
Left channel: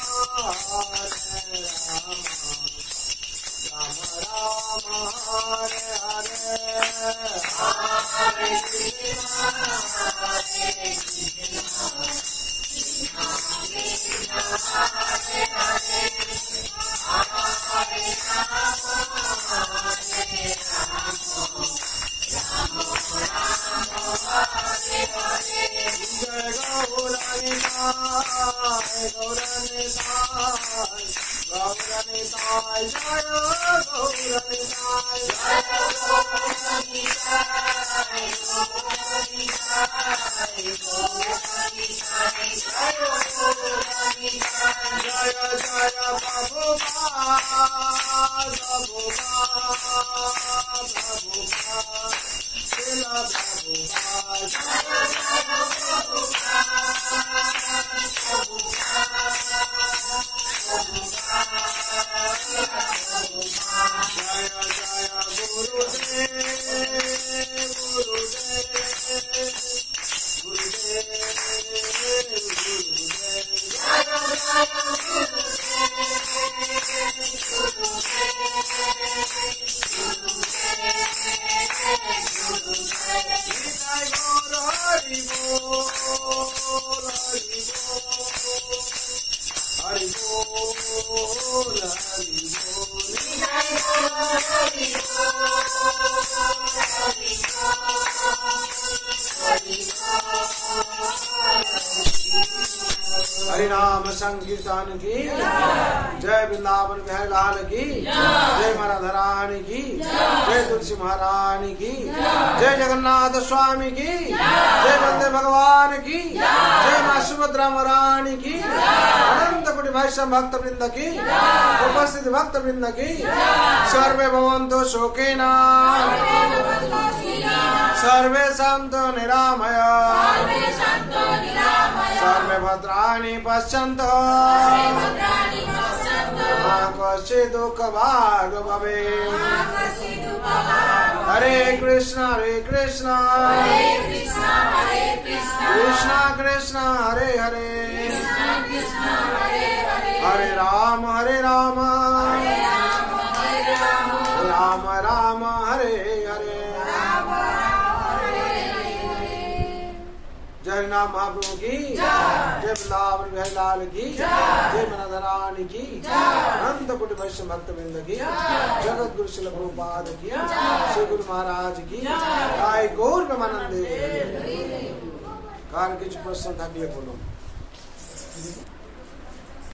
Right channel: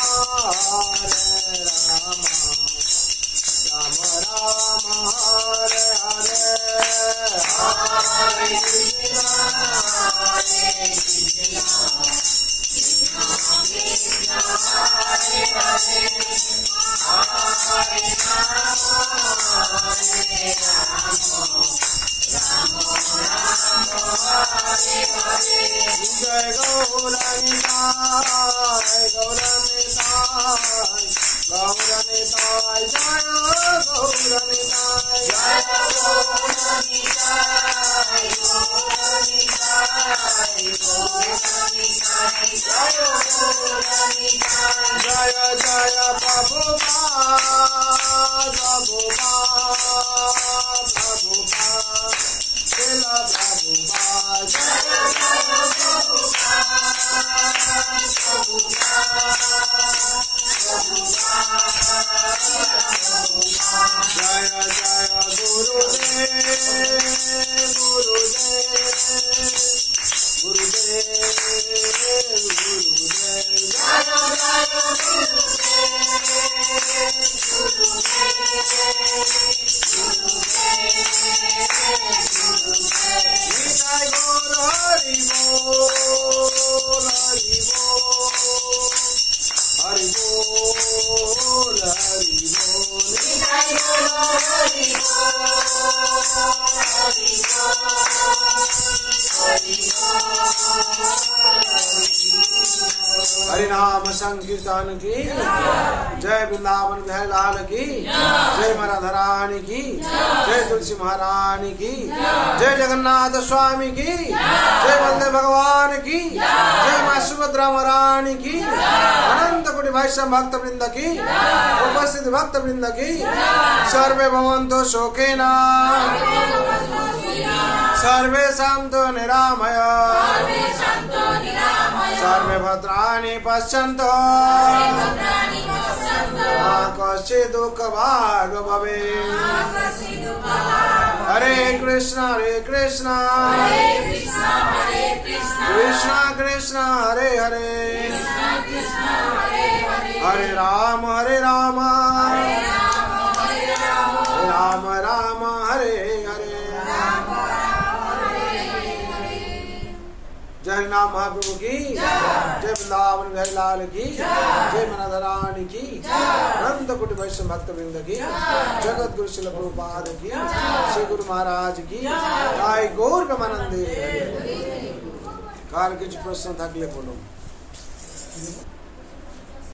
राम राम हरे हरे हरे कृष्ण जय गौरनिताय गौरनिताय गौरनिताय जय गौरनिताय जय गौरनिताय जय जय प्रभुपाद प्रभुपाद प्रभुपाद श्रीला प्रभुपाद जय जय गुरुदेव गुरुदेव गुरुदेव गुरुदेव जय जय गौर हरि बोल हरि बोल हरि बोल हरि बोल हरि नाम संकीर्तन की जय वृंदावन बिहारी लाल की जय राधा रानी की जय तुलसी महारानी की जय जगन्नाथ स्वामी की जय वंदे भगवान की जय माँ सुभद्रा महारानी की अनंत कोटि वैष्णव भक्त वृंद की उपस्थित भक्त वृंद की सर्वे भवन्तु सुखिनः सर्वे सन्तु निरामय सर्वे भद्राणि पश्यन्तु मा कश्चित् दुःखभाग् भवेत् हरे कृष्ण कृष्ण कृष्ण हरे हरे हरे राम राम राम हरे हरे जय नाम महाप्रभु की जय वृंदावन बिहारी लाल की जय राधा रानी की अनंत कोटि वैष्णव भक्त वृंद की जगत गुरु श्रील प्रभुपाद की श्री गुरु महाराज की जय गौर प्रेमानंदे। काल কিছু প্রশ্ন থাকলে বলুন।